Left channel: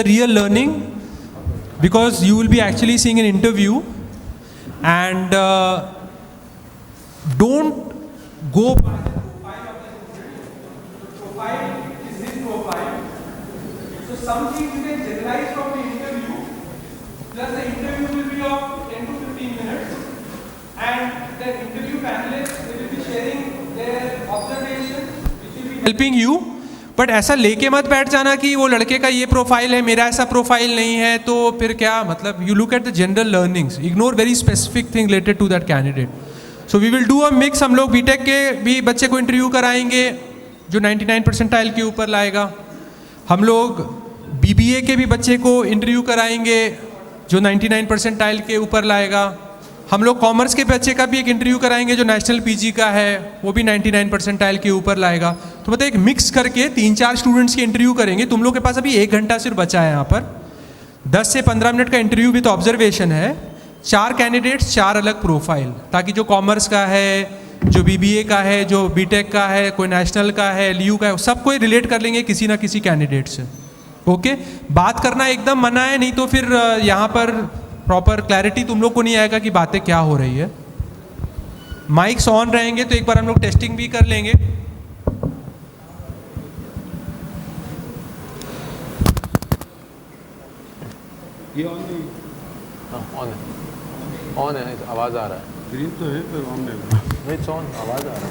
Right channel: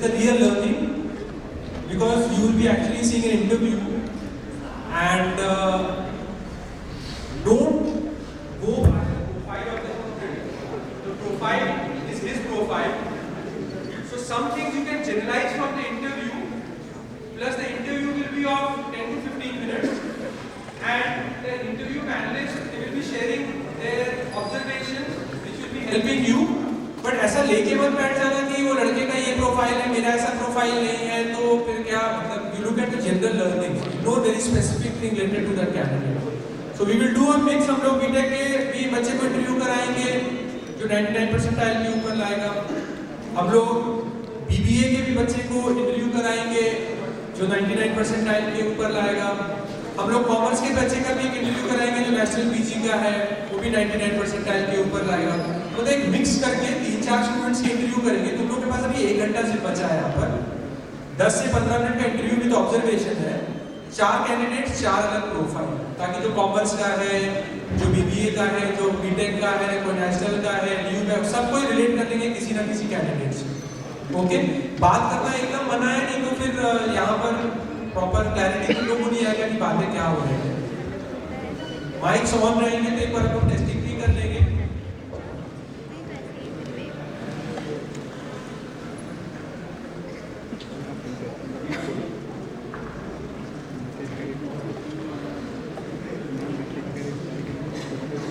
the real learning, because you will be actually seeing an interview, and don't go. This is profile. So some things you can generalize from the interview, plus the interview will be of 10 to 15 minutes, and the interview panelists, they will be sharing their observations which will be helping you. But ऐसा लेके मत बैठ जाना कि वो लड़के का ये प्रोफाइल है, मेरा ऐसा प्रोफाइल नहीं है, तो फिर क्या मतलब. You look at the general learnings, ignore very specific thing related to that candidate. So we will do a mix. हम लोग बीटेक के भी बच्चे को इंटरव्यू कराएंगे जो 99 परसेंटाइल के ऊपर लाएगा. हम लोग बीबीए के भी बच्चे को इंटरव्यू कराएंगे जो 99 परसेंटाइल के ऊपर लाएगा. हम लोग कॉमर्स के बच्चे का भी एक इंटरव्यू कराएंगे जो नेशनल पीजी का है, वो भी 99 परसेंटाइल के ऊपर लाएगा. तो मतलब एक मिक्स करके 3-4 स्टूडेंट्स की इंटरव्यू करेंगे. तुम लोग के पास अभी 1 घंटा सिर्फ बचा है. यहाँ पर 10 से 15 मिनट का इंटरव्यू विद ऑब्जर्वेशन है. 4 कैंडिडेट्स, 4 अलग प्रोफाइल, ताकि जो कॉमर्स का है, जो बीबीए का है, जो बीटेक का है, कोई नेशनल का है, LU का है, सबको रिलेट कर लेंगे किसी ना किसी कैंडिडेट से. ओके, बात करना एकदम मना है, नहीं तो फिर यहाँ पर प्रॉपर क्लैरिटी तुम लोग को नहीं आएगा कि बातें क्या हो रही है. माइक्स ऑन रहेंगे तो एक बार हम लोग टेस्टिंग भी कर लेंगे. ऑन है, आवाज आ रहा है. ग्रीन तो है, फिर ऑन है. नहीं, ऑन आवाज आ रहा है.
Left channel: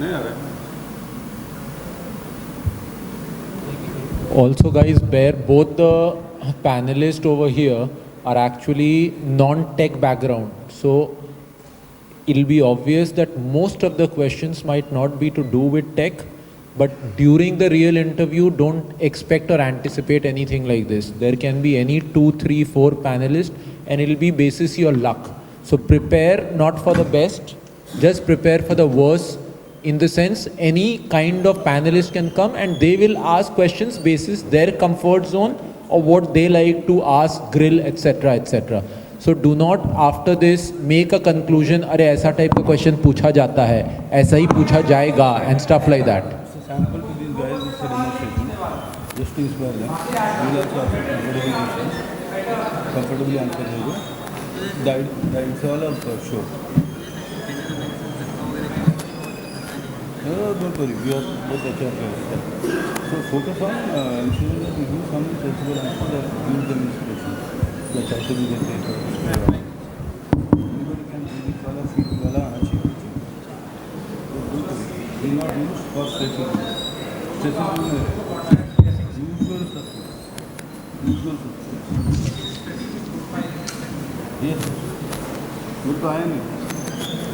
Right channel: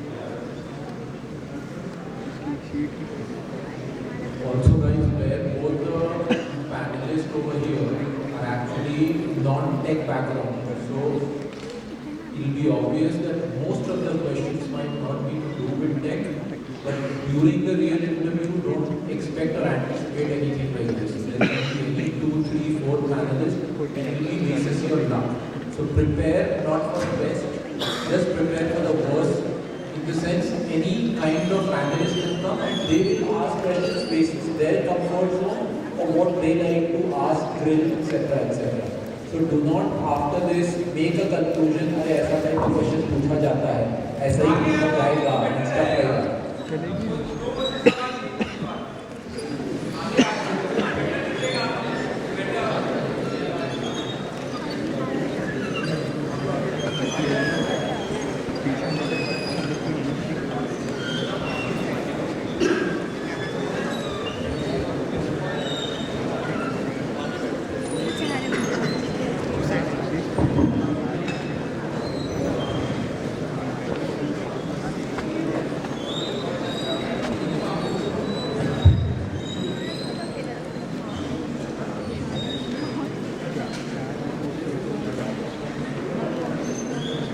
नहीं आ रहा है. Also guys, where both the panelists over here are actually non-tech background, so it'll be obvious that most of the questions might not be to do with tech, but during the real interview don't expect or anticipate anything like this. There can be any 2, 3, 4 panelists and it'll be basis your luck. So prepare not for the best, just prepare for the worst. In the sense, any kind of panelist can come and they will ask questions basis their comfort zone or what they like to ask, grill, etc, etc. So do not after this make a conclusion, अरे ऐसा type का question पूछा जाता है, ऐसा ही पूछा जाएगा and stuff like that.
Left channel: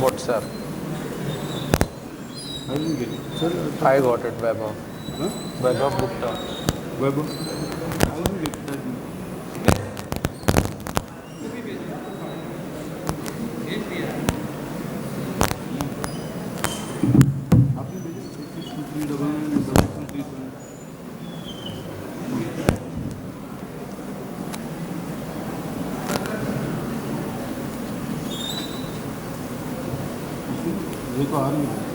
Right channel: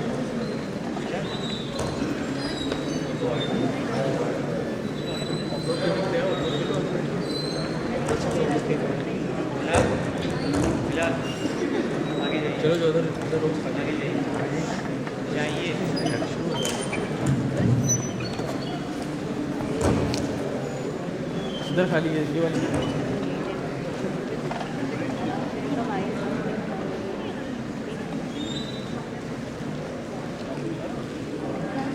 WhatsApp. I got it, Vaibhav. इधर खाली है. देखो आ रही है.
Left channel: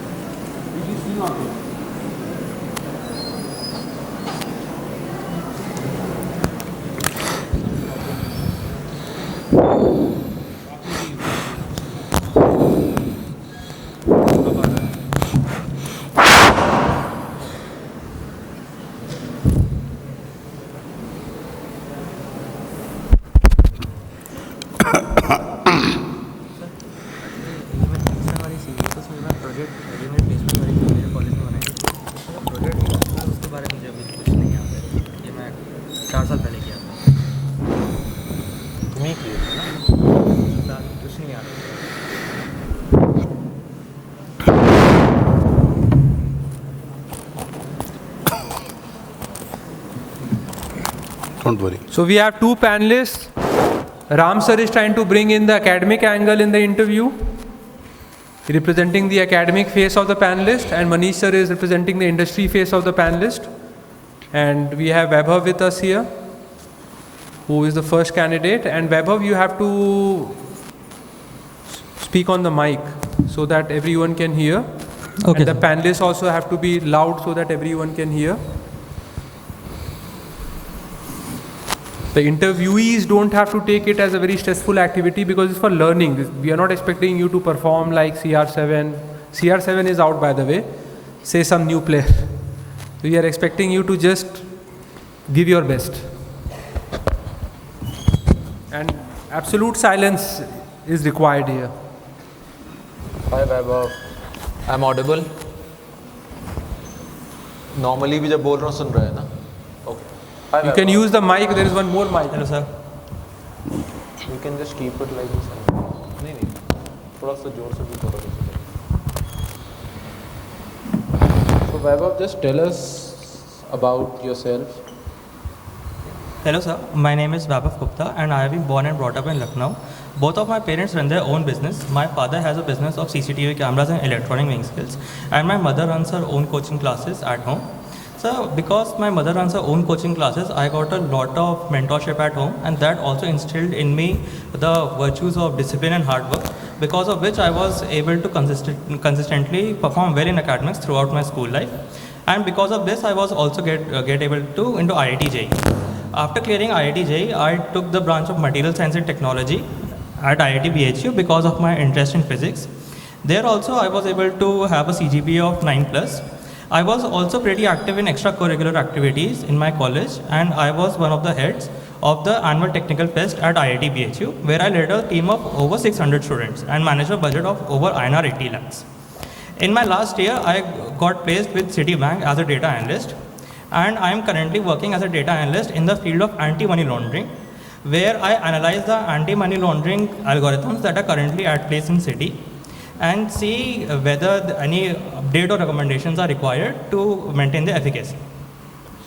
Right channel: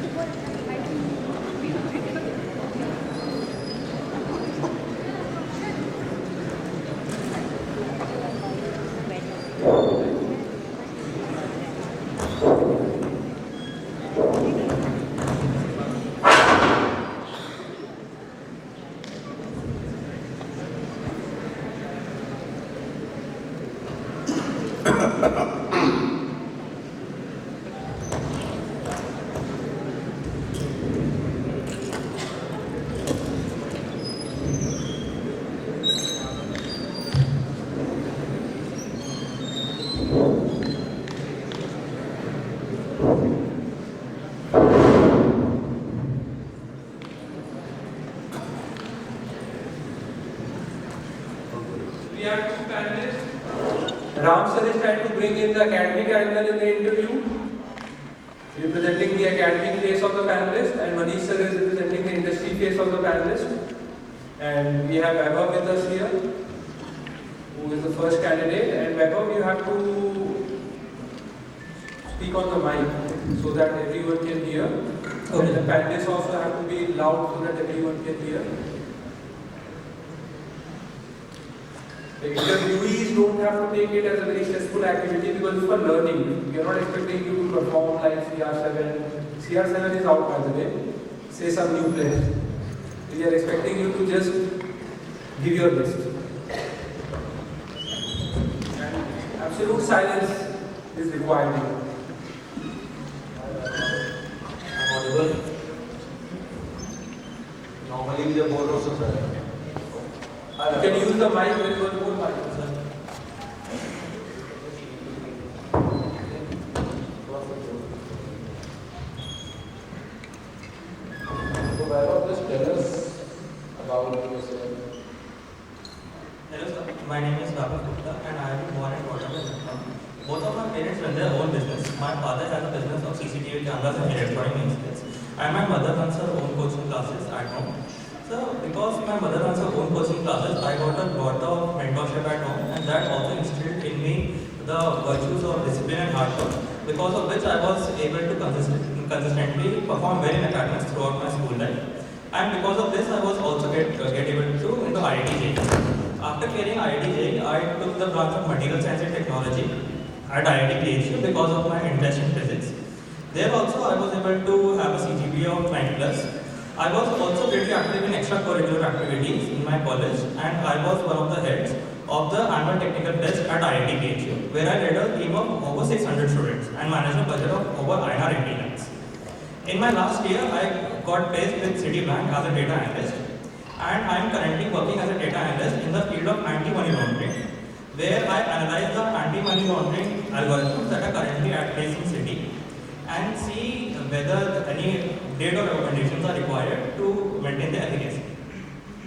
Don't worry. So we have 2 panelists. Ram sir is trying to bring in the academic angle in the interview, representing the academic face of the panelist, and Manish sir is representing the industry face of the panelist. And we have Vaibhav with us here, who is the first candidate. And Vaibhav, you have to speak on the mic so that everyone can hear. Okay. And the panelists also have to be loud so that everyone can hear. The interviewees don't have to take it as a very stressful activity because it's for learning. We are not expecting you to perform like CR7. CR7 is out, by the way. Say some new player. We are expecting you to just give your best. And absolute silence is required here. Hi Vaibhav, I'm audible. Normally भी जब बोल रहा हूँ सुन रहा है ना? Okay. Hi You can Vaibhav. use the mic. There is one more mic. Hello, sir. You can just keep it like this. नहीं नहीं, थोड़ा सा जोर से भी बोलो. So Vaibhav, just tell us about yourself. Hello, sir. My name is Vaibhav Gupta and I have been born and brought up in Lucknow. Both of my parents run their own business. My father has a business of CCTV cameras and electronic weighing skills, and my mother runs her own coaching classes at home. So, because my mother runs her own coaching classes, I got a lot of mentorship at home, and that also instilled in me the virtues of discipline and hard work, because of which I was able to consistently perform well in academics throughout my school life. And because of this, I was also get able to into IIT-J. After clearing IIT-J, I took the branch of Material Science and Technology at IIT BHU because of my interest in physics. There also I was able to have a CGPA of 9+. I was also pretty active in extracurricular activities in my college, and I was one of the heads of the annual technical fest at IIT BHU, where I led a team of over 600 students and managed a budget of over INR 80 lakhs. In my last year, I got placed with Citibank as a data analyst, and I am currently working as a data analyst in the field of anti-money laundering, where I analyze the anti-money laundering algorithms that are currently at place in Citi and see whether any update or recommendations are required to maintain the efficacy.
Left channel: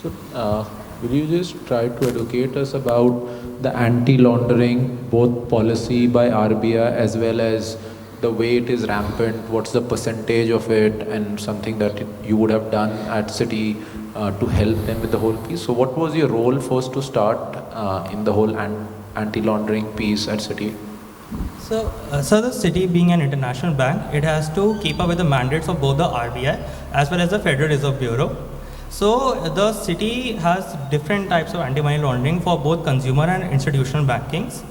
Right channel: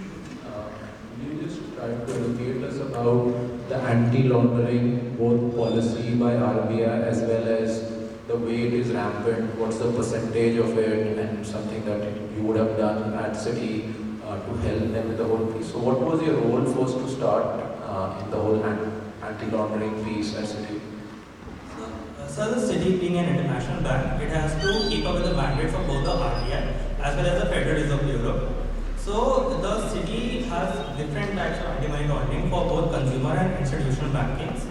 So, will you just try to educate us about the anti-laundering, both policy by RBI as well as the way it is rampant, what's the percentage of it, and something that you would have done at Citi to help them with the whole piece? So what was your role first to start in the whole anti-laundering piece at Citi? So the Citi being an international bank, it has to keep up with the mandates of both the RBI as well as the Federal Reserve Bureau. So the Citi has different types of anti-money laundering for both consumer and institutional bankings.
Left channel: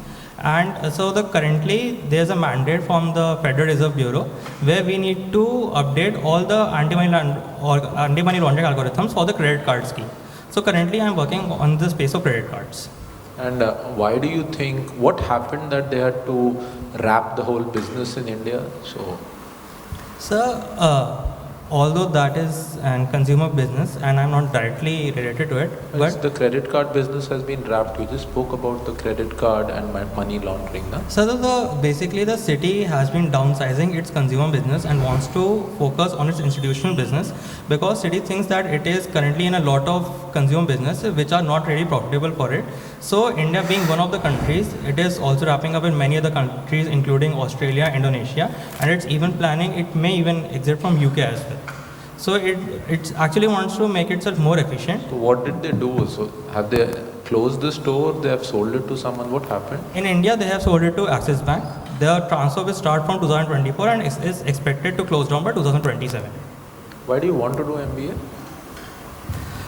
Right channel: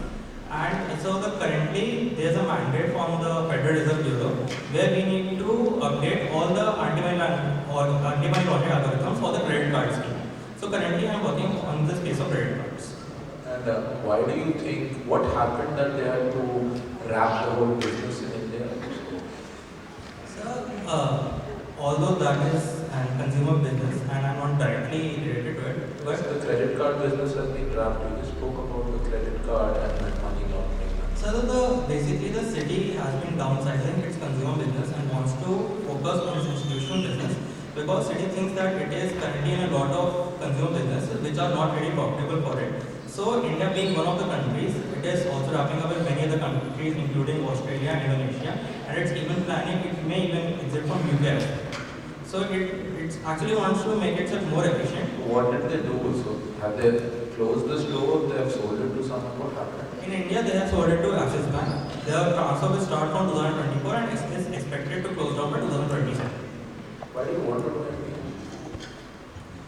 And so currently there's a mandate from the Federal Reserve Bureau where we need to update all the anti-money laundering algorithms for the credit card scheme. So currently I'm working on the space of credit cards. And why do you think, what happened that they had to wrap the whole business in India? So although that is a consumer business and I'm not directly related to it, but the credit card business has been wrapped. We just spoke about the credit card and money laundering. Huh? So basically the Citi has been downsizing its consumer business and wants to focus on its institutional business, because Citi thinks that it is currently in a lot of consumer business which are not really profitable for it. So India being one of the countries, it is also wrapping up in many other countries including Australia, Indonesia, and it's even planning, it may even exit from UK as well. So it actually wants to make it more efficient. So what did they do? So have they closed the store? They have sold it to someone? What happened? In India, they have sold it to Axis Bank. The transfer will start from 2024 and is expected to close down by 2027. Why do you want to do MBA?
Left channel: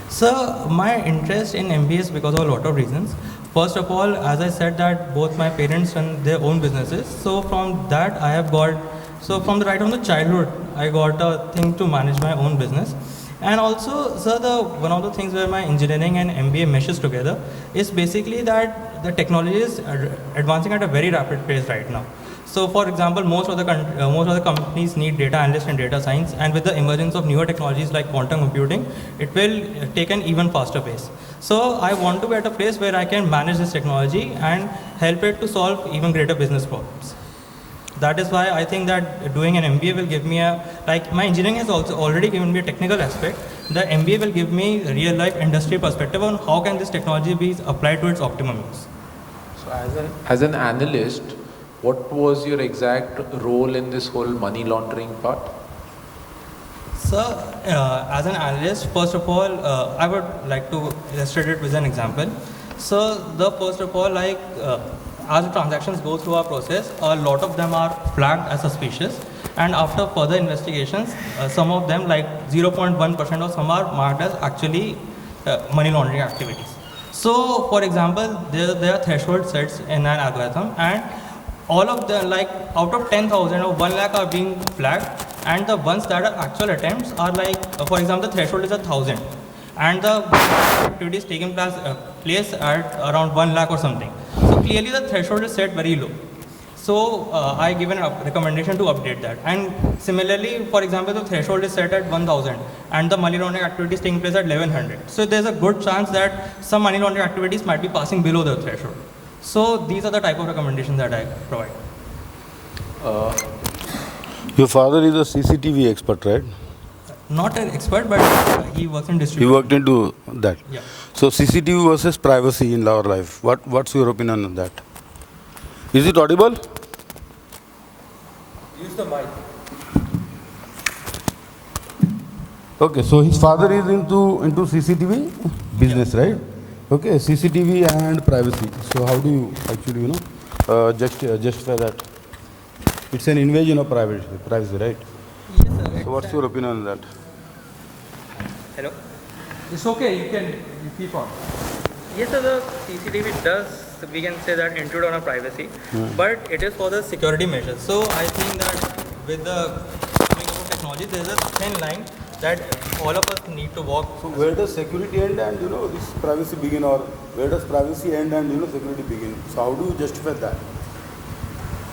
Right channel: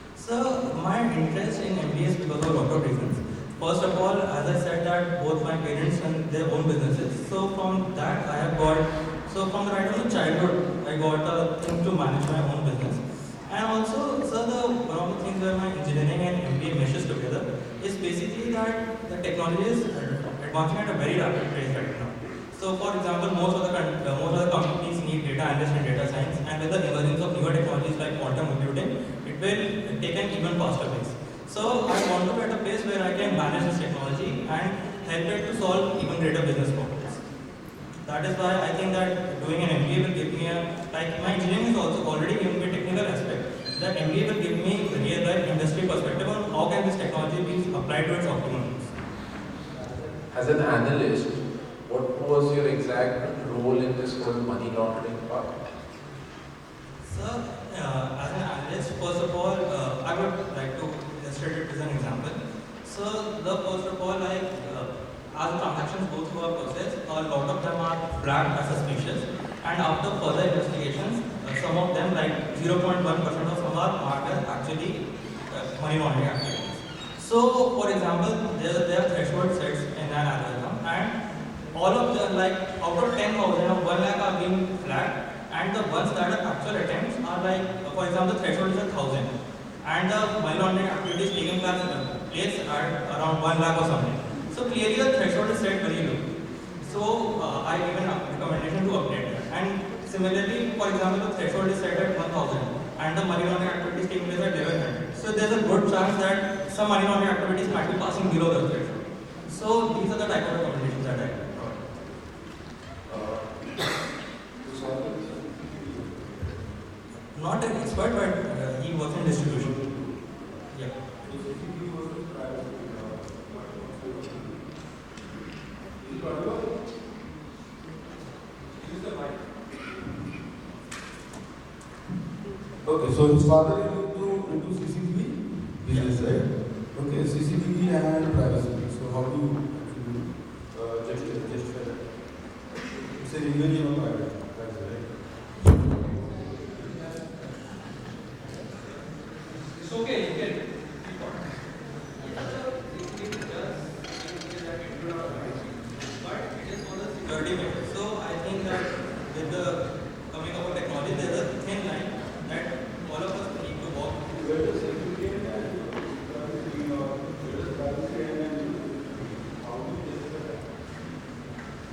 So my interest in MBA is because of a lot of reasons. First of all, as I said that both my parents run their own businesses. So from that I have got, so from the right from the childhood, I got a thing to manage my own business. And also, one of the things where my engineering and MBA meshes together is basically that the technology is advancing at a very rapid pace right now. So for example, most of the companies need data analysts and data science, and with the emergence of newer technologies like quantum computing, it will take an even faster pace. So I want to be at a place where I can manage this technology and help it to solve even greater business problems. That is why I think that doing an MBA will give me my engineering has also already given me a technical aspect. The MBA will give me a real life industry perspective on how can this technology be applied to its optimum use. So as an analyst, what was your exact role in this whole money laundering part? So, as an analyst, first of all, I would like to illustrate it with an example. So, first of all, as the transactions go through our process, a lot of them are flagged as suspicious, and after further investigations, some of them, like 0.1% of some, are marked as actually money laundering activities. So, for example, there are threshold sets in an algorithm, and all of them, like out of 10,000 or 1 lakh, are being flagged, and the ones that are actual attempts are like, for example, the threshold is 1,000, and the activity is taking place at around 1 lakh or something. So clearly the threshold is set very low. So I give a recommendation to update that. And similarly, for example, the threshold is set at 1,000 and the money laundering activity is taking place at 1,100. So there's a good chance that some money laundering activities might be passing below the threshold. So these are the type of recommendations that I provide. Your father is a CCTV expert, right? Not an expert, but he works in distribution. He worked into that. Yeah. So CCTV versus privacy in our life. What's your opinion on that? Is it audible? Use the mic. Okay, so his father is into CCTV business, right? Okay, CCTV and privacy. So how do you actually, justify that? It's an invasion of privacy, right? Yes, So what's your opinion on that? Hello? It's okay, you can keep on. Yes, so the CCTV does, we can say that, intrude on our privacy, but it is for the security measures. So I think that with the coming of technology, there is a thin line that all of us need to walk. So where does security end and this privacy begin, or where does privacy end and security begin? So how do you justify that?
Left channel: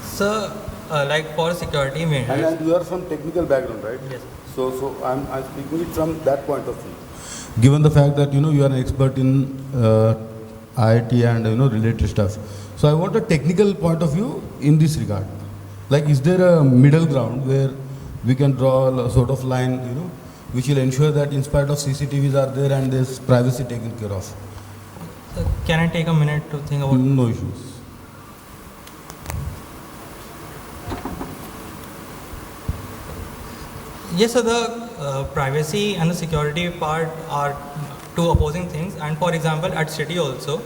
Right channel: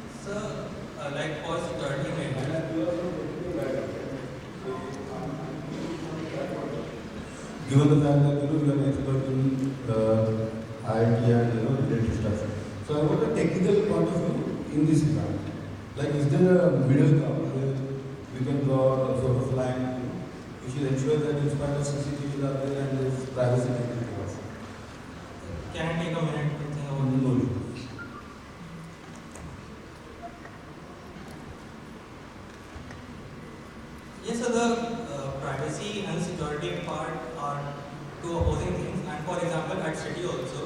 So, like for security measures. And you are from technical background, right? Yes. So I'm speaking it from that point of view. Given the fact that you are an expert in IIT and related stuff, so I want a technical point of view in this regard. Like, is there a middle ground where we can draw a sort of line, which will ensure that in spite of CCTVs are there and there's privacy taken care of? Can I take a minute to think about? No issues. Yes, so the privacy and the security part are two opposing things. And for example, at City also,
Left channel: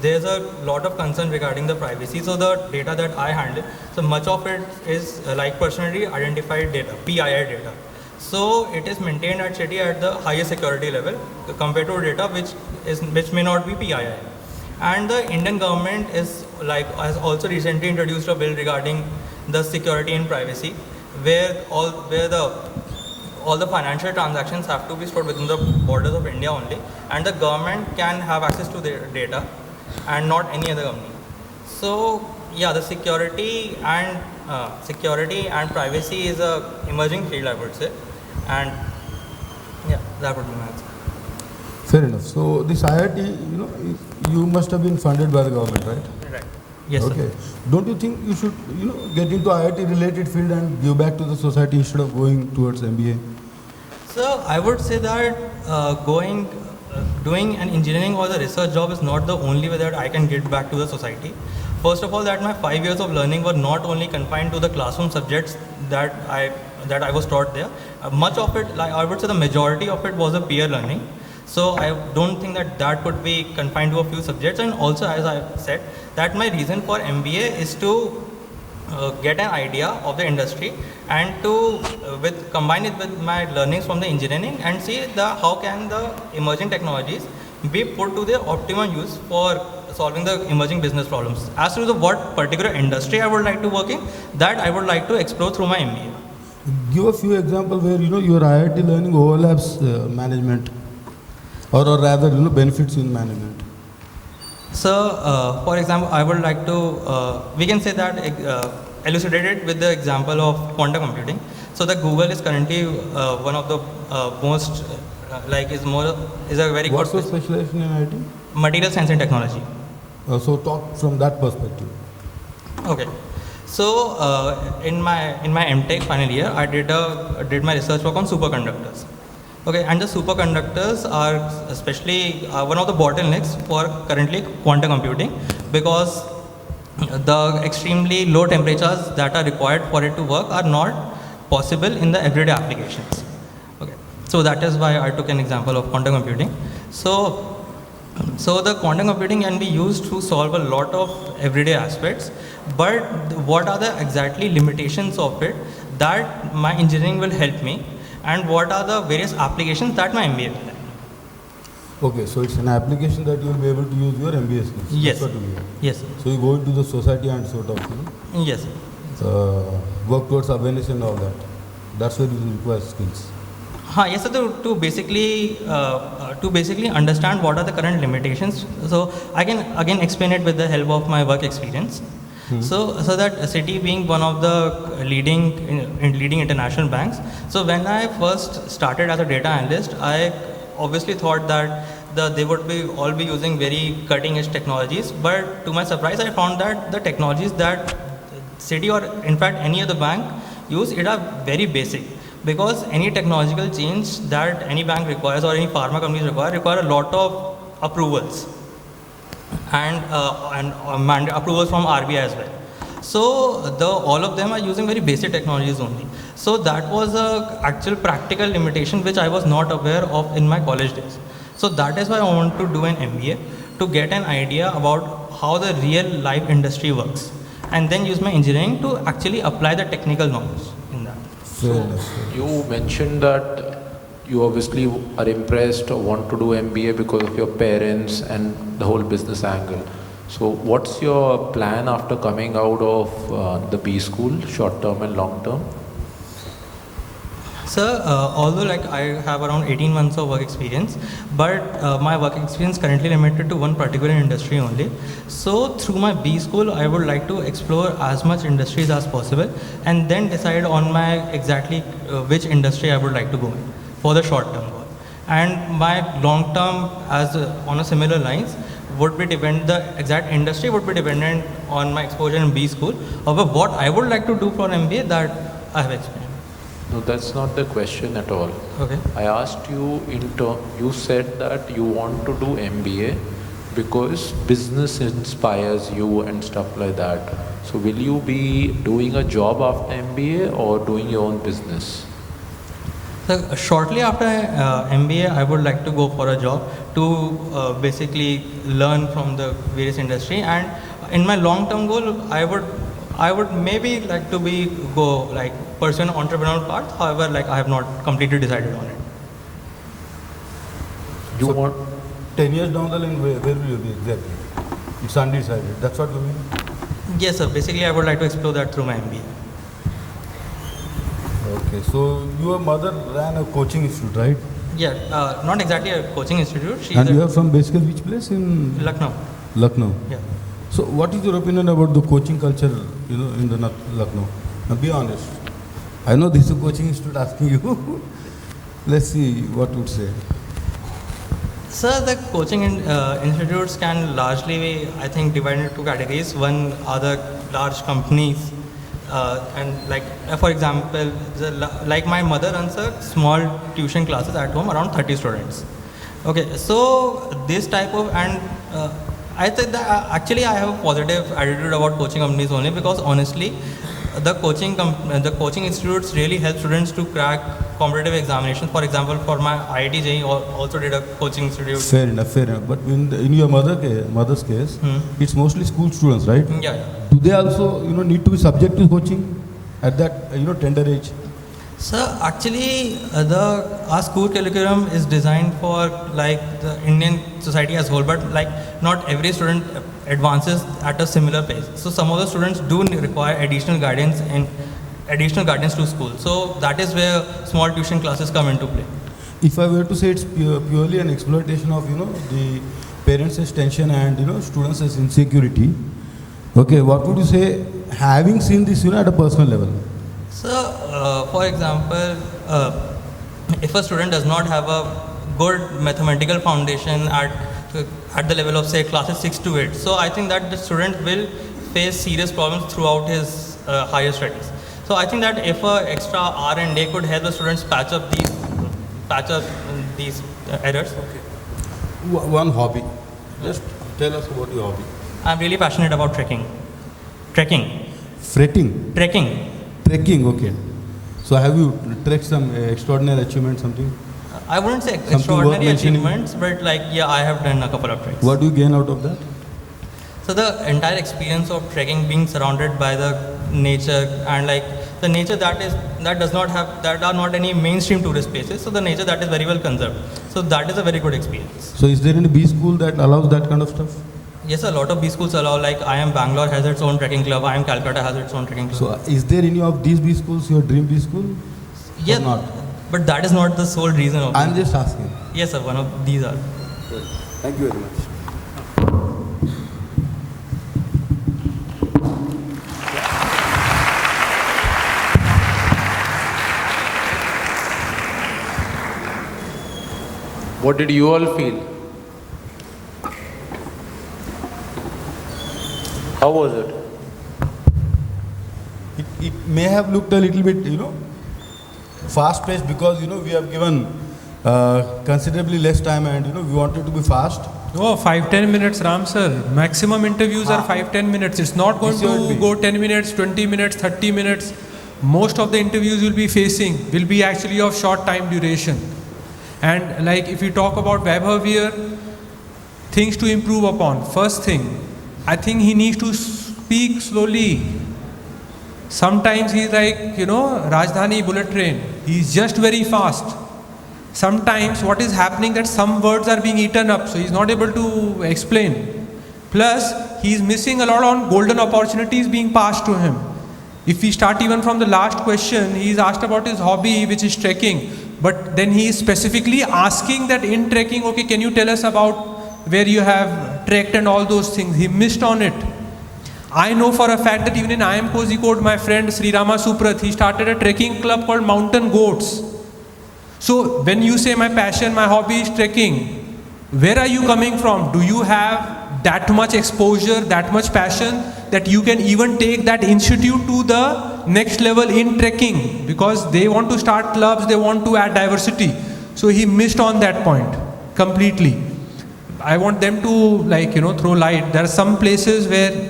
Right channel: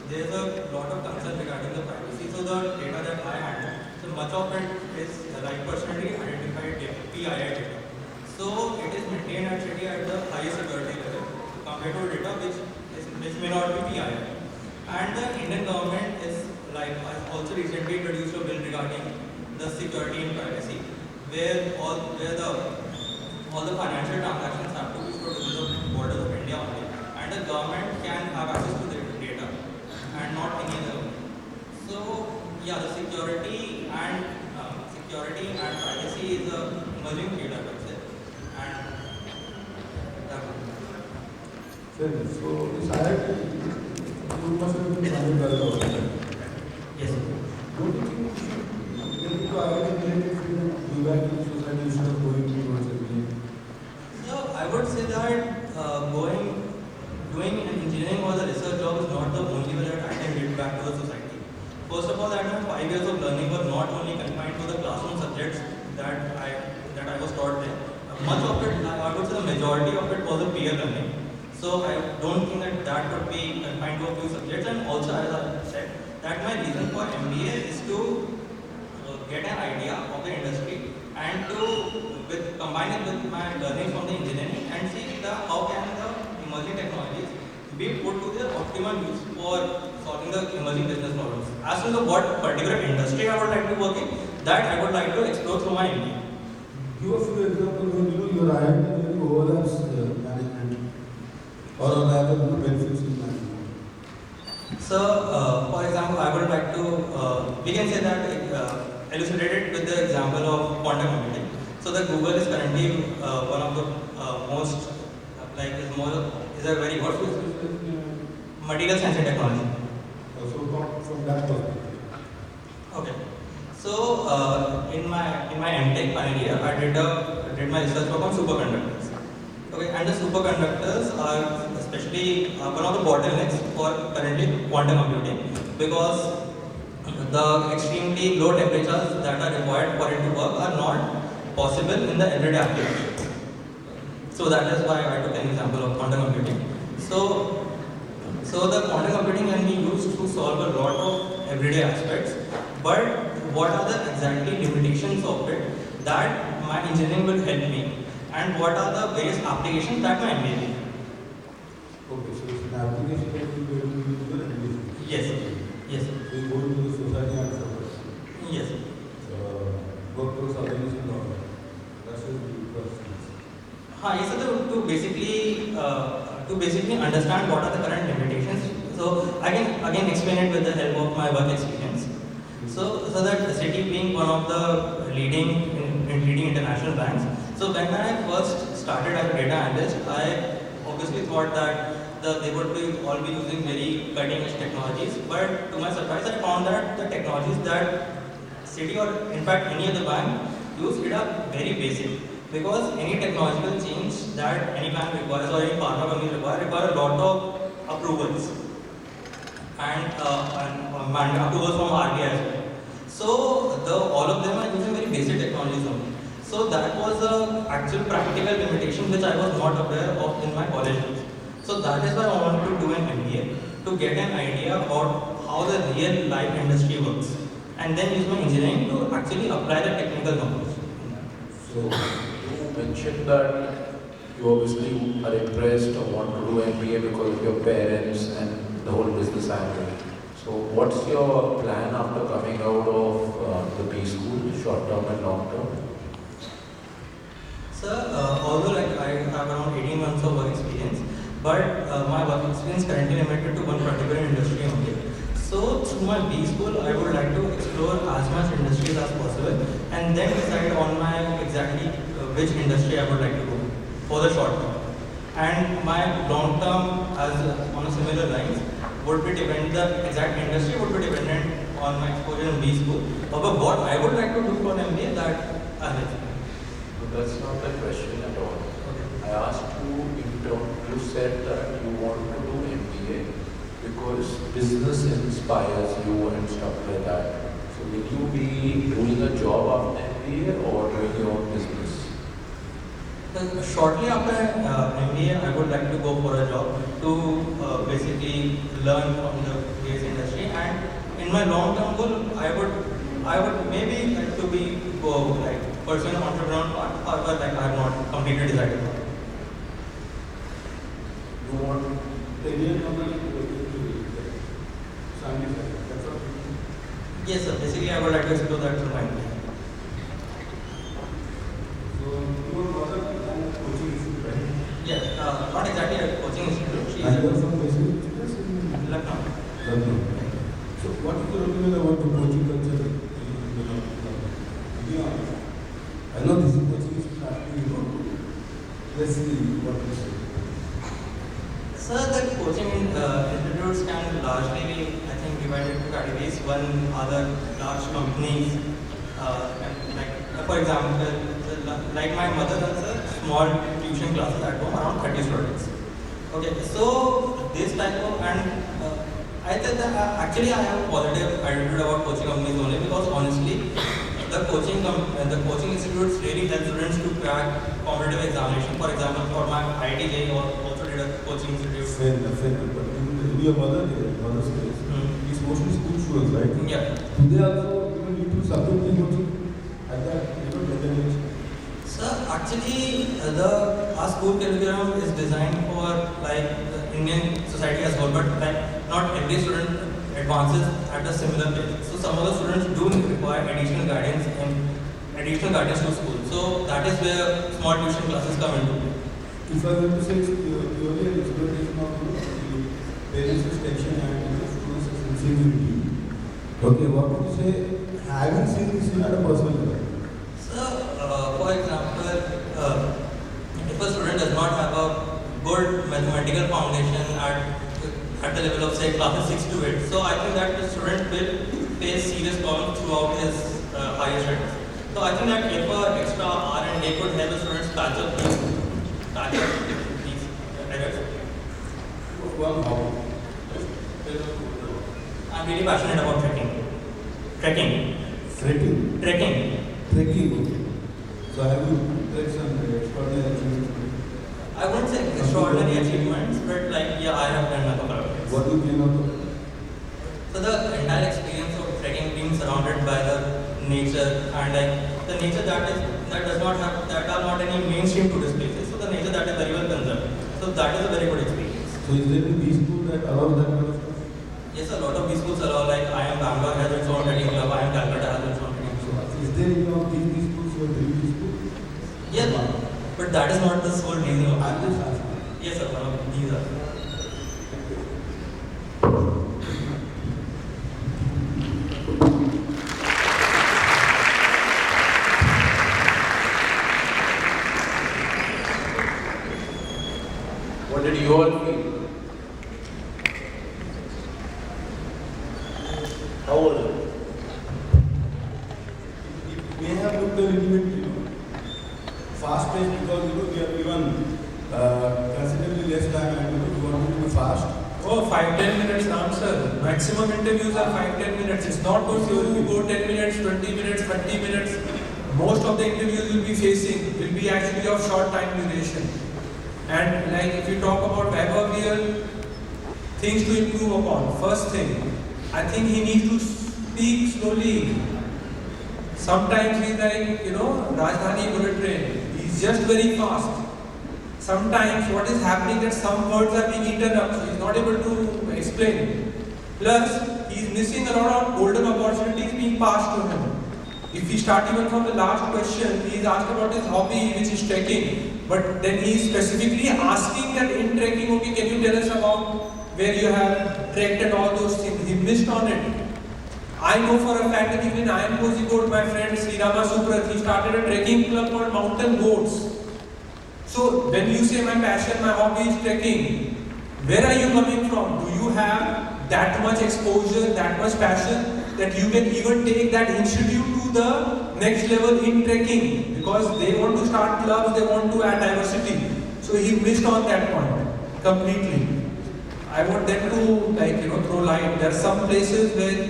there's a lot of concern regarding the privacy. So the data that I handle, so much of it is like personally identified data, PII data. So it is maintained at City at the highest security level compared to data which may not be PII. And the Indian government has also recently introduced a bill regarding the security and privacy, where all the financial transactions have to be stored within the borders of India only, and the government can have access to their data and not any other company. So yeah, the security and privacy is a emerging field, I would say, and yeah, that would be my answer. Fair enough. So this IIT, you must have been funded by the government, right? Right. Yes. Okay. Don't you think you should, get into IIT related field and give back to the society instead of going towards MBA? So I would say that doing an engineering or the research job is not the only way that I can give back to the society. First of all, that my 5 years of learning were not only confined to the classroom subjects that I was taught there. Much of it, I would say the majority of it, was a peer learning. So I don't think that could be confined to a few subjects. And also, as I said, that my reason for MBA is to get an idea of the industry and to combine it with my learnings from the engineering and see how can the emerging technologies be put to their optimum use for solving the emerging business problems. As to what particular industry I would like to work in, that I would like to explore through my MBA. Give a few examples where your IIT learning overlaps management, or rather benefits in management. So, for example, I would like to, we can say that elucidate it with the example of quantum computing. So, the Google is currently one of the most, is a very What's good your specialization in IIT? material science and technology. So talk from that perspective. Okay. So, in my M-Tech final year, I did my research work on superconductors. Okay, and the superconductors are especially one of the bottlenecks for currently quantum computing, because the extremely low temperatures that are required for it to work are not possible in the everyday applications. Okay, so that is why I took an example of quantum computing. So So the quantum computing can be used to solve a lot of everyday aspects, but what are the exactly limitations of it that my engineering will help me, and what are the various applications that my MBA will help? Okay, so it's an application that you will be able to use your MBA skills. Yes. That's what you mean. Yes. So you go into the society and sort of Yes. work towards awareness and all that. That's where you require skills. Yes, so to basically understand what are the current limitations. So I can again explain it with the help of my work experience. So that Citi being one of the leading international banks. So when I first started as a data analyst, I obviously thought that they would all be using very cutting edge technologies. But to my surprise, I found that the technologies that Citi or in fact any other bank use it are very basic. Because any technological change that any bank requires or any pharma companies require a lot of approvals and approvals from RBI as well. So all of them are using very basic technologies only. So that was a actual practical limitation which I was not aware of in my college days. So that is why I want to do an MBA to get an idea about how the real life industry works, and then use my engineering to actually apply the technical knowledge in that. So you mentioned that you obviously are impressed or want to do MBA because of your parents and the whole business angle. So what's your plan after coming out of the B school, short term and long term? Sir, although I have around 18 months of work experience, but my work experience currently limited to one particular industry only. So through my B school, I would like to explore as much industries as possible and then decide on my exactly which industry I would like to go for the short term. And my long term, as on a similar lines, would be the exact industry would be dependent on my exposure in B school. However, what I would like to do for MBA, that I have explained. No, that's not the question at all. Okay. I asked you you said that you want to do MBA because business inspires you and stuff like that. So will you be doing a job after MBA or doing your own business? So shortly after MBA, I would like to go for a job to basically learn from the various industry, and in my long-term goal, I would maybe like to pursue an entrepreneurial path. However, I have not completely decided on it. You want 10 years down the line, where will you be exactly? It's undecided. That's what you mean? Yes, sir. Basically, I would like to explore that through my MBA. Okay, so your mother ran a coaching institute, right? Yeah, not exactly a coaching institute. And you are from basically which place in Lucknow. Lucknow. Yeah. So what is your opinion about the coaching culture, in the Lucknow? Now be honest. I know this is a coaching institute asking you. Let's see what you would say. Sir, the coaching institutes can largely, I think, divide into two categories. One are the large companies, and for example, like my mother runs a small tuition classes at home, around 30 students. Okay, so this type of, and I think that actually I have a positive attitude about coaching companies only because honestly, the coaching institutes really help students to crack competitive examinations. For example, for my IIT JEE also did a coaching institute. Fair enough. But in your mother's case, it's mostly school students, right? Yeah. They also need to be subject to coaching at that tender age. Sir, actually, our school curriculum is designed for the Indian society as a whole, but not every student advances at a similar pace. So some of the students do require additional guidance to school. So that is where small tuition classes come into play. If I were to say it's purely an exploitation of the parents' tension and students' insecurity, okay, what would you say, having seen this at a personal level? So, for example, if a student does not have a good mathematical foundation at the level of say classes 6 to 8, so I think that the student will face serious problems throughout his higher studies. So I think that if an extra hour and day could help the students patch up these errors. One hobby. Just tell us about your hobby. I'm really passionate about trekking. Fretting? Trekking. Trekking, okay. So have you trekked some extraordinary achievement, something? I wouldn't say Something extraordinary worth mentioning? achievements, but like, yeah, I have done a couple of treks. What do you gain out of that? So the entire experience of trekking, being surrounded by the nature, and like the nature that does not have, that are not any mainstream tourist places, so the nature that is very well conserved. So that is a very good experience. So is there any B school that allows that kind of stuff? Yes, a lot of B schools allow, like IIM Bangalore has its own trekking club, IIM Calcutta has its own trekking club. So is there any of these B schools your dream B school? Yes, Or not? but that is not the sole reason of I'm just asking. Yes, sir, one of these are. Thank you very much. What did you all feel? How was it? It may have looked a little bit, fast paced because, we have given considerably less time and, we wanted to be fast. No, 5-10 minutes, Ram sir. Maximum interviews are 5-10 minutes. It's not going to go 10 minutes, 20 minutes, 30 minutes. Most of the interviews will be actually of short time duration. And like if you talk about Vaibhav here, things to improve upon. First thing, I think he needs to speak slowly. Sometimes he's like, Rajdhani bullet train. He's just very fast. Sometimes what is happening that some words are being eaten up, so he's not able to explain. Plus, he's missing a lot on golden opportunities being passed to him. If we start even from the last question, he's asked about his hobby, which is trekking. But then he is specifically asking that in trekking, okay, can you tell us about where you have trekked and all those things. He missed on it. I know for a fact that even in IIM Kozhikode, my friend Sri Rama Suprath, he started a trekking club called Mountain Goats. So when you say my passion, my hobby is trekking, where are you coming from? Do you have that much exposure, that much passion that you can even take that institute to the next level in trekking? Because they want to start clubs, they want to add diversity. So he missed on that point completely. I want them to throw light. There are some places where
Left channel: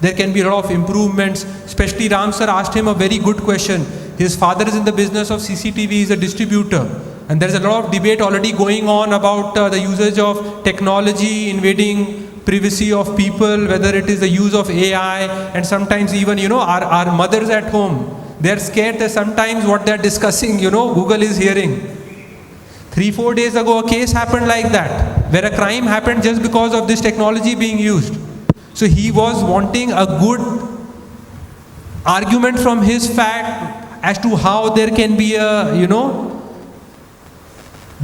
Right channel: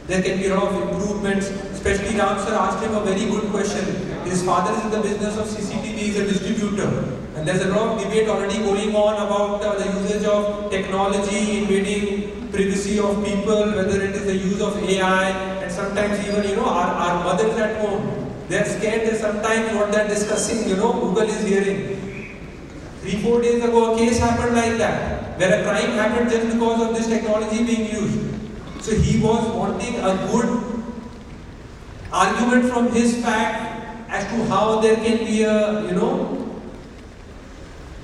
there can be a lot of improvements. Especially Ram sir asked him a very good question. His father is in the business of CCTV, he's a distributor. And there's a lot of debate already going on about the usage of technology invading privacy of people, whether it is the use of AI, and sometimes even, our mothers at home, they're scared that sometimes what they're discussing, Google is hearing. 3-4 days ago, a case happened like that, where a crime happened just because of this technology being used. So he was wanting a good argument from his fact as to how there can be a,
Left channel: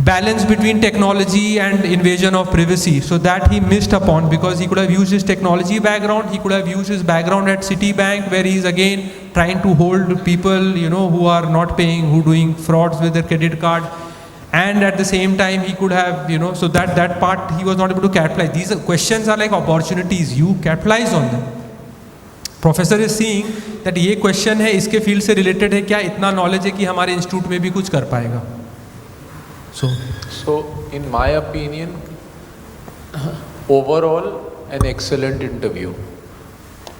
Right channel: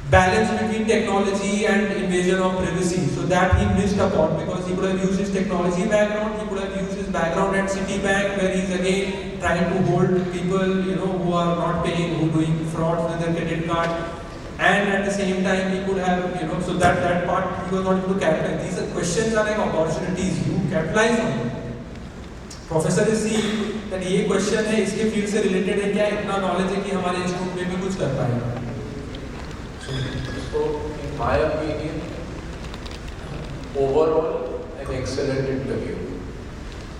balance between technology and invasion of privacy. So that he missed upon, because he could have used his technology background, he could have used his background at Citibank, where he's again trying to hold people, who are not paying, who doing frauds with their credit card. And at the same time, he could have, so that part he was not able to capitalize. These questions are like opportunities, you capitalize on them. Professor is seeing that ये question है, इसके field से related है, क्या इतना knowledge है कि हमारे institute में भी कुछ कर पाएगा? So in my opinion, overall an excellent interview.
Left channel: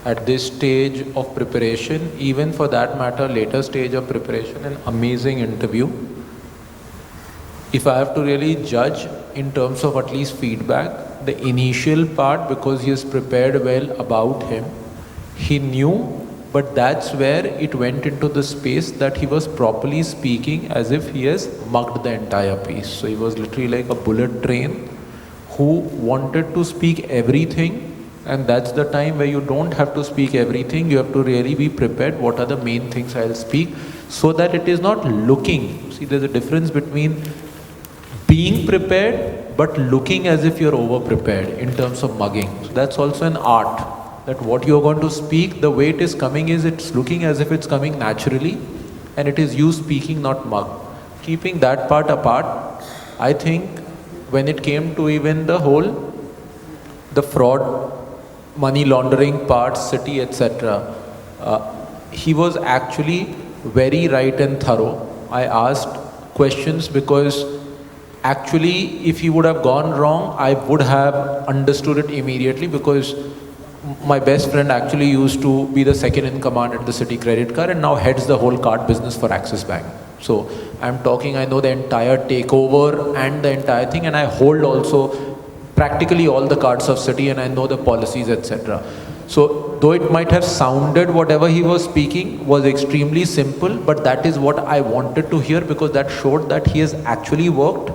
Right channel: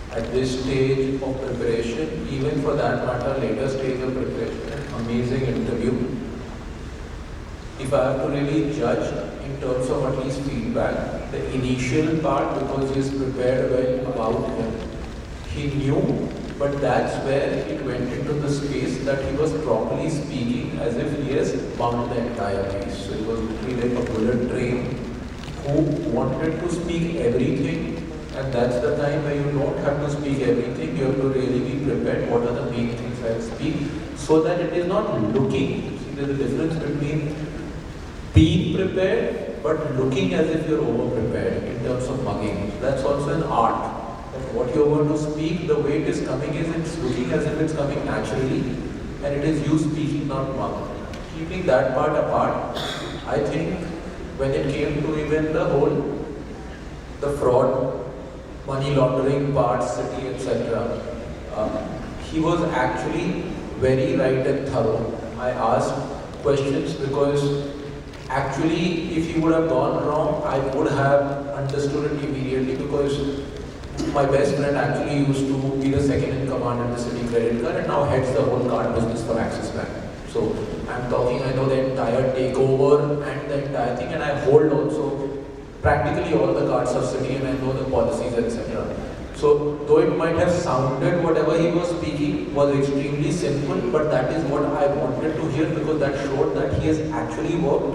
At this stage of preparation, even for that matter, later stage of preparation, an amazing interview. If I have to really judge in terms of at least feedback, the initial part, because he is prepared well about him, he knew, but that's where it went into the space that he was properly speaking as if he has mugged the entire piece. So he was literally like a bullet train who wanted to speak everything, and that's the time where you don't have to speak everything, you have to really be prepared. What are the main things I'll speak, so that it is not looking. See, there's a difference between being prepared but looking as if you're over prepared in terms of mugging. So that's also an art, that what you're going to speak, the way it is coming is it's looking as if it's coming naturally, and it is you speaking, not mug. Keeping that part apart, I think when it came to even the fraud, money laundering parts, city, etc., he was actually very right and thorough. I asked questions because actually, if he would have gone wrong, I would have understood it immediately, because my best friend actually used to be the second in command at the City Credit Card and now heads the whole card business for Axis Bank. So I'm talking, I know the entire takeover and the entire thing, and I hold also practically all the cards of city, and I know the policies, etc. So though it might have sounded whatever he was speaking was extremely simple, but that is what I wanted to hear, because that showed that he has actually worked,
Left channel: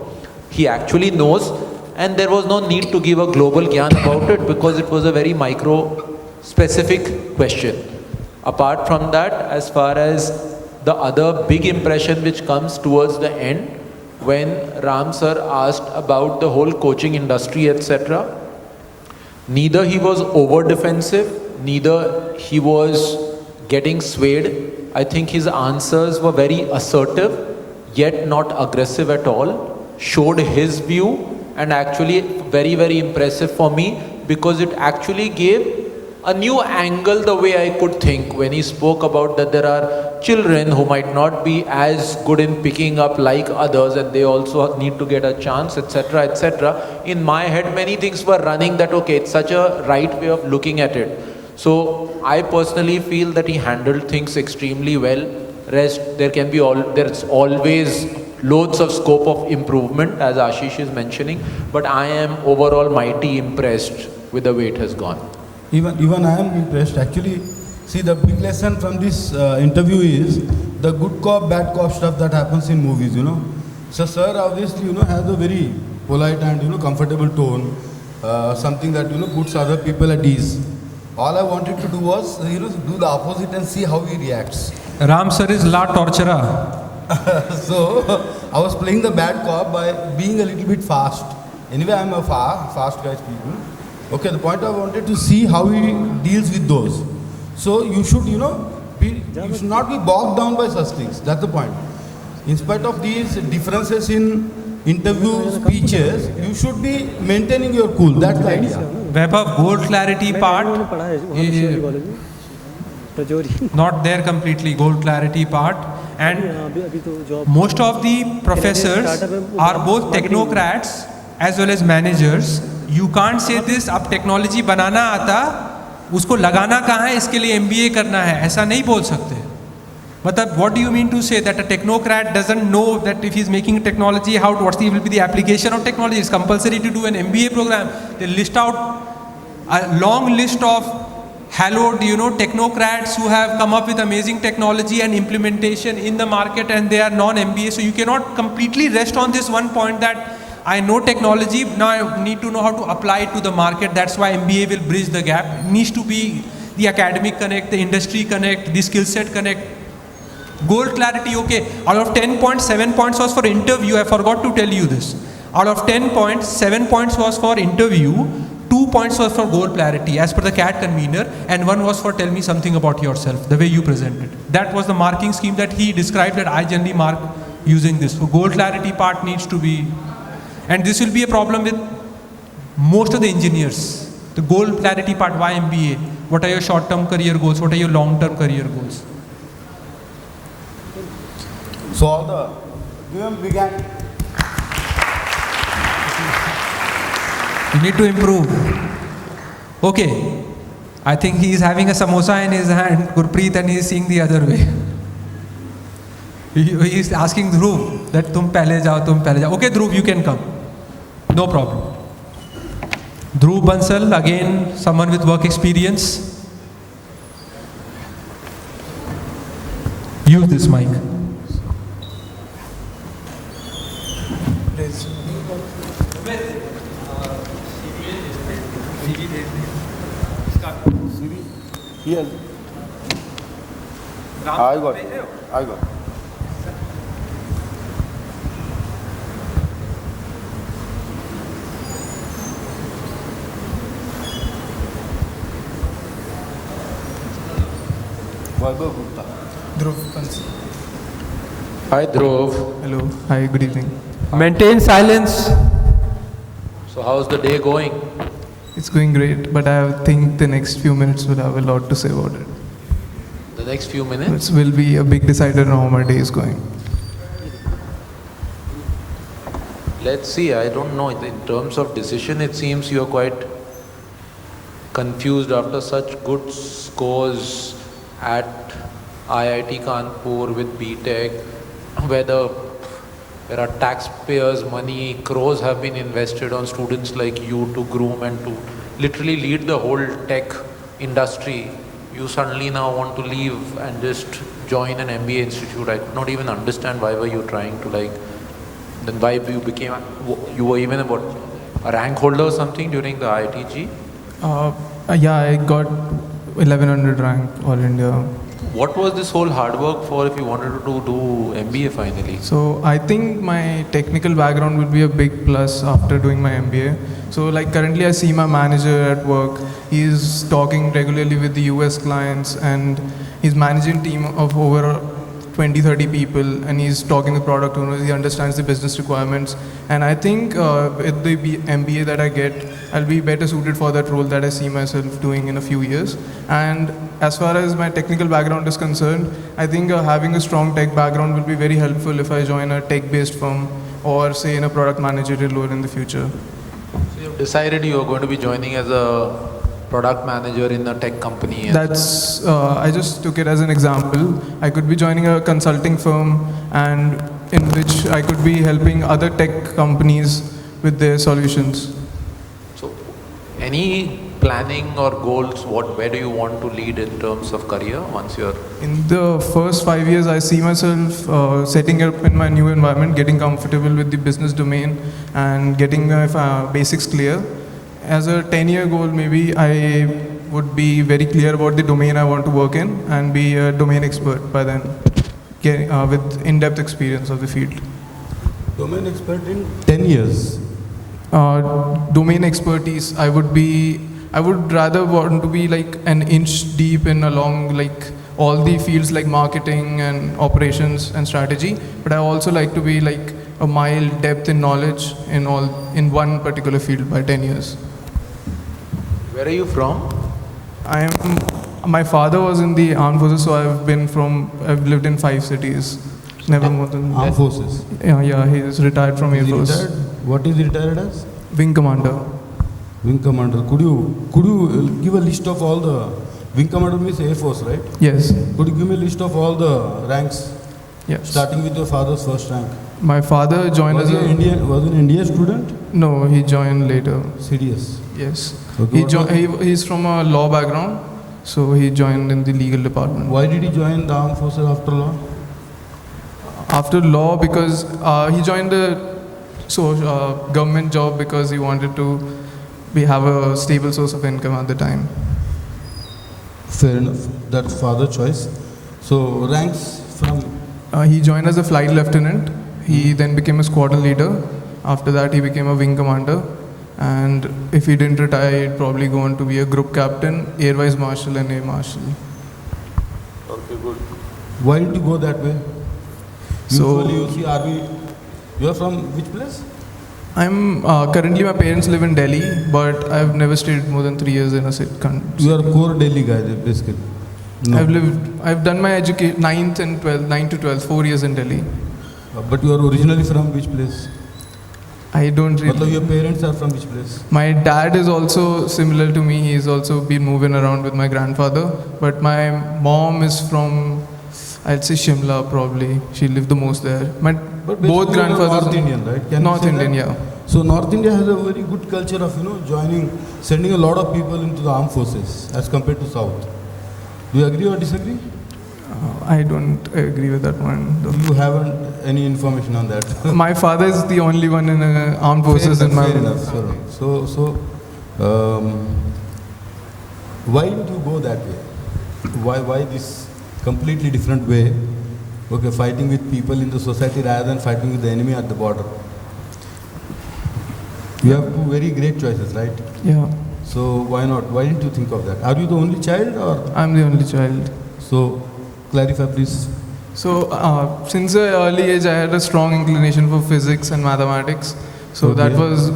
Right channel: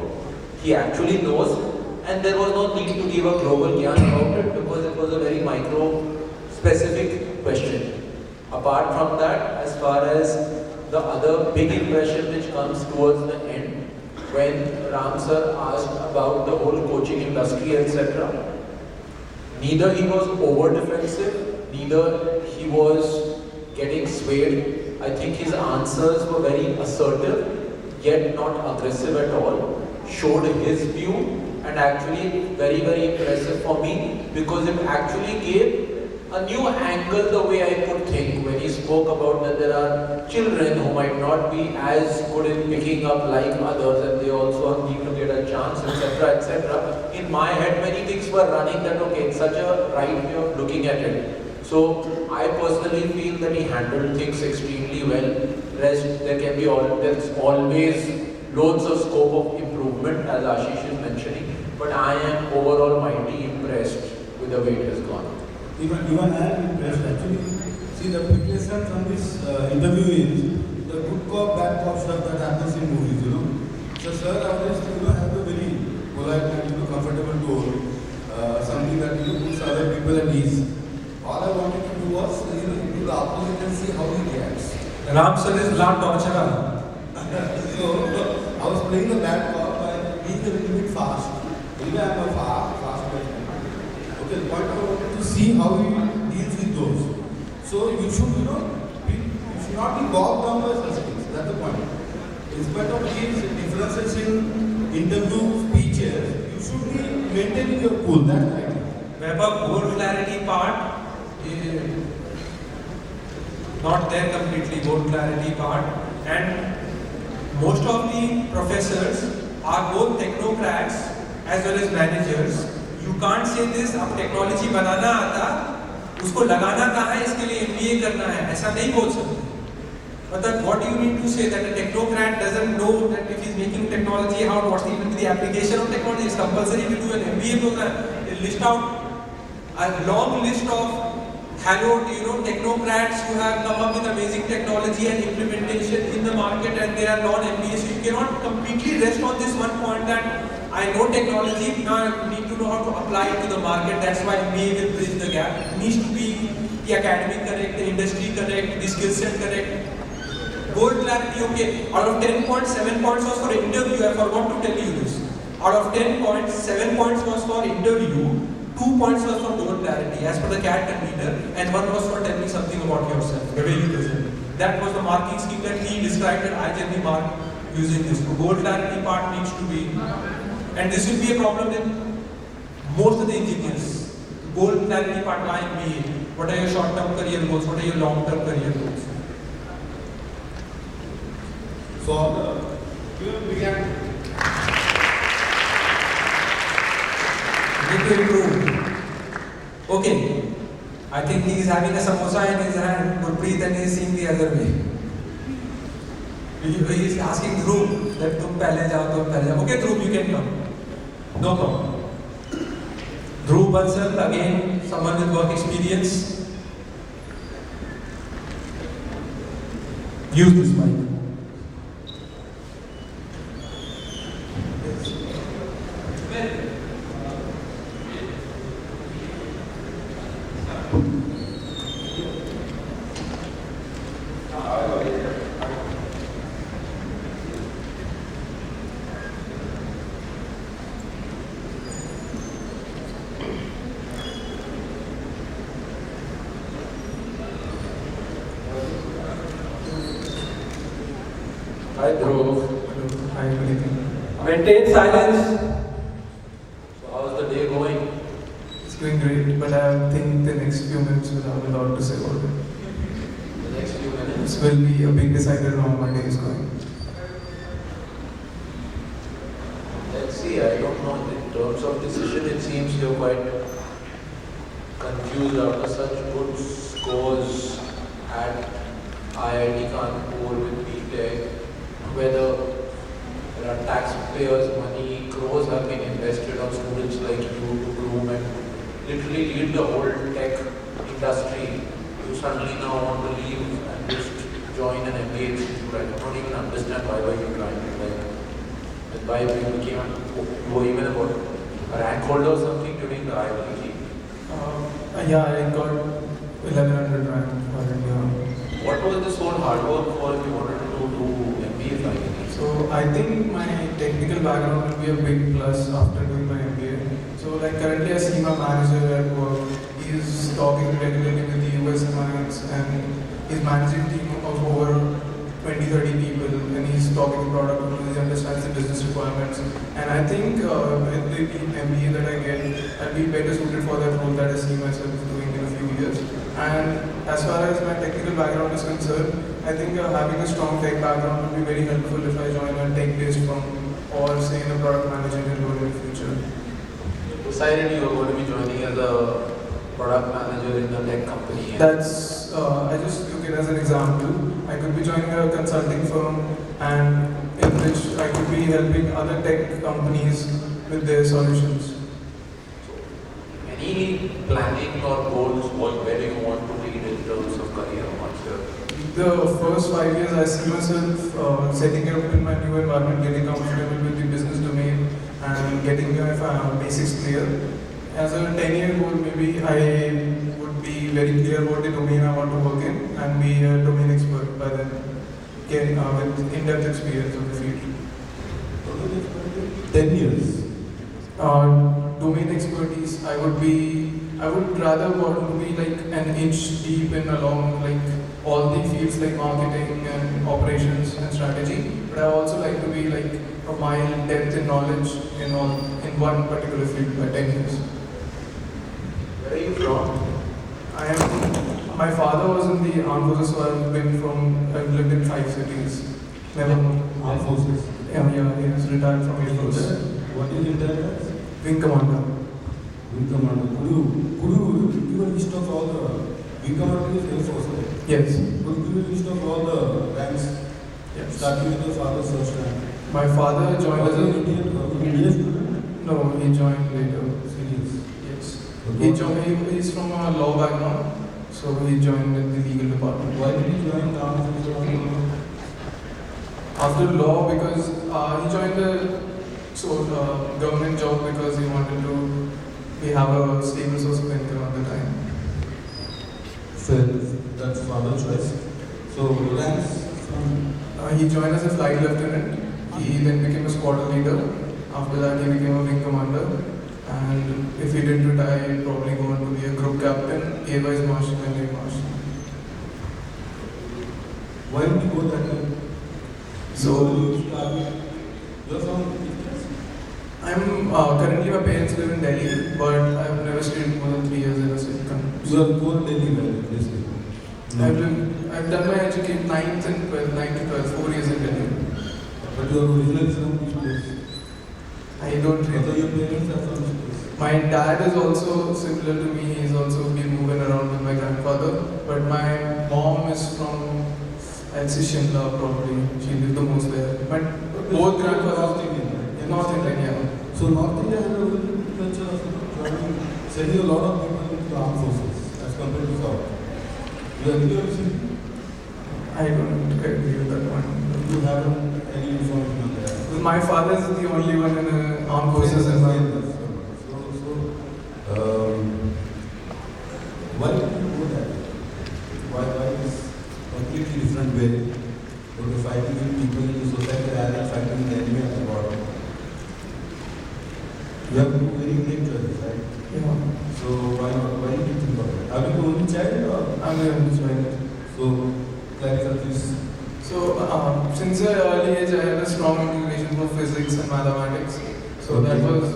he actually knows, and there was no need to give a global gyan about it, because it was a very micro specific question. Apart from that, as far as the other big impression which comes towards the end, when Ram sir asked about the whole coaching industry, etc., neither he was over defensive, neither he was getting swayed. I think his answers were very assertive, yet not aggressive at all, showed his view, and actually very, very impressive for me, because it actually gave a new angle the way I could think when he spoke about that there are children who might not be as good in picking up like others, and they also need to get a chance, etc., etc. In my head, many things were running that, okay, it's such a right way of looking at it. So I personally feel that he handled things extremely well. Rest, there's always loads of scope of improvement, as Ashish is mentioning, but I am overall mighty impressed with the way it has gone. Even I am impressed. Actually, see, the big lesson from this interview is the good cop, bad cop stuff that happens in movies, So sir obviously, has a very polite and, comfortable tone, something that, puts other people at ease. All I wanted to do was, do the opposite and see how he reacts. Ram sir is la torturer. So, I was playing the bad cop by being a little bit fast. Anyway, I am a fast guy. Okay, the point I wanted to see how he deals with those. So you should, you should not be bogged down by such things. That's the point. In spite of these differences in interview speeches, you should be maintaining your cool. That's the idea. Vaibhav, goal clarity part is not there completely, goal clarity part. And most of the professors are both technocrats as well as managers. You can't say this, अब technology बनाना आता, उसको लगाना कहाँ है, इसके लिए MBA करना है, ऐसा नहीं बोल सकते. मतलब what do you mean to say that a technocrat doesn't know that if he's making a technology, will be the application of technology? It's compulsory to do an MBA program. They list out a long list of hallowed, technocrats who have come up with amazing technology and implementation in the market, and they are non-MBA. So you cannot completely rest on this one point that I know technology, now I need to know how to apply it to the market. That's why MBA will bridge the gap. It needs to be the academic connect, the industry connect, the skill set connect. Goal clarity, okay. Out of 10 points, 7 points was for interview. I forgot to tell you this. Out of 10 points, 7 points was for interview, 2 points was for goal clarity as per the CAT convener, and 1 was for tell me something about yourself, the way you presented. That was the marking scheme that he described that I generally mark using this. So goal clarity part needs to be. And this will be a problem with most of the engineers. The goal clarity part, why MBA? What are your short-term career goals? What are your long-term career goals? So, you need to improve. Okay. I think he is having a samosa in his hand, Gurpreet, and he is seeing the other way. He is asking Dhruv that tum pehle jao. Okay, Dhruv, you can come. No problem. Dhruv Bansal, again, someone with work experience. Use this mic. Here. I got. Hi Dhruv. Hello. Hi, good evening. Maintain silence. So how's the day going? It's going great, but I think the next few minutes will have a lot to say about it. The next few minutes? It will be a big decider on how my day is going. Let's see, I don't know. In terms of decision, it seems you're quite confused after such good scores at IIT Kanpur with BTech, where there are taxpayers' money, crores have been invested on students like you to groom and to literally lead the whole tech industry. You suddenly now want to leave and just join an MBA institute. I could not even understand why were you trying to then why you were even about a rank holder or something during the IIT-G? Yeah, I got 1100 rank All India. What was this whole hard work for if you wanted to do MBA finally? So I think my technical background would be a big plus after doing my MBA. So like currently I see my manager at work. He's talking regularly with the US clients and he's managing a team of over 20-30 people and he's talking the product owner, he understands the business requirements. And I think with the MBA that I get, I'll be better suited for that role that I see myself doing in a few years. And as far as my technical background is concerned, I think having a strong tech background will be very helpful if I join a tech-based firm or say in a product managerial role in the future. You decided you were going to be joining as a product manager in a tech company. That's, I just took it as an example. I could be joining a consulting firm and in which I could be helping other tech companies with their solutions. So, any planning or goals, where do you want to lead in terms of career once you're... In the first 5 years, I see myself setting up in my new environment, getting comfortable with the business domain and getting my basics clear. As a 10-year goal, maybe I would be very clear about the domain I want to work in and be a domain expert by then, with in-depth experience of the field. Domain expert in 10 years? Domain expertise, I would rather want to be like an inch deep in along like all the fields like marketing and operations and strategy, but I also like to be like a mild depth in knowledge in one particular field by 10 years. Where are you from? My father was in the armed forces, so I've lived in 5 cities. Never more than... Armed forces? Yeah, he is retired from Air Force. What is he retired as? Wing commander. Wing commander. Could you give a list of all the... Wing commander means Air Force, right? Yes. Could you give me a list of all the ranks? Yes. Starting with your father's first rank. My father joined was as an Indian student? No, he joined later. Serious? Yes. Okay. He's from a law background, so he joined in the legal department. Why did he join the armed forces after law? After law, because he joined the government job because he wanted to have a stable source of income at the time. Fair enough. That's father's choice. So ranks from? He joined as a flight lieutenant. He then became a squadron leader. After that, he became a wing commander. And if he didn't retire, he'd probably go on to be a group captain, air vice marshal, and air marshal. Okay, good. Why did you go that way? You are from which place? I'm currently my parents live in Delhi, but I've never stayed more than 3 years in a country. You are a core Delhi guy, basically. No. I've done my education 9th to 12th, 4 years in Delhi. But you are originally from which place? I don't really. Your parents are from which place? My dad is also similar to me. He's also been moving around with my grandfather. But my mom is from, I'd say Shimla probably. She lived the most there. But both grandfathers. North Indian, right? North Indian, yeah. So North India has a very good culture of sending a lot of people into the armed forces as compared to South. Do you agree or disagree? I don't agree with that one. You haven't any information on that? My father is the only one in armed forces in my... Fair enough. So, why did you go that way? Why this completely different way? Okay, fighting with people in the society rather than fighting with the enemy at the border. You have two very great choices, right? Yeah. So why not? Why didn't you think of that? Are you the only child or? I'm the only child. So, clarify please. So, since an early age, I had a strong inclination for physics and mathematics. So Okay. that was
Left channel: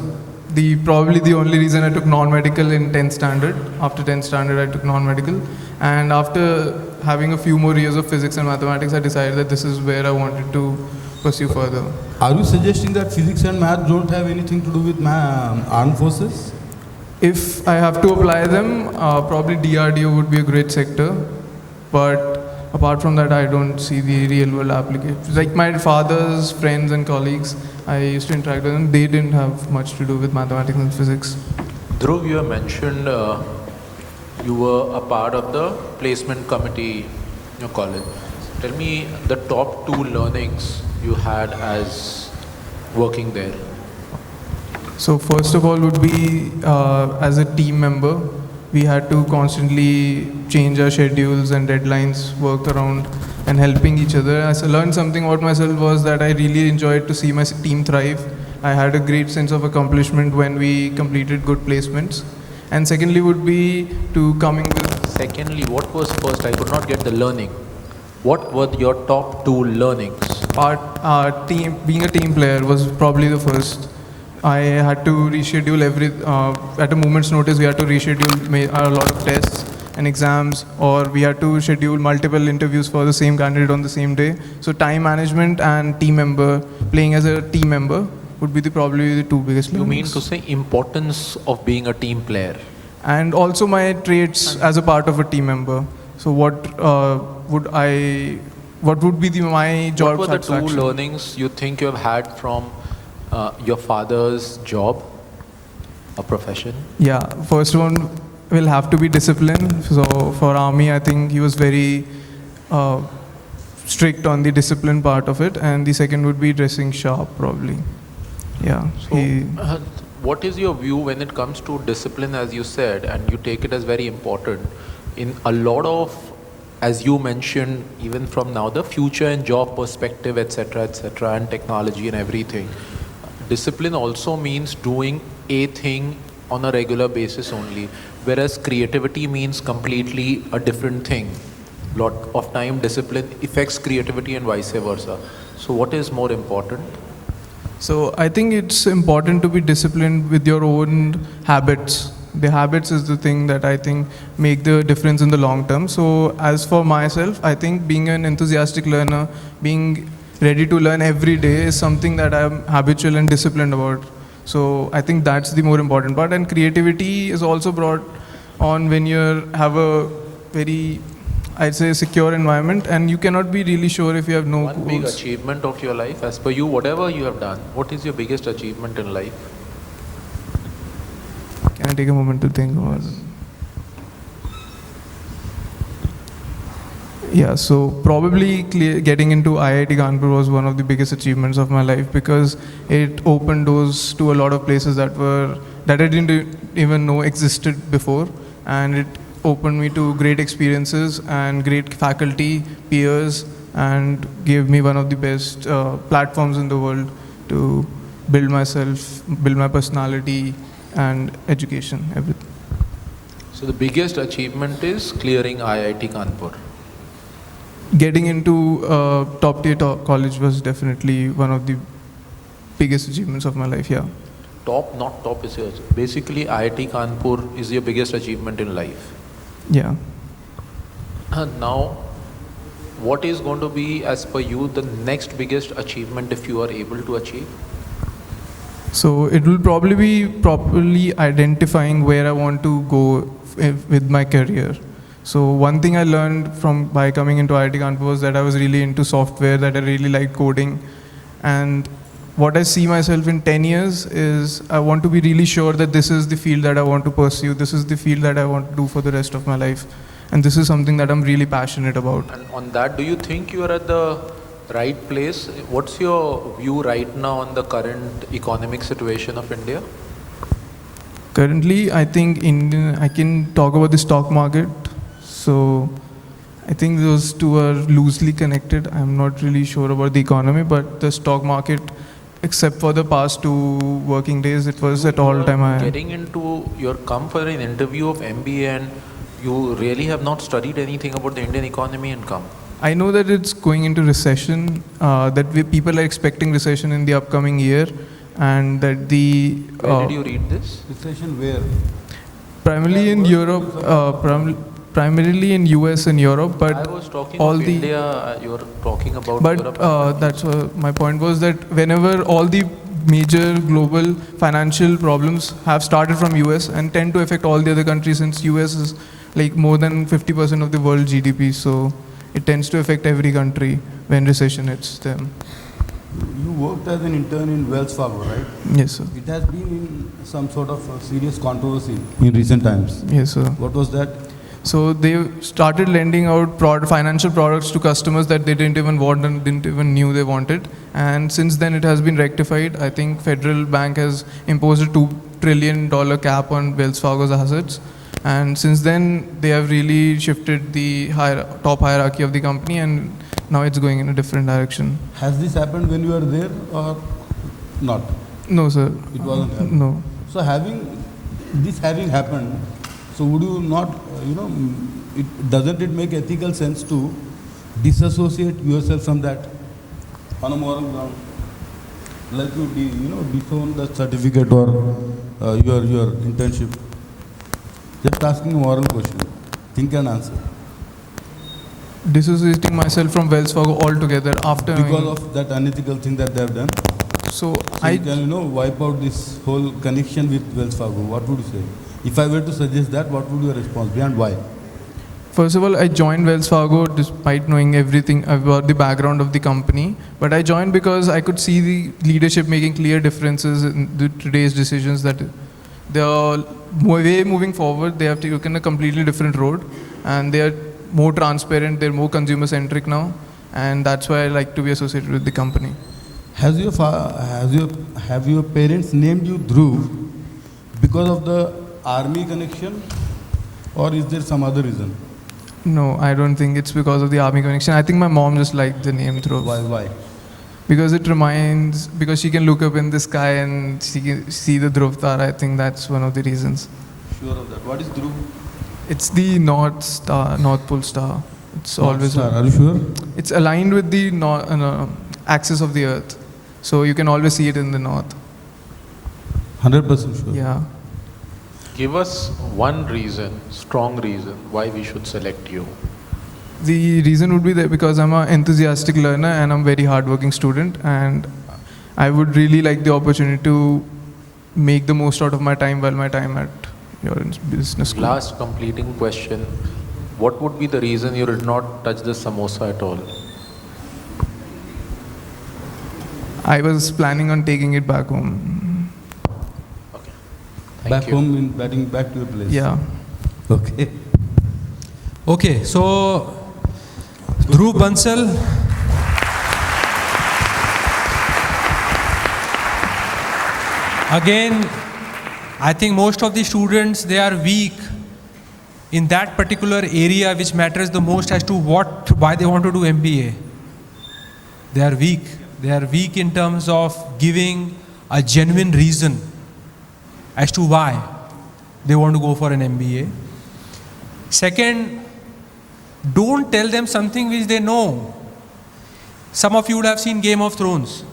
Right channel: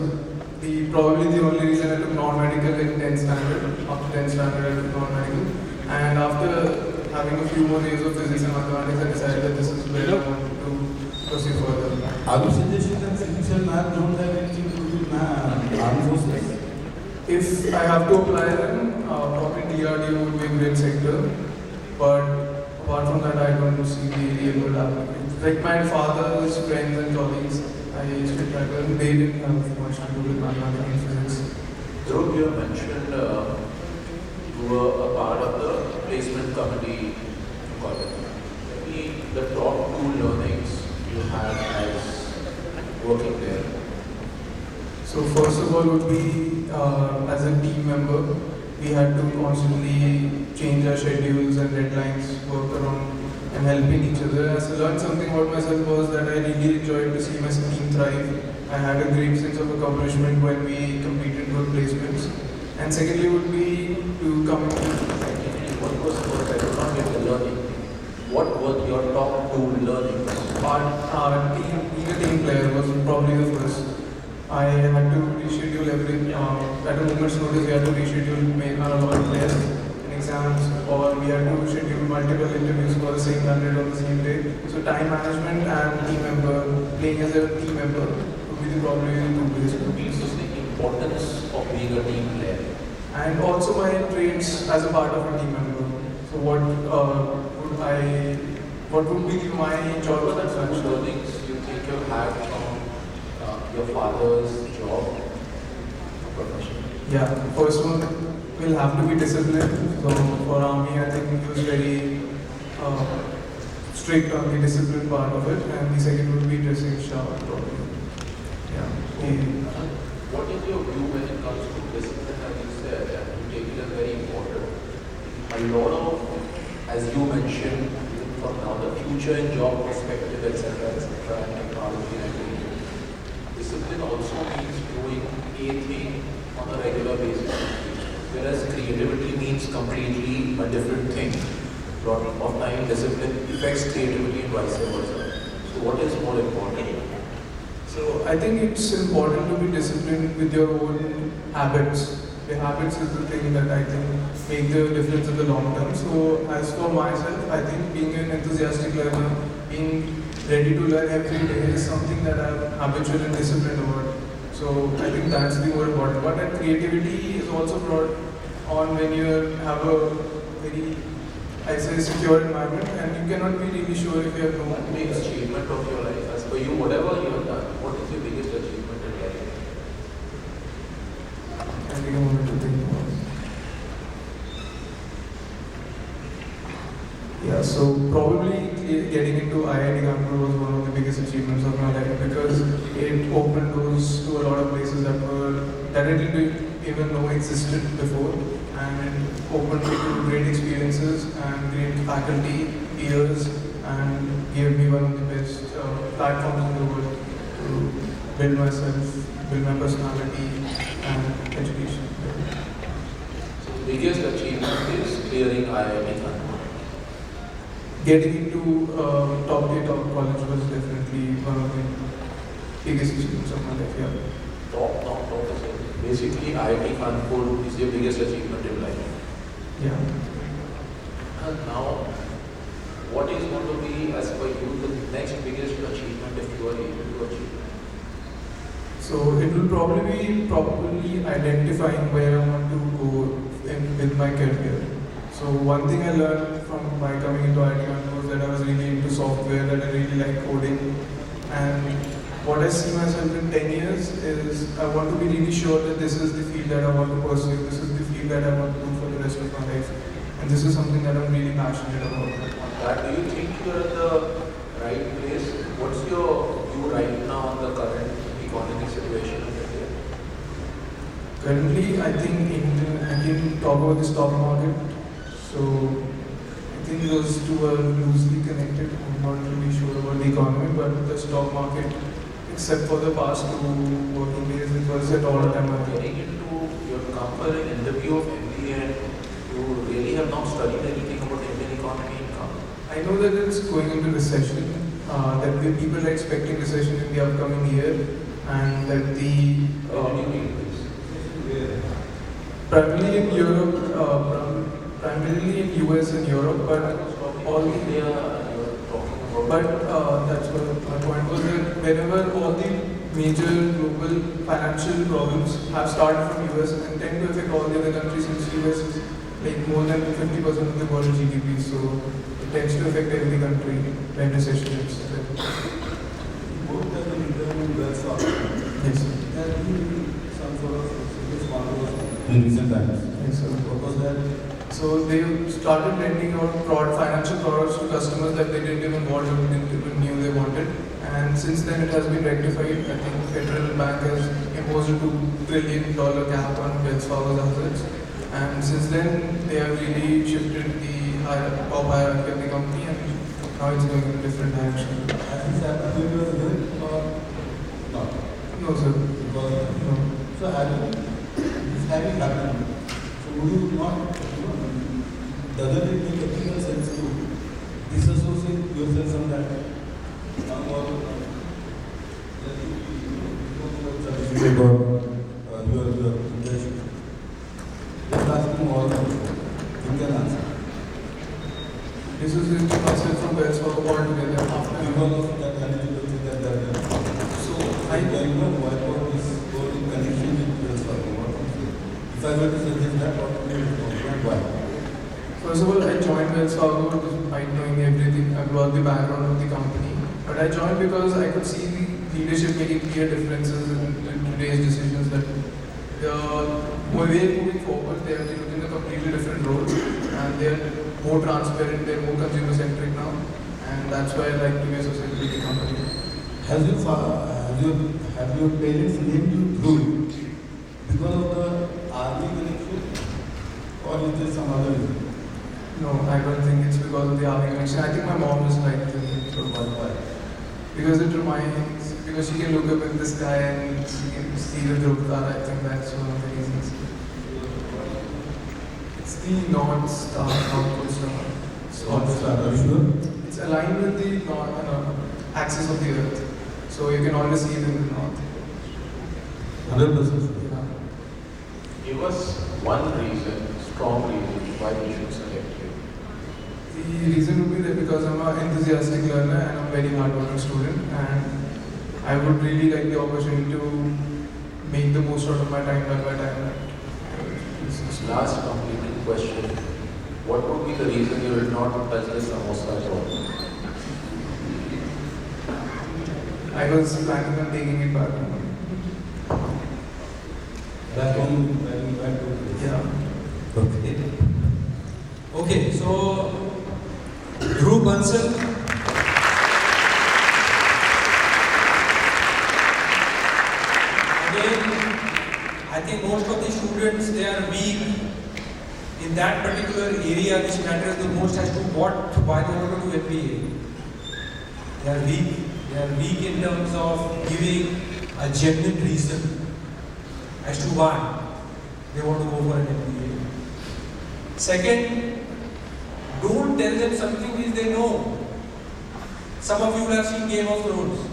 probably the only reason I took non-medical in 10th standard. After 10th standard, I took non-medical. And after having a few more years of physics and mathematics, I decided that this is where I wanted to pursue further. Are you suggesting that physics and math don't have anything to do with armed forces? If I have to apply them, probably DRDO would be a great sector. But apart from that, I don't see the real world applications. Like my father's friends and colleagues, I used to interact with them, they didn't have much to do with mathematics and physics. Dhruv, you have mentioned you were a part of the placement committee in your college. Tell me the top 2 learnings you had as working there. So first of all would be as a team member, we had to constantly change our schedules and deadlines, work around and helping each other. As I learned something about myself was that I really enjoyed to see my team thrive. I had a great sense of accomplishment when we completed good placements. And secondly would be to coming to... Secondly, what was first? I could not get the learning. What were your top 2 learnings? Being a team player was probably the first. I had to reschedule at a moment's notice, we had to reschedule a lot of tests and exams, or we had to schedule multiple interviews for the same candidate on the same day. So time management and playing as a team member would be probably the 2 biggest You mean learnings. to say importance of being a team player? And also my traits as a part of a team member. So what would be my job What were the 2 satisfaction? learnings you think you have had from your father's job or profession? Yeah, first one will have to be discipline. So for army, I think he was very strict on the discipline part of it, and the second would be dressing sharp, probably. Yeah. So, what is your view when it comes to discipline, as you said, and you take it as very important? In a lot of, as you mentioned, even from now, the future and job perspective, etc., and technology and everything, discipline also means doing a thing on a regular basis only, whereas creativity means completely a different thing. Lot of time discipline affects creativity and vice versa. So what is more important? So I think it's important to be disciplined with your own habits. The habits is the thing that I think make the difference in the long term. So as for myself, I think being an enthusiastic learner, being ready to learn every day is something that I'm habitual and disciplined about. So I think that's the more important part. And creativity is also brought on when you have a very, I'd say, secure environment, and you cannot be really sure if you have no One big goals. achievement of your life, as per you, whatever you have done, what is your biggest achievement in life? Can I take a moment to think? Yeah, so probably getting into IIT Kanpur was one of the biggest achievements of my life, because it opened doors to a lot of places that I didn't even know existed before, and it opened me to great experiences and great faculty, peers, and gave me one of the best platforms in the world to build myself, build my personality and education, everything. So the biggest achievement is clearing IIT Kanpur. Getting into top tier college was definitely one of the biggest achievements of my life, yeah. Top, not top is yours. Basically, IIT Kanpur is your biggest achievement in life. Yeah. And now, what is going to be, as per you, the next biggest achievement if you are able to achieve? So it will probably be properly identifying where I want to go with my career. So one thing I learned by coming into IIT Kanpur was that I was really into software, that I really like coding. And what I see myself in 10 years is I want to be really sure that this is the field that I want to pursue, this is the field that I want to do for the rest of my life. And this is something that I'm really passionate about. And on that, do you think you are at the right place? What's your view right now on the current economic situation of India? Currently, I think I can talk about the stock market. So I think those two are loosely connected. I'm not really sure about the economy, but the stock market, except for the past 2 working days, it was at all-time high. Getting into your come for an interview of MBA and you really have not studied anything about the Indian economy and come. I know that it's going into recession, people are expecting recession in the upcoming year, and that the... Where did you read this? Recession where? Primarily in Europe, primarily in US and Europe, but I was talking all about the... India and you were talking about But Europe. that's my point was that whenever all the major global financial problems have started from US and tend to affect all the other countries, since US is like more than 50% of the world GDP. So it tends to affect every country when recession hits them. You worked as an intern in Wells Fargo, right? Yes, sir. It has been some sort of serious controversy in recent times. Yes, sir. What was that? So they started lending out financial products to customers that they didn't even want and didn't even knew they wanted. And since then it has been rectified. I think Federal Bank has imposed a $2 trillion cap on Wells Fargo's assets. And since then they have really shifted the top hierarchy of the company, and now it's going in a different direction. Has this happened when you were there or not? No, sir. It was No. So having happened, so would you not, doesn't it make ethical sense to disassociate yourself from that on a moral ground? Like you, disown the certificate or your internship. Just asking a moral question. Think and answer. Dissociating myself from Wells Fargo altogether after Because of that unethical thing that they have done. So wipe out this whole connection with Wells Fargo. What would you say? If I were to suggest that, what would your response be and why? First of all, I joined Wells Fargo despite knowing everything about the background of the company. But I joined because I could see the leadership making clear differences in today's decisions, that they are moving forward. They have taken a completely different road, and they are more transparent. They're more consumer centric now, and that's why I like to be associated with the company. Have your parents named you Dhruv because of the army connection, or is there some other reason? No, I don't think it's because of the army connection. I think my mom just liked the name Dhruv. Why? Because because she can look up in the sky and she can see the Dhruv Tar. I think that's one of the reasons. Sure of that. What is Dhruv? It's the North Pole Star. It's always. Are you sure? It's aligned with the axis of the Earth, so you can always see it in the north. 100% sure. Yeah. Give us one reason, strong reason, why we should select you. The reason would be that because I'm an enthusiastic learner and I'm a very hardworking student, and I would really like the opportunity to make the most out of my time while my time at your business school. Last completing question. What would be the reason you did not touch the samosa at all? I was planning on taking it back home. Back you. home, back to your place. Yeah. Okay. Okay, so Dhruv Bansal. Again, I think most of the students, they are weak in that particular area which matters the most as to why they want to do MBA. They are weak. They are weak in terms of giving a genuine reason as to why they want to go for an MBA. Second, don't tell them something which they know. Some of you would have seen Game of Thrones.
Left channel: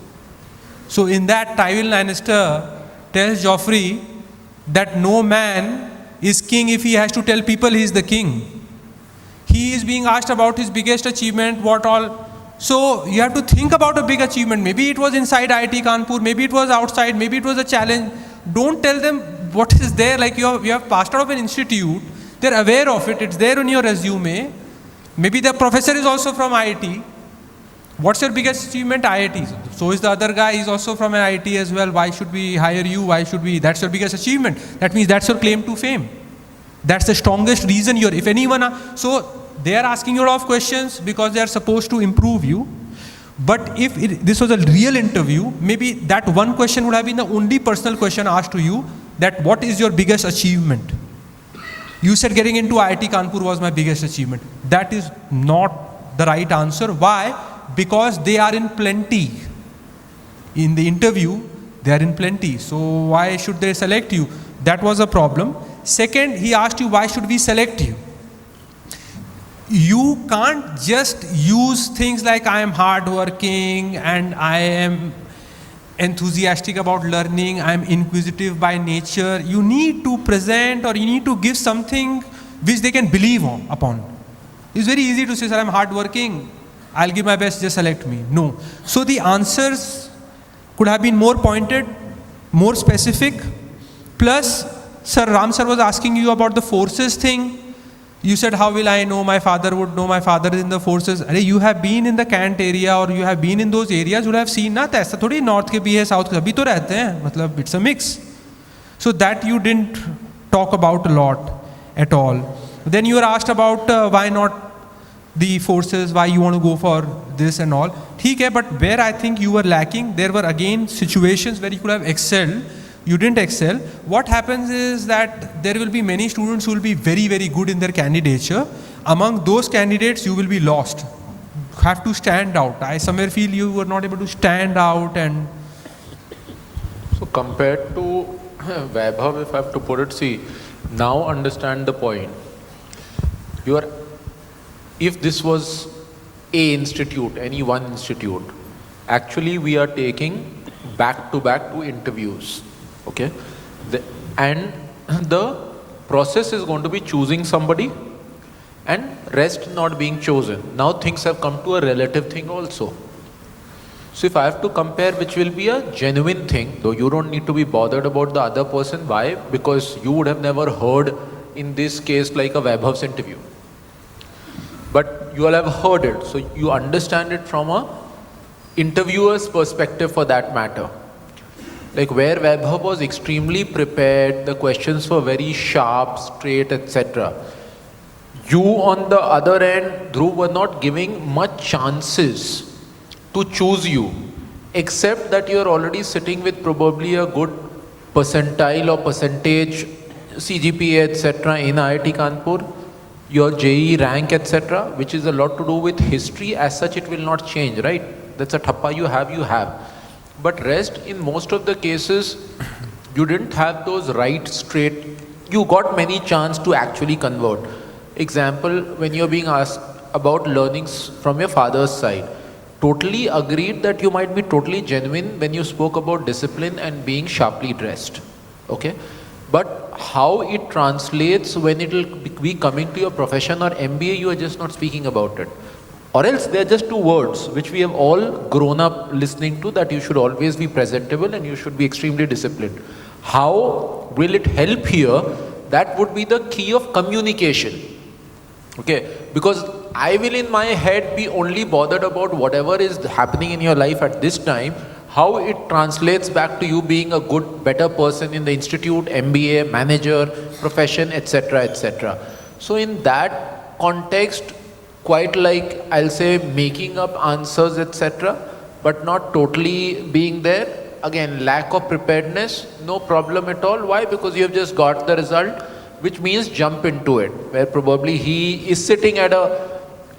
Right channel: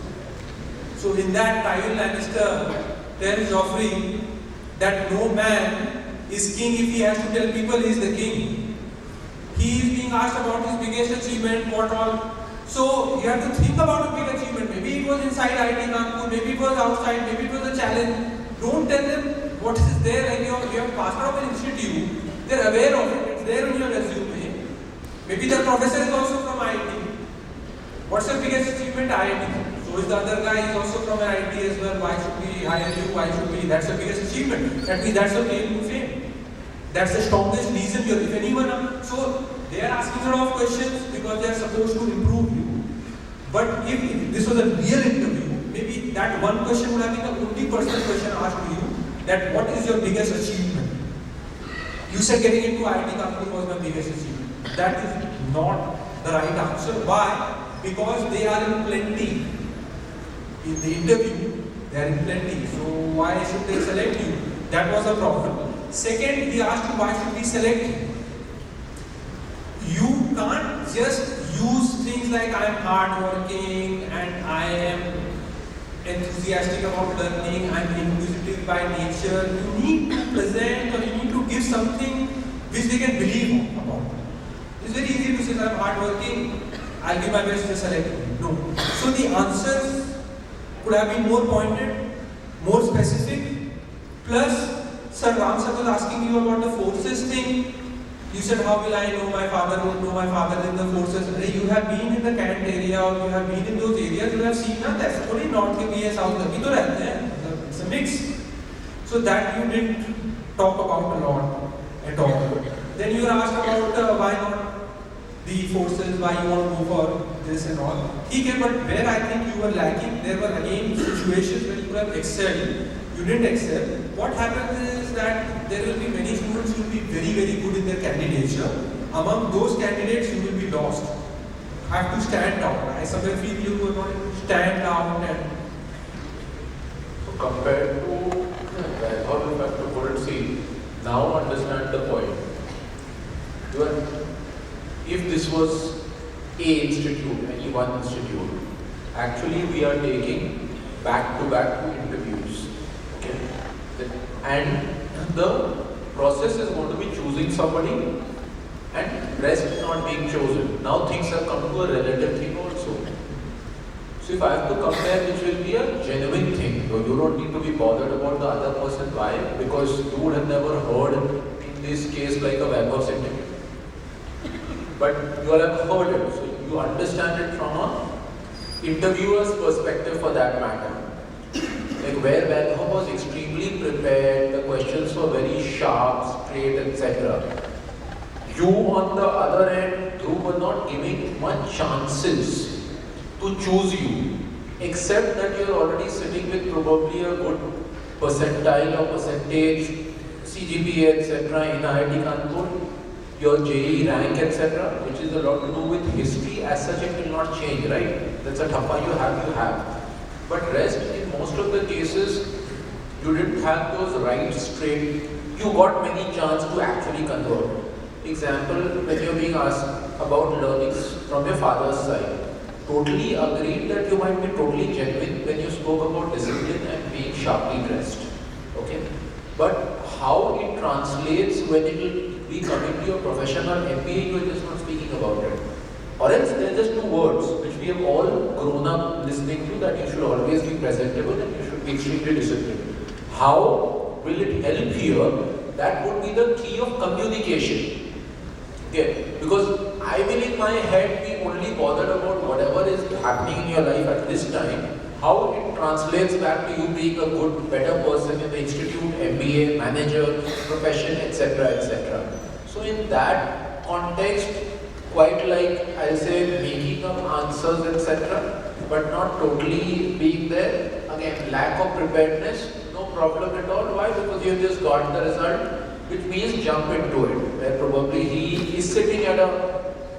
So in that, Tywin Lannister tells Joffrey that no man is king if he has to tell people he is the king. He is being asked about his biggest achievement, what all. So you have to think about a big achievement. Maybe it was inside IIT Kanpur, maybe it was outside, maybe it was a challenge. Don't tell them what is there, like you have passed out of an institute, they're aware of it, it's there on your resume. Maybe the professor is also from IIT. What's your biggest achievement? IIT. So is the other guy, is also from an IIT as well. Why should we hire you? That's your biggest achievement. That means that's your claim to fame. That's the strongest reason if anyone, so they are asking you a lot of questions because they are supposed to improve you. But if this was a real interview, maybe that one question would have been the only personal question asked to you, that what is your biggest achievement? You said getting into IIT Kanpur was my biggest achievement. That is not the right answer. Why? Because they are in plenty. In the interview, they are in plenty. So why should they select you? That was a problem. Second, he asked you, why should we select you? You can't just use things like I am hardworking and I am enthusiastic about learning, I am inquisitive by nature. You need to present, or you need to give something which they can believe upon. It's very easy to say, sir, I am hardworking, I'll give my best, just select me. No. So the answers could have been more pointed, more specific. Plus, Sir Ram sir was asking you about the forces thing. You said, how will I know? My father would know. My father is in the forces. You have been in the Kant area or you have been in those areas. You will have seen ना ऐसा थोड़ी north के भी है, south के अभी तो रहते हैं. मतलब it's a mix. So that you didn't talk about a lot at all. Then you were asked about why not the forces, why you want to go for this and all. ठीक है, but where I think you were lacking, there were again situations where you could have excelled. You didn't excel. What happens is that there will be many students who will be very, very good in their candidature. Among those candidates, you will be lost. You have to stand out. I somewhere feel you were not able to stand out. And so compared to Vaibhav, if I have to put it, see, now understand the point. If this was a institute, any one institute, actually we are taking back-to-back two interviews. Okay, and the process is going to be choosing somebody and rest not being chosen. Now things have come to a relative thing also. So if I have to compare which will be a genuine thing, though you don't need to be bothered about the other person. Why? Because you would have never heard in this case like a Vaibhav's interview. But you all have heard it, so you understand it from a interviewer's perspective for that matter. Like where Vaibhav was extremely prepared, the questions were very sharp, straight, etc. You on the other end, Dhruv, were not giving much chances to choose you, except that you are already sitting with probably a good percentile or percentage CGPA, etc. in IIT Kanpur, your JEE rank, etc., which is a lot to do with history. As such, it will not change, right? That's a thappa you have. But rest, in most of the cases, you didn't have those right straight. You got many chance to actually convert. Example, when you're being asked about learnings from your father's side, totally agreed that you might be totally genuine when you spoke about discipline and being sharply dressed. Okay? But how it translates when it will be coming to your profession or MBA, you are just not speaking about it. Or else they are just two words which we have all grown up listening to, that you should always be presentable and you should be extremely disciplined. How will it help here? That would be the key of communication. Okay, because I will in my head be only bothered about whatever is happening in your life at this time, how it translates back to you being a good, better person in the institute, MBA, manager, profession, etc., etc. So in that context, quite like I'll say making up answers, etc., but not totally being there. Again, lack of preparedness, no problem at all. Why? Because you have just got the result, which means jump into it, where probably he is sitting at a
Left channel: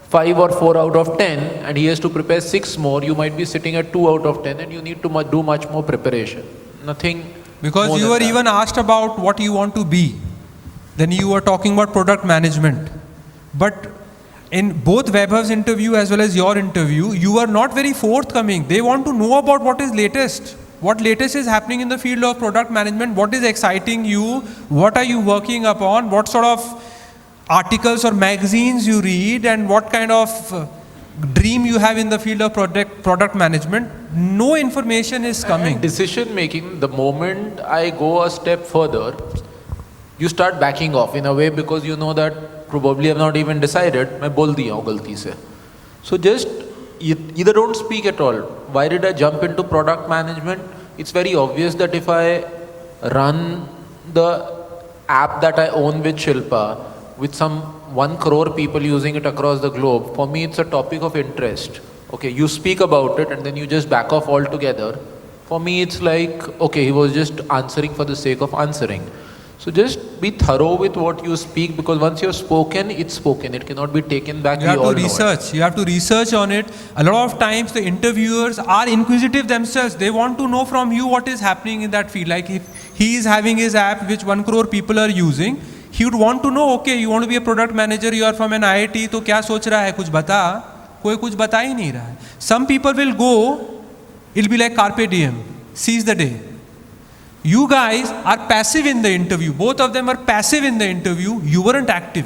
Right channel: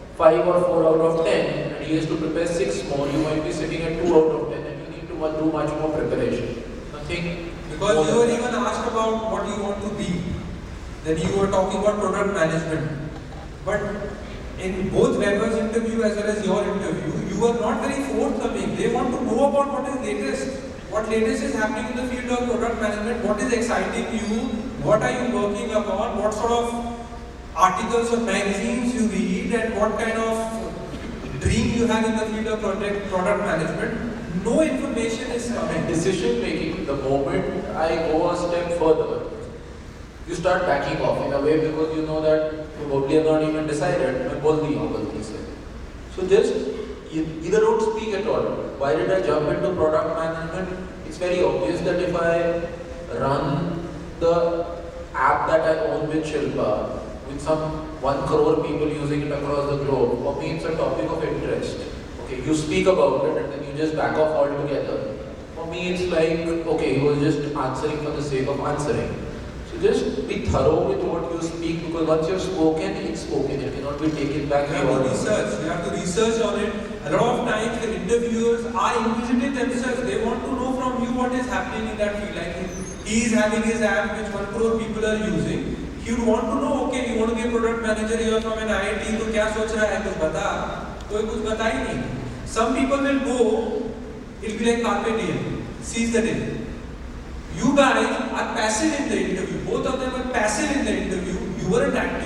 5 or 4 out of 10 and he has to prepare 6 more. You might be sitting at 2 out of 10 and you need to do much more preparation. Nothing. Because you were even asked about what you want to be. Then you were talking about product management. But in both Vaibhav's interview as well as your interview, you are not very forthcoming. They want to know about what is latest. What latest is happening in the field of product management, what is exciting you, what are you working upon, what sort of articles or magazines you read, and what kind of dream you have in the field of product management. No information is coming. Decision making, the moment I go a step further, you start backing off in a way, because you know that probably I've not even decided, मैं बोल दिया हूँ गलती से. So just either don't speak at all. Why did I jump into product management? It's very obvious that if I run the app that I own with Shilpa, with some 1 crore people using it across the globe, for me it's a topic of interest. Okay, you speak about it and then you just back off altogether. For me it's like, okay, he was just answering for the sake of answering. So just be thorough with what you speak, because once you've spoken, it's spoken. It cannot be taken back. You have to research. You have to research on it. A lot of times the interviewers are inquisitive themselves. They want to know from you what is happening in that field. Like if he is having his app which 1 crore people are using, he would want to know, okay, you want to be a product manager, you are from an IIT, तो क्या सोच रहा है, कुछ बता, कोई कुछ बता ही नहीं रहा. Some people will go, it'll be like carpe diem, seize the day. You guys are passive in the interview. Both of them are passive in the interview. You weren't active.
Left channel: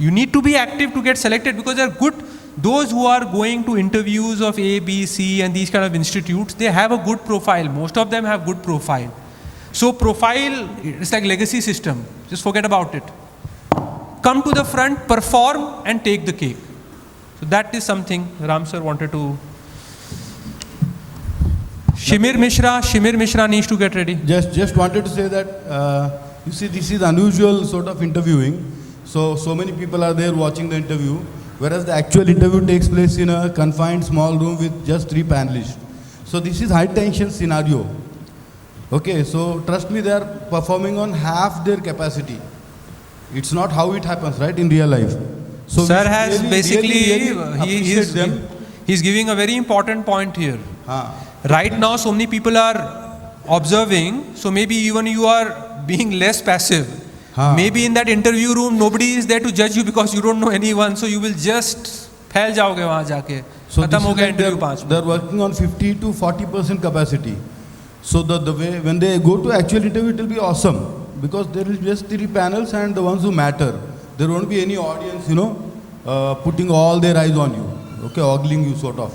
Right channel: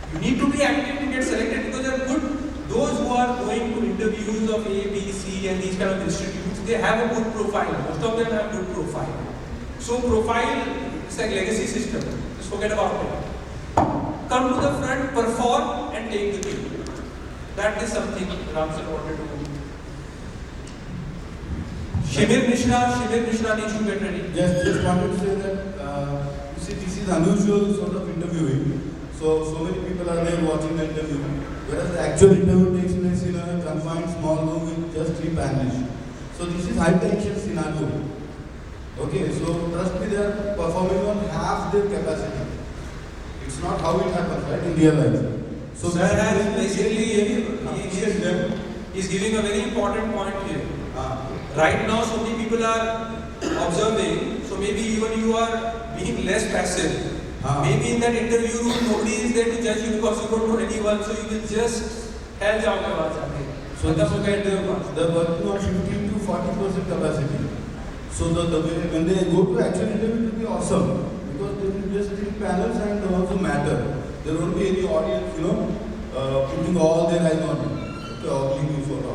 You need to be active to get selected, because they are good. Those who are going to interviews of A, B, C and these kind of institutes, they have a good profile. Most of them have good profile. So profile, it's like legacy system. Just forget about it. come to the front, perform and take the cake. That is something Ram sir wanted to. Shimir Mishra needs to get ready. Just wanted to say that, you see, this is unusual sort of interviewing. So many people are there watching the interview, whereas the actual interview takes place in a confined small room with just 3 panelists. So this is high tension scenario. Okay, so trust me, they are performing on half their capacity. It's not how it happens, right, in real life. So sir has basically, he's giving a very important point here. Right now, so many people are observing, so maybe even you are being less passive. Maybe in that interview room, nobody is there to judge you because you don't know anyone, so you will just फैल जाओगे वहाँ जाके. So खत्म हो गया interview 5. They're working on 50 to 40% capacity. So the way when they go to actual interview, it will be awesome because there will be just 3 panels and the ones who matter. There won't be any audience, putting all their eyes on you. Okay, ogling you sort of.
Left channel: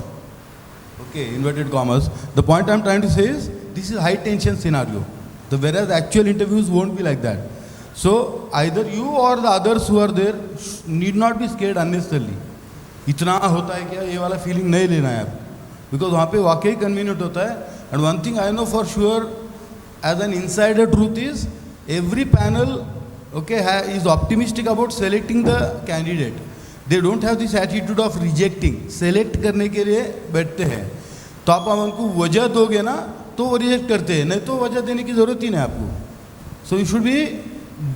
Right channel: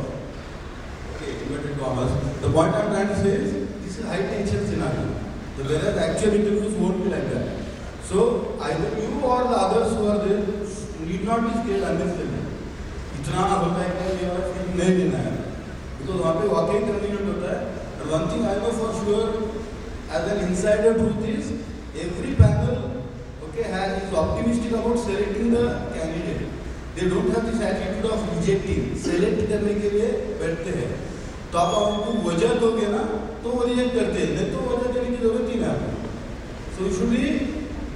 Okay, inverted commas. The point I'm trying to say is this is high tension scenario. Whereas actual interviews won't be like that. So either you or the others who are there need not be scared unnecessarily. इतना होता है क्या ये वाला feeling नहीं लेना है because वहाँ पे वाकई कन्वीनियंट होता है. And one thing I know for sure as an insider truth is every panel is optimistic about selecting the candidate. They don't have this attitude of rejecting. Select करने के लिए बैठते हैं. तो आप उनको वजह दोगे ना तो वो रिजेक्ट करते हैं, नहीं तो वजह देने की ज़रूरत ही नहीं आपको. So you should be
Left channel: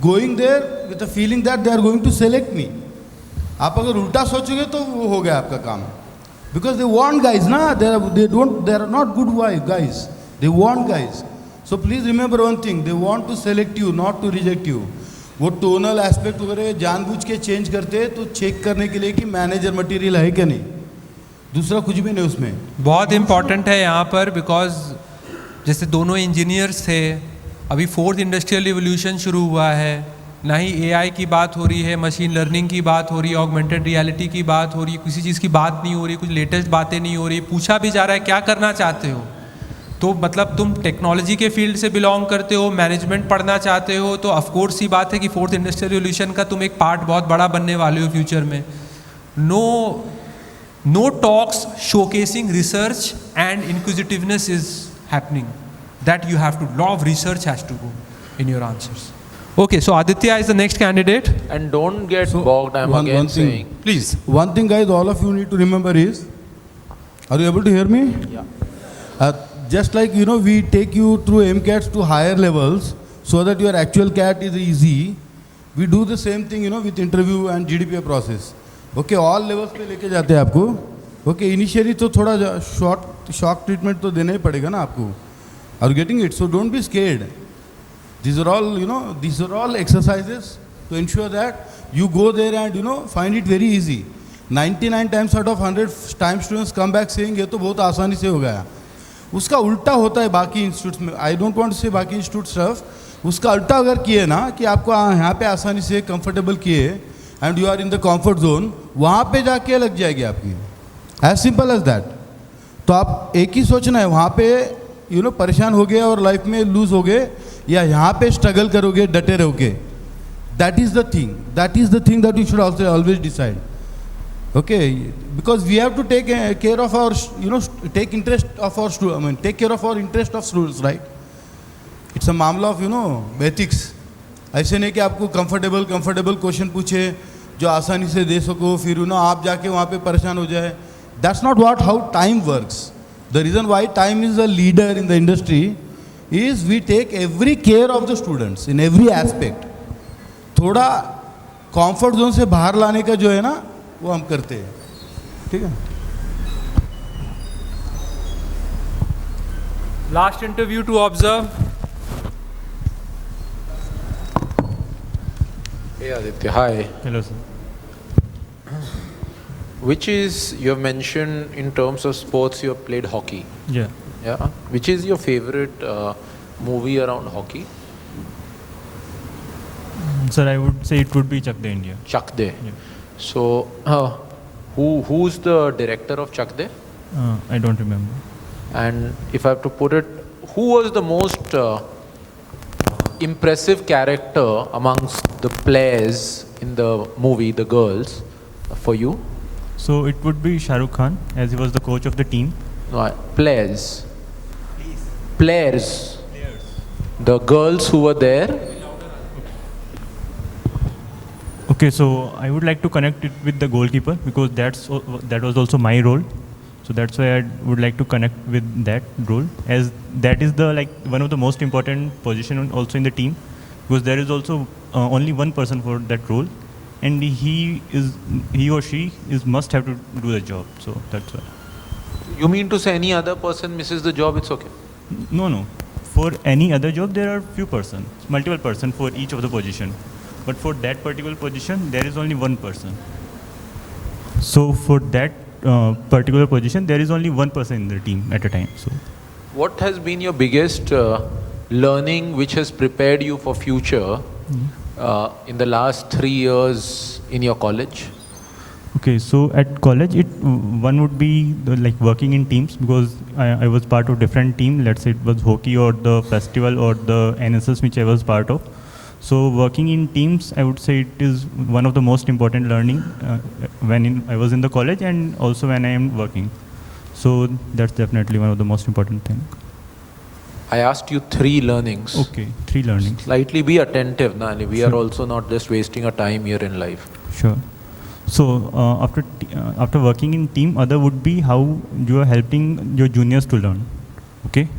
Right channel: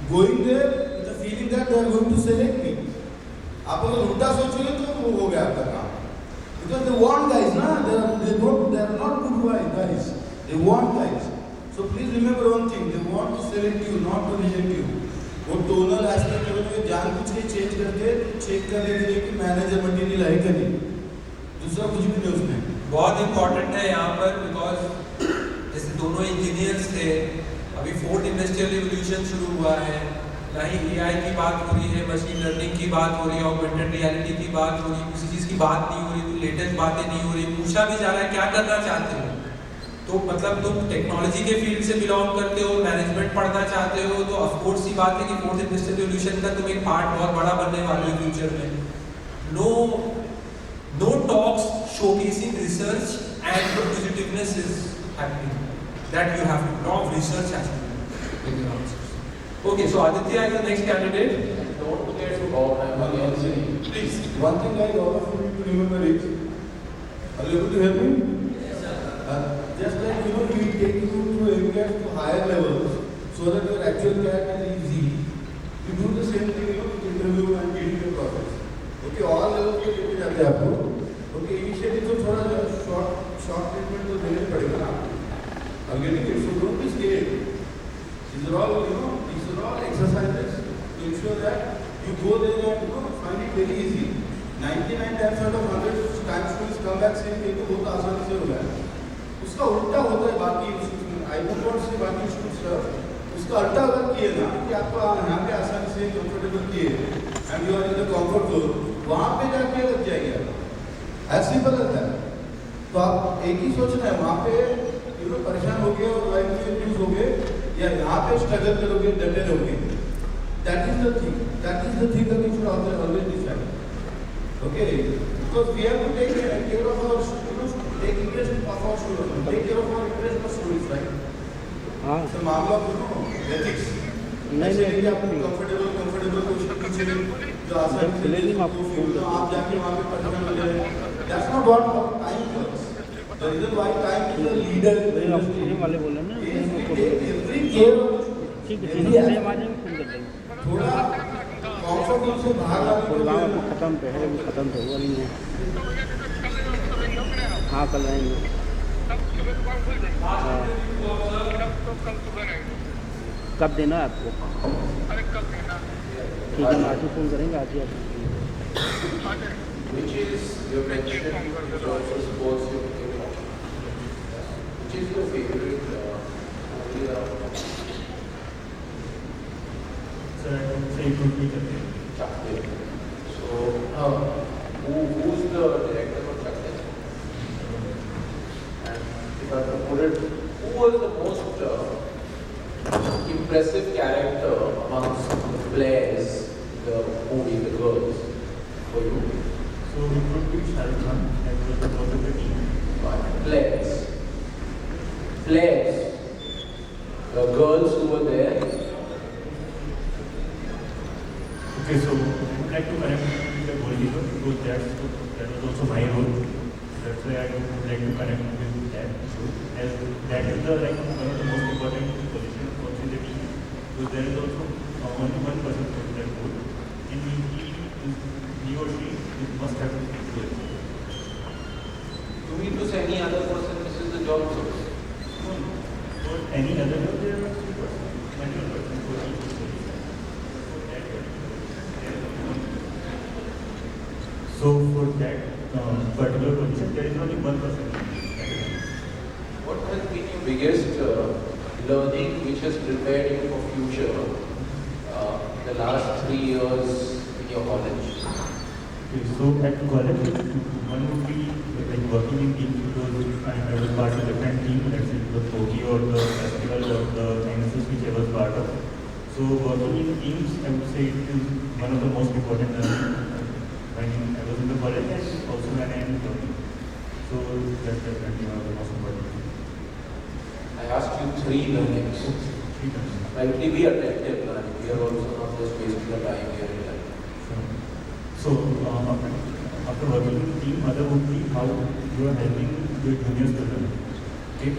going there with a feeling that they are going to select me. आप अगर उल्टा सोचोगे तो वो हो गया आपका काम. Because they want guys, na? They are not good guys. They want guys. So please remember one thing, they want to select you, not to reject you. वो टोनल एस्पेक्ट वगैरह जानबूझ के चेंज करते हैं तो चेक करने के लिए कि मैनेजर मटेरियल है क्या नहीं, दूसरा कुछ भी नहीं उसमें. बहुत इंपॉर्टेंट है यहाँ पर बिकॉज जैसे दोनों इंजीनियर्स थे, अभी 4th इंडस्ट्रियल रिवोल्यूशन शुरू हुआ है, ना ही AI की बात हो रही है, मशीन लर्निंग की बात हो रही है, ऑगमेंटेड रियलिटी की बात हो रही है, किसी चीज़ की बात नहीं हो रही, कुछ लेटेस्ट बातें नहीं हो रही. पूछा भी जा रहा है क्या करना चाहते हो, तो मतलब तुम टेक्नोलॉजी के फील्ड से बिलोंग करते हो, मैनेजमेंट पढ़ना चाहते हो, तो ऑफकोर्स ही बात है कि 4th इंडस्ट्रियल रिवोल्यूशन का तुम एक पार्ट बहुत बड़ा बनने वाले हो फ्यूचर में. No talks showcasing research and inquisitiveness is happening. That you have to, lot of research has to go in your answers. Okay, so Aditya is the next candidate. And don't get bogged, I'm again saying. Please. One thing guys, all of you need to remember is, are you able to hear me? Yeah. Just like, we take you through MCATs to higher levels so that your actual CAT is easy, we do the same thing, with interview and GDPI process. Okay, all levels पे लेके जाते हैं आपको. Okay, initially तो थोड़ा shock treatment तो देना ही पड़ेगा ना आपको. Are you getting it? So don't be scared. These are all exercises to ensure that you go there and find it very easy. 99 times out of 100 times students come back saying ये तो बहुत आसानी से हो गया. उसका उल्टा होता है बाकी इंस्टीट्यूट्स में. आई डोंट वांट टू से बाकी इंस्टीट्यूट स्टफ. उसका उल्टा अगर किए ना कि आपको यहाँ पे आसानी से कंफर्टेबल किए and you are in the comfort zone, वहाँ पे जाके लग जाएगी आपकी. As simple as that. तो आप एक ही सोचना है, वहाँ पे परेशान हो गए और लाइफ में लूज हो गए, या यहाँ पे स्ट्रगल करोगे, डटे रहोगे. That is the thing that you should always decide. Okay, because we have to take care of our, take interest of our students. Take care of our interest of students, right? It's a मामला of ethics. ऐसे नहीं कि आपको comfortable question पूछे जो आसानी से दे सको, फिर आप जाके वहाँ पे परेशान हो जाए. That's not how time works. The reason why time is a leader in the industry is we take every care of the students in every aspect. थोड़ा कंफर्ट जोन से बाहर लाने का जो है ना वो हम करते हैं. ठीक है. Last interview to observe. कब देना है आपको? Hey Aditya, hi. Hello. Which is, you have mentioned in terms of sports you have played hockey. Yeah. Which is your favorite movie around hockey? Sir, I would say it would be Chak De India. Chak De. So, who's the director of Chak De? I don't remember. And if I have to put it, who was the most impressive character amongst the players in in the movie, The Girls, for you? So it would be Shah Rukh Khan, as he was the coach of the team. No, players. Players. The girls who were there. Okay, so I would like to connect it with the goalkeeper because that was also my role. So that's why I would like to connect with that role, as that is the one of the most important position also in the team, because there is also only one person for that role, and he or she must have to do the job. So that's why. You mean to say any other person misses the job, it's okay? No. For any other job, there are few persons, multiple persons for each of the position. But for that particular position, there is only one person. So for that particular position, there is only one person in the team at a time. So, what has been your biggest learning which has prepared you for future in the last 3 years in your college? okay, so at college, one would be working in teams, because I was part of different team. Let's say it was hockey or the festival or the NSS which I was part of. So working in teams, I would say it is one of the most important learning when I was in the college and also when I am working. So that's definitely one of the most important things. I asked you 3 learnings. Okay, 3 learnings. Slightly be attentive, Nani. We are also not just wasting our time here in life. Sure. So after working in team, other would be how you are helping your juniors to learn. Okay.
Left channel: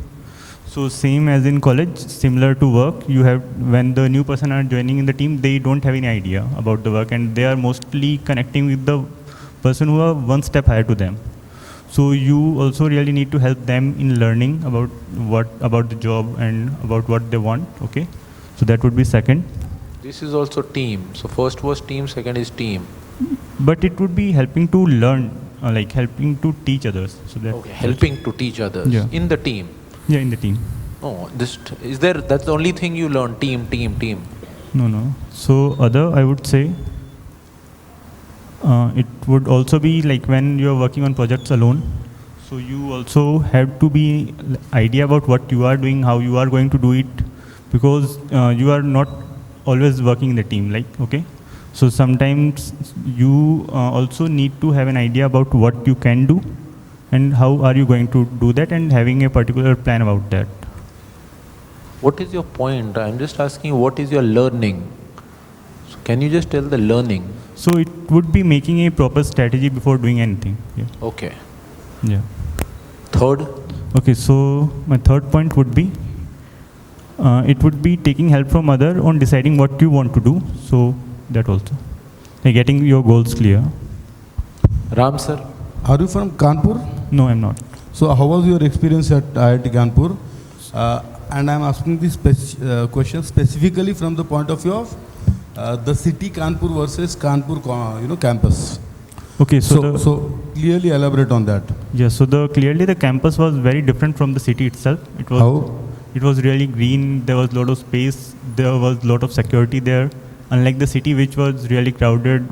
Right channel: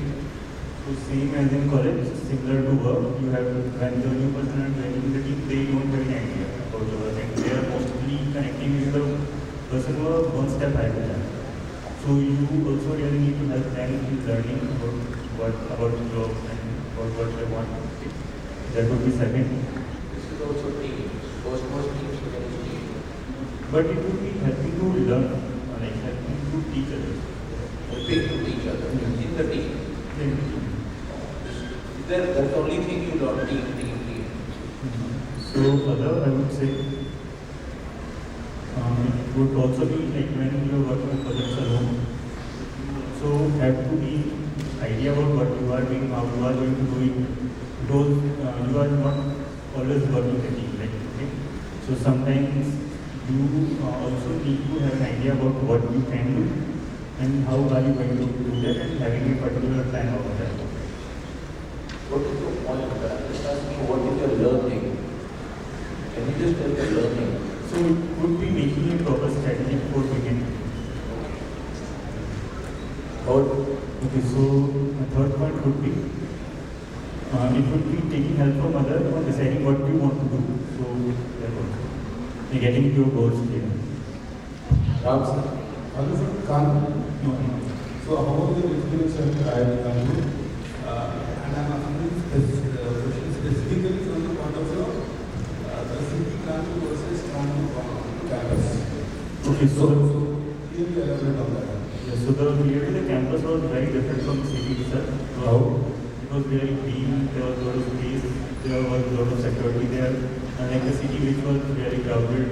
So same as in college, similar to work, you have, when the new person are joining in the team, they don't have any idea about the work, and they are mostly connecting with the person who are one step higher to them. So you also really need to help them in learning about the job and about what they want. Okay. So that would be second. This is also team. So first was team, second is team. But it would be helping to learn, helping to teach others. So that helping to teach others in the team. Yeah, in the team. Oh, that's the only thing you learn, team. No. So other, I would say, it would also be when you are working on projects alone. So you also have to be idea about what you are doing, how you are going to do it, because you are not always working in the team. Okay. So sometimes you also need to have an idea about what you can do and how are you going to do that, and having a particular plan about that. What is your point? I'm just asking, what is your learning? So can you just tell the learning? So it would be making a proper strategy before doing anything. Okay. Yeah. Third? Okay, so my third point would be, it would be taking help from other on deciding what you want to do. So that also. Getting your goals clear. Ram sir? Are you from Kanpur? No, I'm not. So how was your experience at IIT Kanpur? And I'm asking this question specifically from the point of view of the city Kanpur versus Kanpur campus. Okay, so clearly elaborate on that. Yes, so clearly the campus was very different from the city itself. It was really green, there was a lot of space, there was a lot of security there, unlike the city which was really crowded,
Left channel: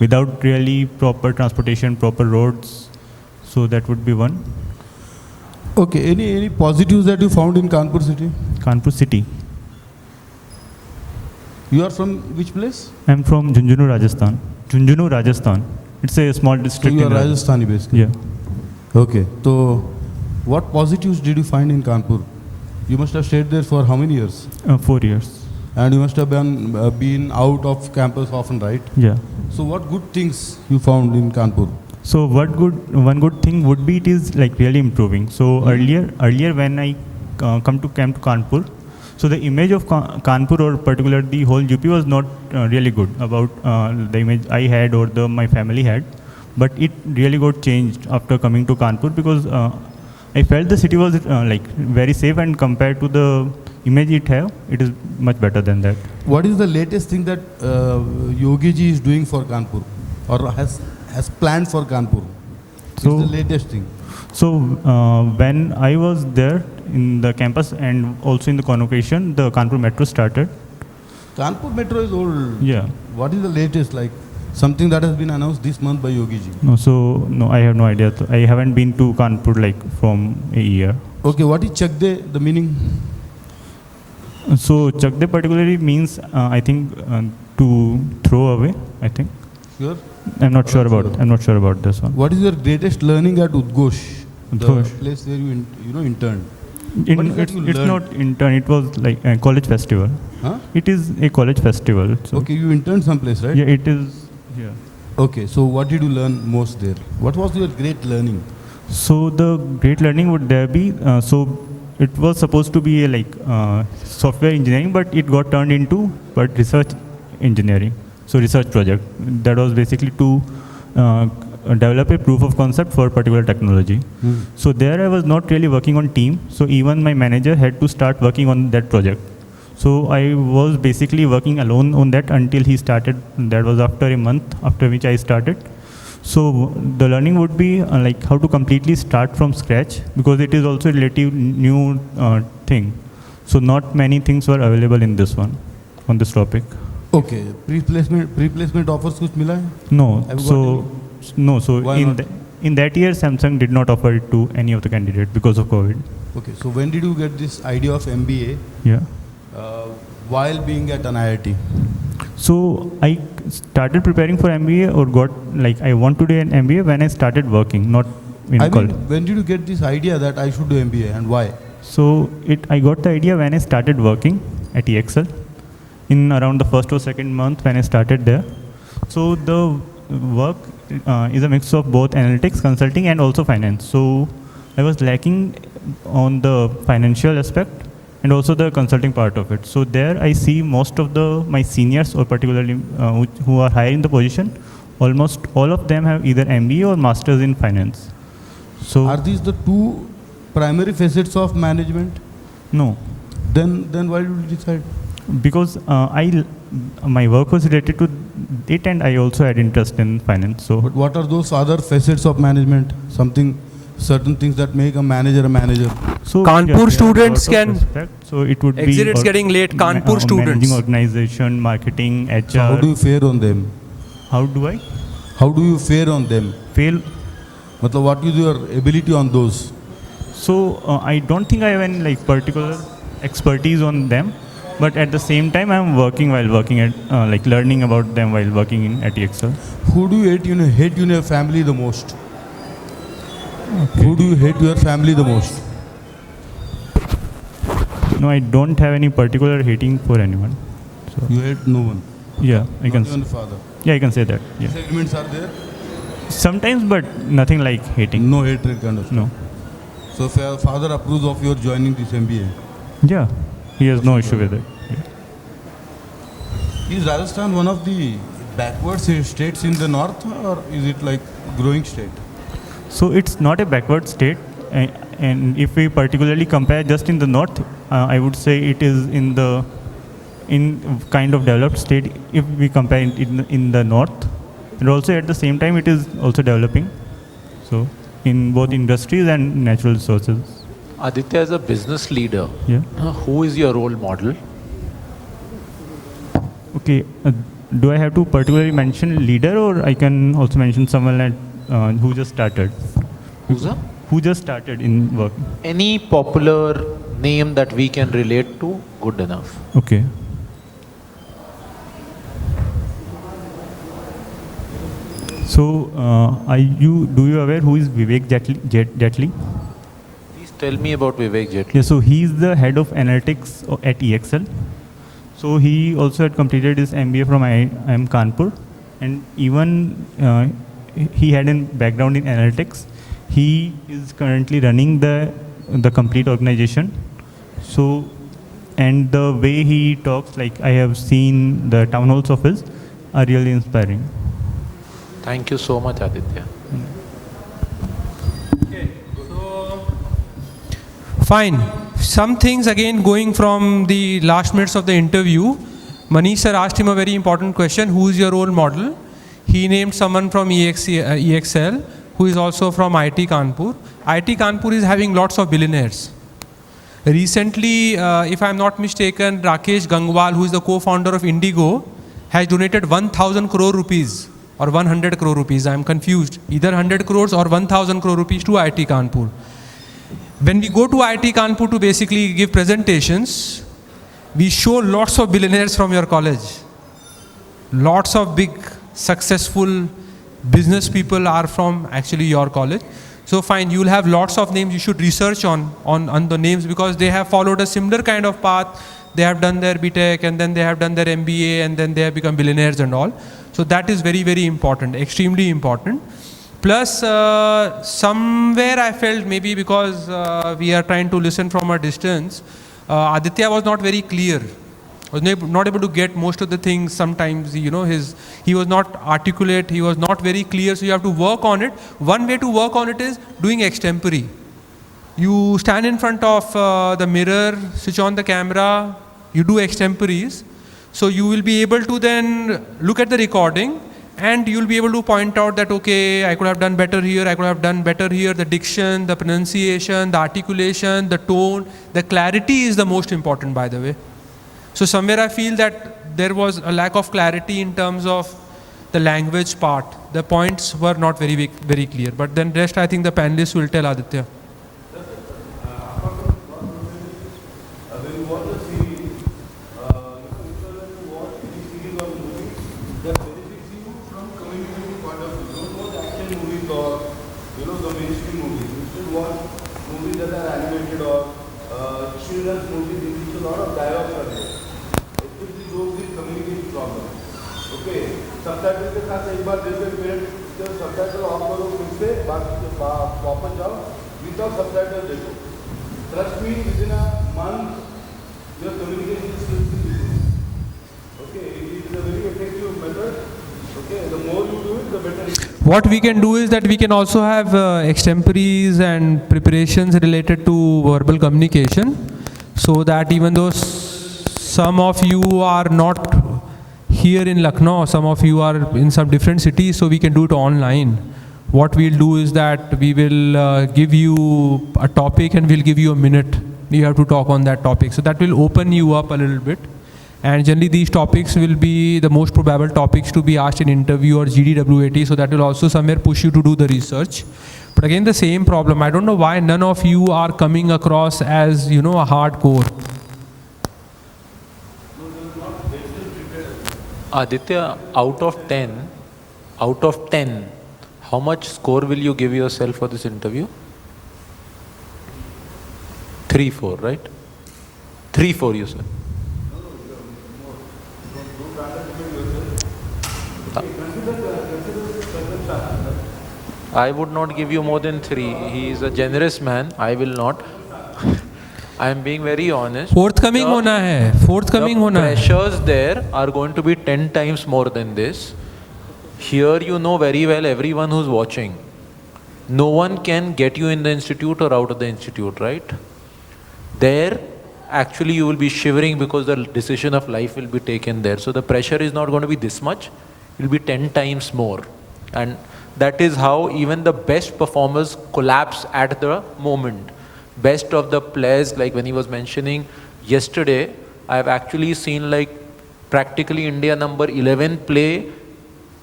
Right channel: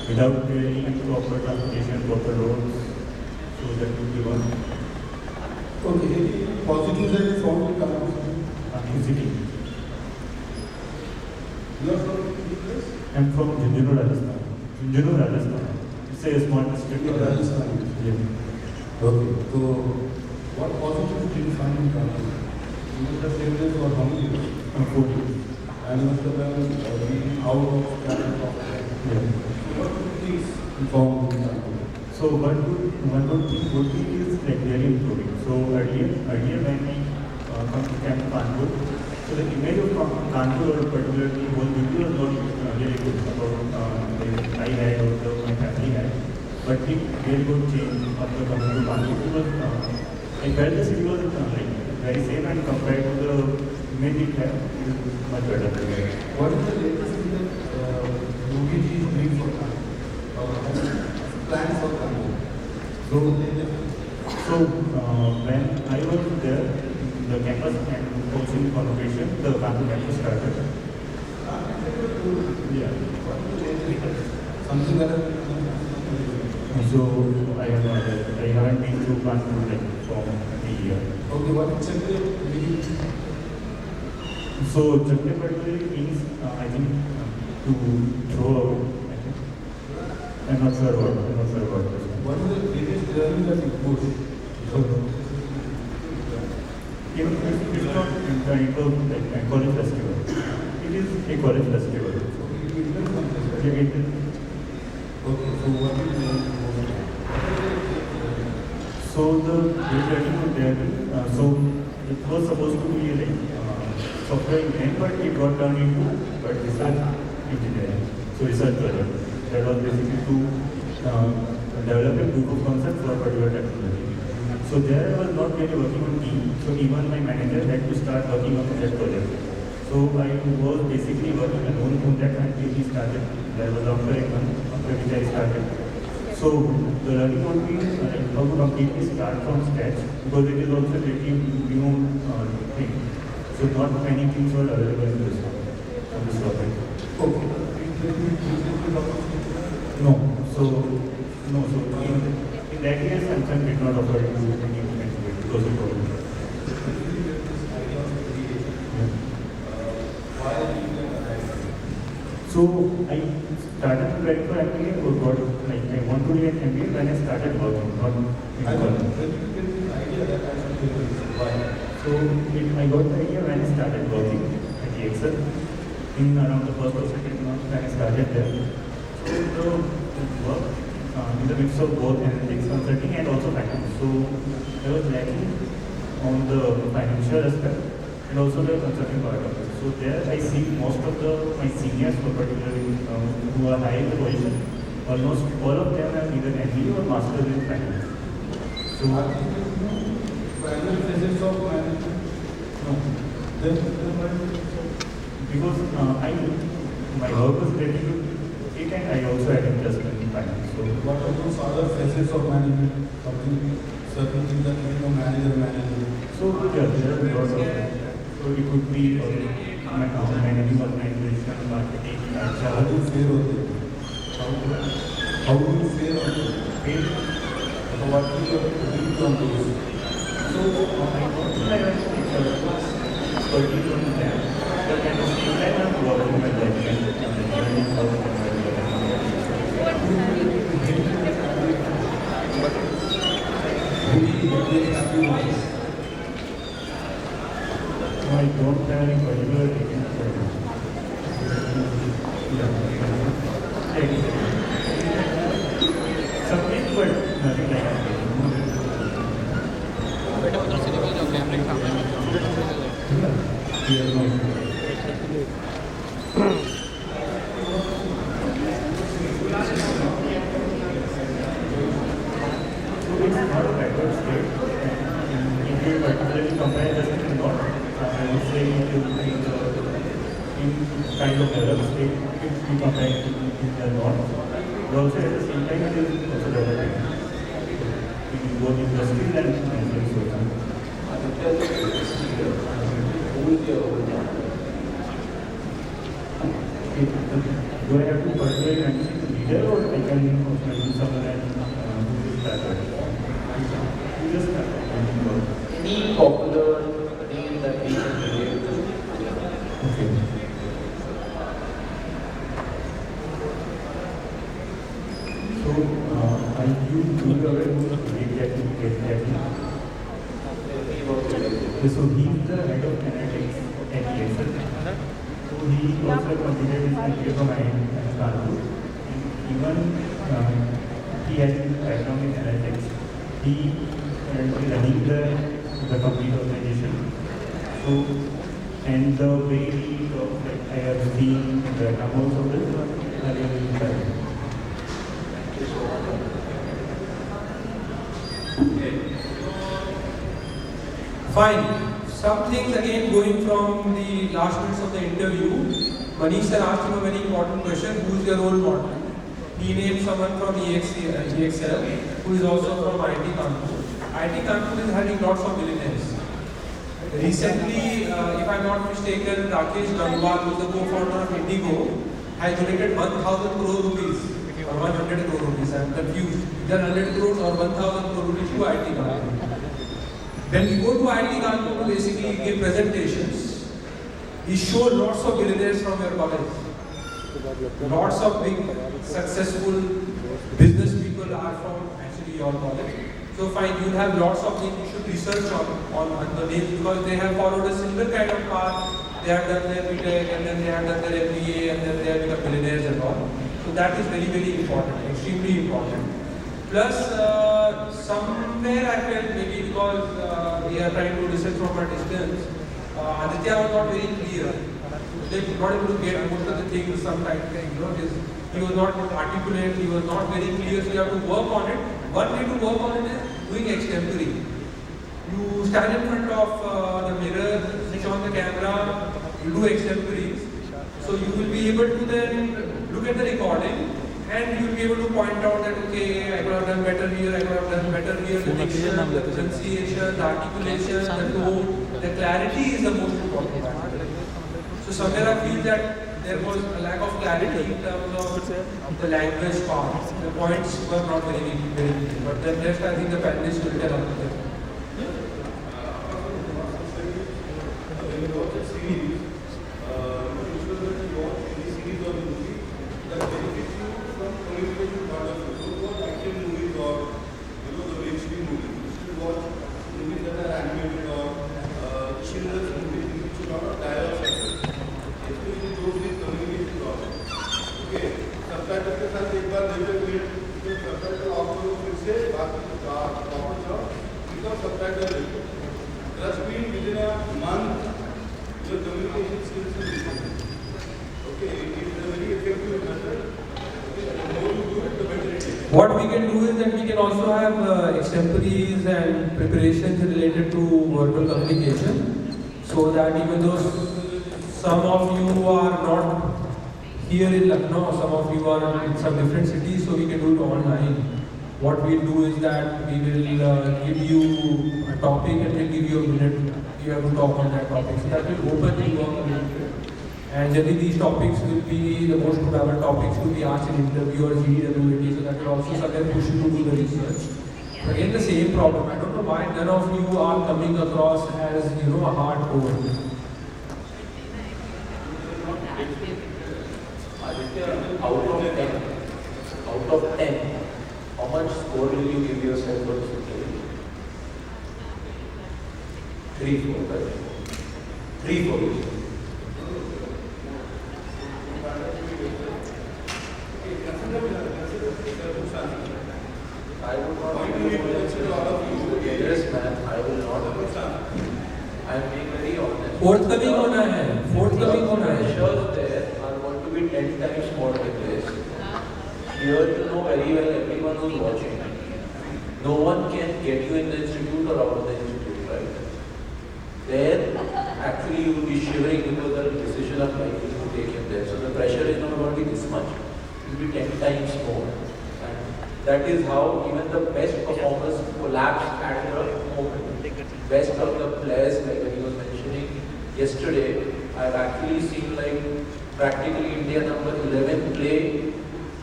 without really proper transportation, proper roads. So that would be one. Okay, any positives that you found in Kanpur city? Kanpur city. You are from which place? I'm from Junjunu, Rajasthan. Junjunu, Rajasthan. It's a small district. So you are Rajasthani based? Yeah. Okay, so what positives did you find in Kanpur? You must have stayed there for how many years? 4 years. And you must have been out of campus often, right? Yeah. So what good things you found in Kanpur? So one good thing would be, it is really improving. So earlier when I come to Kanpur, so the image of Kanpur, or particularly the whole UP, was not really good about the image I had or my family had. But it really got changed after coming to Kanpur, because I felt the city was very safe, and compared to the image it is much better than that. What is the latest thing that Yogi ji is doing for Kanpur, or has planned for Kanpur? So the latest thing. So when I was there in the campus and also in the convocation, the Kanpur Metro started. Kanpur Metro is old. Yeah. What is the latest, something that has been announced this month by Yogi ji? No, I have no idea. I haven't been to Kanpur from a year. Okay, what is Chakde, the meaning? So Chakde particularly means, I think, to throw away, I think. Sure. I'm not sure about this one. What is your greatest learning at Udghosh? The Udghosh. place where you interned. It's not intern, it was like a college festival. Huh? It is a college festival. So Okay, you interned someplace, right? yeah, it is. Okay, so what did you learn most there? What was your great learning? So the great learning would there be, so it was supposed to be a software engineering, but it got turned into research engineering. So research project. That was basically to develop a proof of concept for particular technology. So there I was not really working on team. So even my manager had to start working on that project. So I was basically working alone on that until he started. That was after a month, after which I started. So the learning would be like how to completely start from scratch, because it is also a relative new thing. So not many things were available in this one, on this topic. Okay, replacement offers कुछ मिला है? No. Have you So got no. So Why in not? in that year, Samsung did not offer it to any of the candidates because of COVID. Okay, so when did you get this idea of MBA Yeah. while being at an IIT? So I started preparing for MBA, or I want to do an MBA when I started working, not in college. When did you get this idea that I should do MBA and why? So I got the idea when I started working at EXL in around the first or second month when I started there. So the work is a mix of both analytics, consulting, and also finance. So I was lacking on the financial aspect and also the consulting part of it. So there I see most of my seniors, or particularly who are high in the position, almost all of them have either MBA or masters in finance. So are these the two primary facets of management? No. Then why did you decide? Because my work was related to it, and I also had interest in finance. So But what are those other facets of management? Certain things that make a manager a manager. So Kanpur students can So it would exit. be It's getting late. Kanpur students. managing organization, marketing, HR. So how do you fare on them? How do I How do you fare on them? fail? Matlab, what is your ability on those? So I don't think I have any particular expertise on them, but at the same time I'm working while working at learning about them while working at EXL. Who do you hate in your family the most? Who do you hate your family the most? No, I don't have any particular hating for anyone. You hate no one. Yeah, I can. Yeah, I can say that. Yeah. Segments are there? Sometimes, but nothing like hating. No hatred kind of. No. So if your father approves of your joining this MBA, Yeah, he has no issue with it. is Rajasthan one of the backward states in the north, or is it like growing state? So it's not a backward state, and if we particularly compare just in the north, I would say it is in kind of developed state if we compare it in the north, and also at the same time it is also developing. So in both industries and natural resources. Aditya, as a business leader, who is your role model? Okay, do I have to particularly mention leader, or I can also mention someone who just started? Who's that? Who just started in work? Any popular name that we can relate to, good enough. Okay. So, do you aware who is Vivek Jetli? Tell me about Vivek Jetli. Yeah, so he is the head of analytics at EXL. So he also had completed his MBA from IIM Kanpur, and even he had a background in analytics. He is currently running the complete organization. So, and the way he talks, I have seen the town halls of his, are really inspiring. Thank you so much, Aditya. Fine. Some things again going from the last minutes of the interview. Manish sir asked him a very important question. Who is your role model? He named someone from EXL who is also from IIT Kanpur. IIT Kanpur is having lots of billionaires. Recently, if I am not mistaken, Rakesh Gangwal, who is the co-founder of Indigo, has donated 1,000 crore rupees or 100 crore rupees. I am confused. Either 100 crores or 1,000 crore rupees to IIT Kanpur. When we go to IIT Kanpur to basically give presentations, we show lots of billionaires from your college. lots of big successful business people are from actually your college. So fine, you'll have lots of names. You should research on the names because they have followed a similar kind of path. They have done their BTech and then they have done their MBA and then they have become billionaires and all. So that is very, very important, extremely important. Plus, somewhere I felt maybe because we are trying to listen from a distance, Aditya was not very clear. Was not able to get most of the things sometimes, you know, he was not articulate, he was not very clear, so you have to work on it. One way to work on it is doing extempore. You stand in front of the mirror, switch on the camera, you do extempores. So you will be able to then look at the recording and you'll be able to point out that, okay, I could have done better here, I could have done better here, the diction, the pronunciation, the articulation, the tone, the clarity is the most important, by the way. So somewhere I feel that there was a lack of clarity in terms of the language part. The points were not very, very clear. But then rest, I think the panelists will tell Aditya. What we can do is that we can also have extemporaries and preparations related to verbal communication, so that even though some of you are not here in Lucknow, some of you are in some different cities, so we can do it online. What we'll do is that we will give you a topic and we'll give you a minute. You have to talk on that topic. So that will open you up a little bit. And generally these topics will be the most probable topics to be asked in interview or GWPI, so that will also somewhere push you to do the research. But again, the same problem. I don't know why none of you are coming across as, you know, a hardcore. Aditya, out of 10, how much score will you give yourself for this interview? 3-4, right? 3-4 you said. I would not give you more than 3. He is a generous man. I will not. I am being very honest. Forthcoming hona hai. Forthcoming hona hai. The pressures there are going to be 10 times more than this. Here you know very well everyone who's watching. No one can get you in the institute or out of the institute, right? There, actually you will be shivering because the decision of life will be taken there. So the pressure is not going to be this much. It will be 10 times more. And that is how even the best performers collapse at the moment. Best of the players, like when he was mentioning yesterday, I have actually seen like practically India number 11 play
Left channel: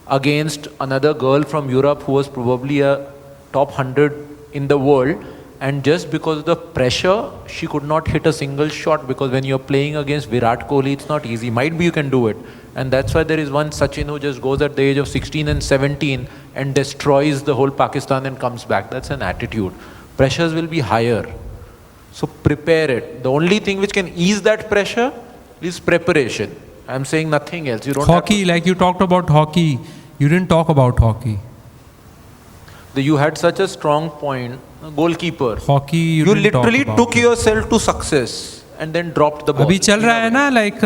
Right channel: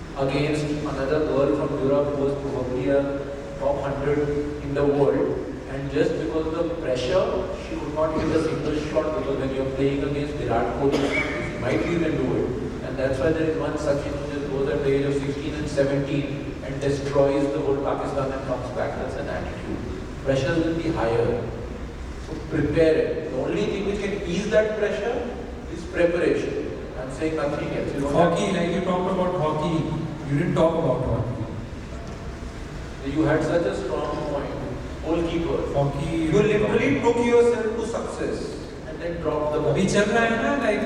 against another girl from Europe who was probably a top 100 in the world, and just because of the pressure she could not hit a single shot, because when you're playing against Virat Kohli it's not easy. Might be you can do it, and that's why there is one Sachin who just goes at the age of 16 and 17 and destroys the whole Pakistan and comes back. That's an attitude. Pressures will be higher, so prepare it. The only thing which can ease that pressure is preparation. I'm saying nothing else. You don't hockey, like you talked about hockey, you didn't talk about hockey. You had such a strong point. Goalkeeper. Hockey, you literally took yourself to success and then dropped the ball. Abhi chal raha hai na, like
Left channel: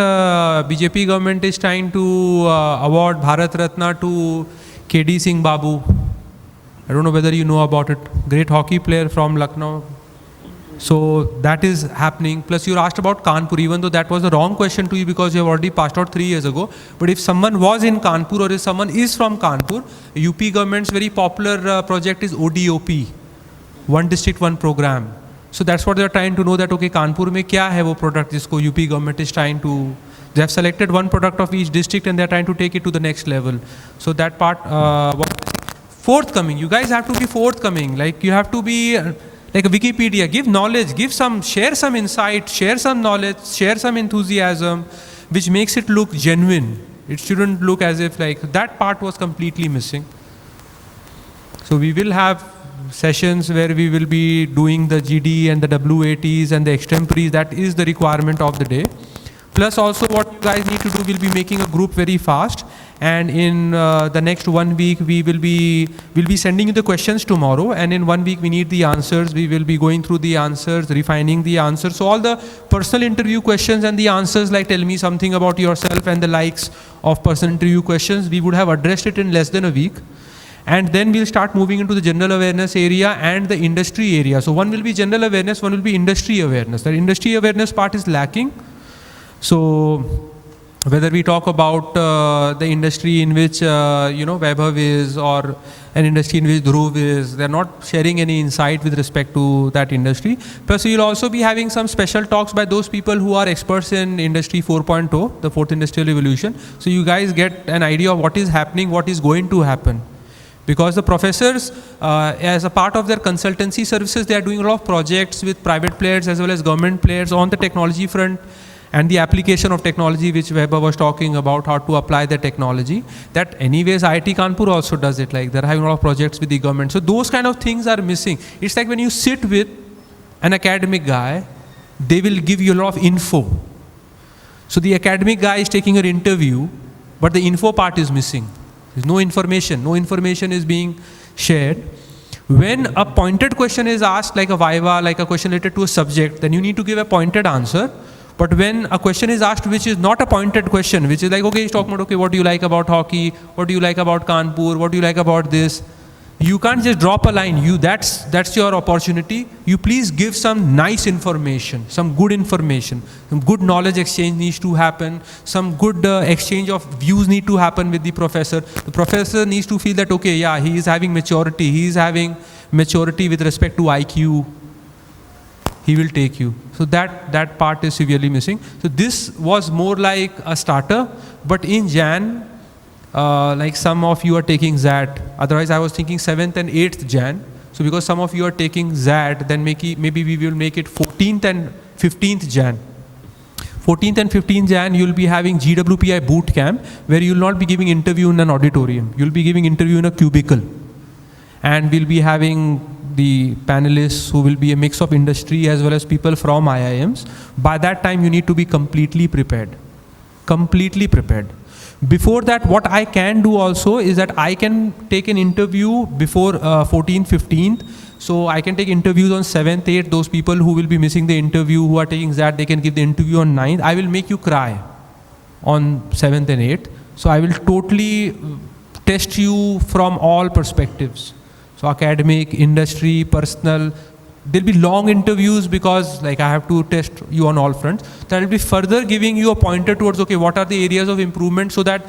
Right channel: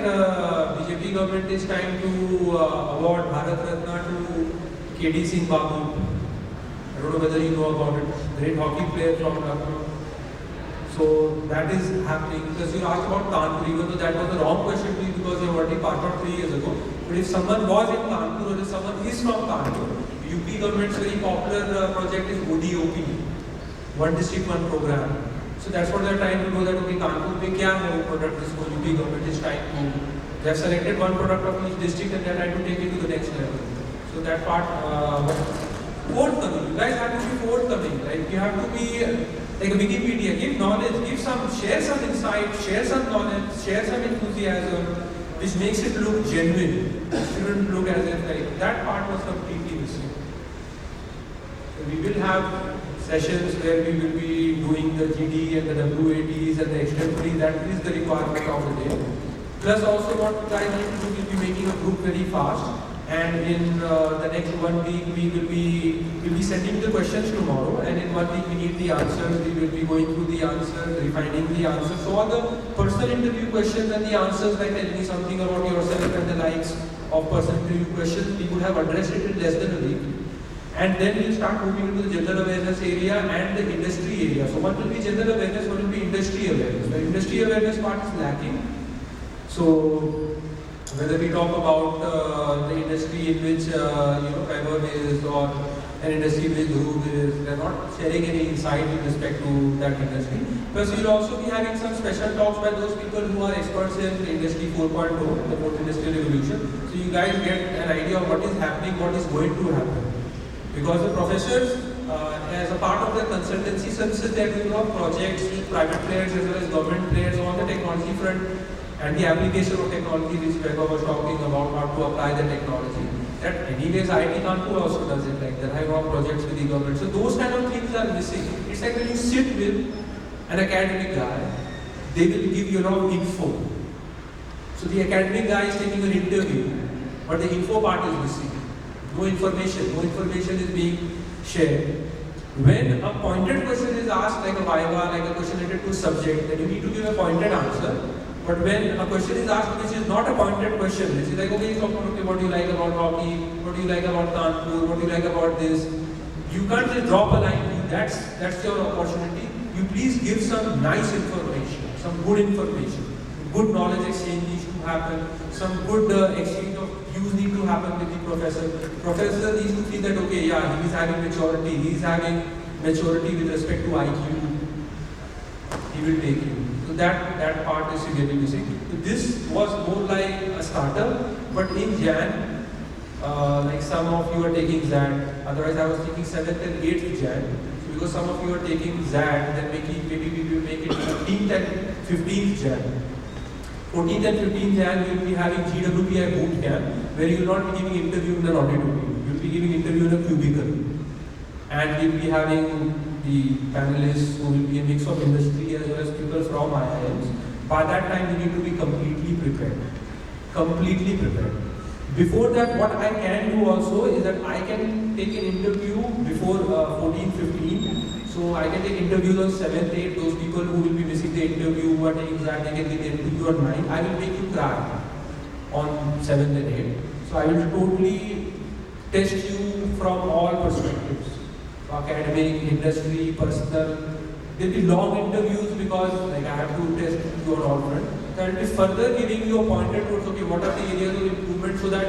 BJP government is trying to award Bharat Ratna to KD Singh Babu. I don't know whether you know about it. Great hockey player from Lucknow. So that is happening. Plus you asked about Kanpur, even though that was the wrong question to you because you have already passed out 3 years ago. But if someone was in Kanpur or if someone is from Kanpur, UP government's very popular project is ODOP. One district, one program. So that's what they're trying to know, that okay, Kanpur mein kya hai wo product jisko UP government is trying to, they have selected one product of each district and they're trying to take it to the next level. So that part, forthcoming, you guys have to be forthcoming. Like you have to be like a Wikipedia, give knowledge, share some insight, share some knowledge, share some enthusiasm. which makes it look genuine. It shouldn't look as if like that part was completely missing. So we will have sessions where we will be doing the GD and the WATs and the extemporaries. That is the requirement of the day. Plus also what guys need to do, we'll be making a group very fast, and in the next 1 week we'll be sending you the questions tomorrow, and in 1 week we need the answers. We will be going through the answers, refining the answers. So all the personal interview questions and the answers, like tell me something about yourself and the likes of personal interview questions, we would have addressed it in less than a week. And then we'll start moving into the general awareness area and the industry area. So one will be general awareness, one will be industry awareness. The industry awareness part is lacking. So whether we talk about the industry in which Vaibhav is, or an industry in which Dhruv is, they're not sharing any insight with respect to that industry. Plus we'll also be having some special talks by those people who are experts in industry 4.0, the fourth industrial revolution. So you guys get an idea of what is happening, what is going to happen. Because the professors, as a part of their consultancy services, they are doing a lot of projects with private players as well as government players on the technology front and the application of technology, which Weber was talking about, how to apply the technology. That anyways IIT Kanpur also does it, like they're having a lot of projects with the government. So those kind of things are missing. It's like when you sit with an academic guy, they will give you a lot of info. So the academic guy is taking an interview, but the info part is missing. There's no information is being shared. When a pointed question is asked, like a viva, like a question related to a subject, then you need to give a pointed answer. But when a question is asked which is not a pointed question, which is like, okay, he's talking about, okay, what do you like about hockey? What do you like about Kanpur? What do you like about this? You can't just drop a line. That's your opportunity. You please give some nice information, some good information. Some good knowledge exchange needs to happen. Some good exchange of views need to happen with the professor. The professor needs to feel that, okay, yeah, he is having maturity. He is having maturity with respect to IQ. He will take you. So that part is severely missing. So this was more like a starter, but in Jan, like some of you are taking ZAT. Otherwise, I was thinking 7th and 8th Jan. So because some of you are taking ZAT, then maybe we will make it 14th and 15th Jan. 14th and 15th Jan, you'll be having GWPI boot camp, where you'll not be giving interview in an auditorium. You'll be giving interview in a cubicle. And we'll be having the panelists who will be a mix of industry as well as people from IIMs. By that time, you need to be completely prepared. Completely prepared. Before that, what I can do also is that I can take an interview before 14th, 15th. So I can take interviews on 7th, 8th. Those people who will be missing the interview, who are taking that, they can give the interview on 9th. I will make you cry on 7th and 8th. So I will totally test you from all perspectives. So academic, industry, personal. There'll be long interviews because like I have to test you on all fronts. Then I'll be further giving you a pointer towards, okay, what are the areas of improvement, so that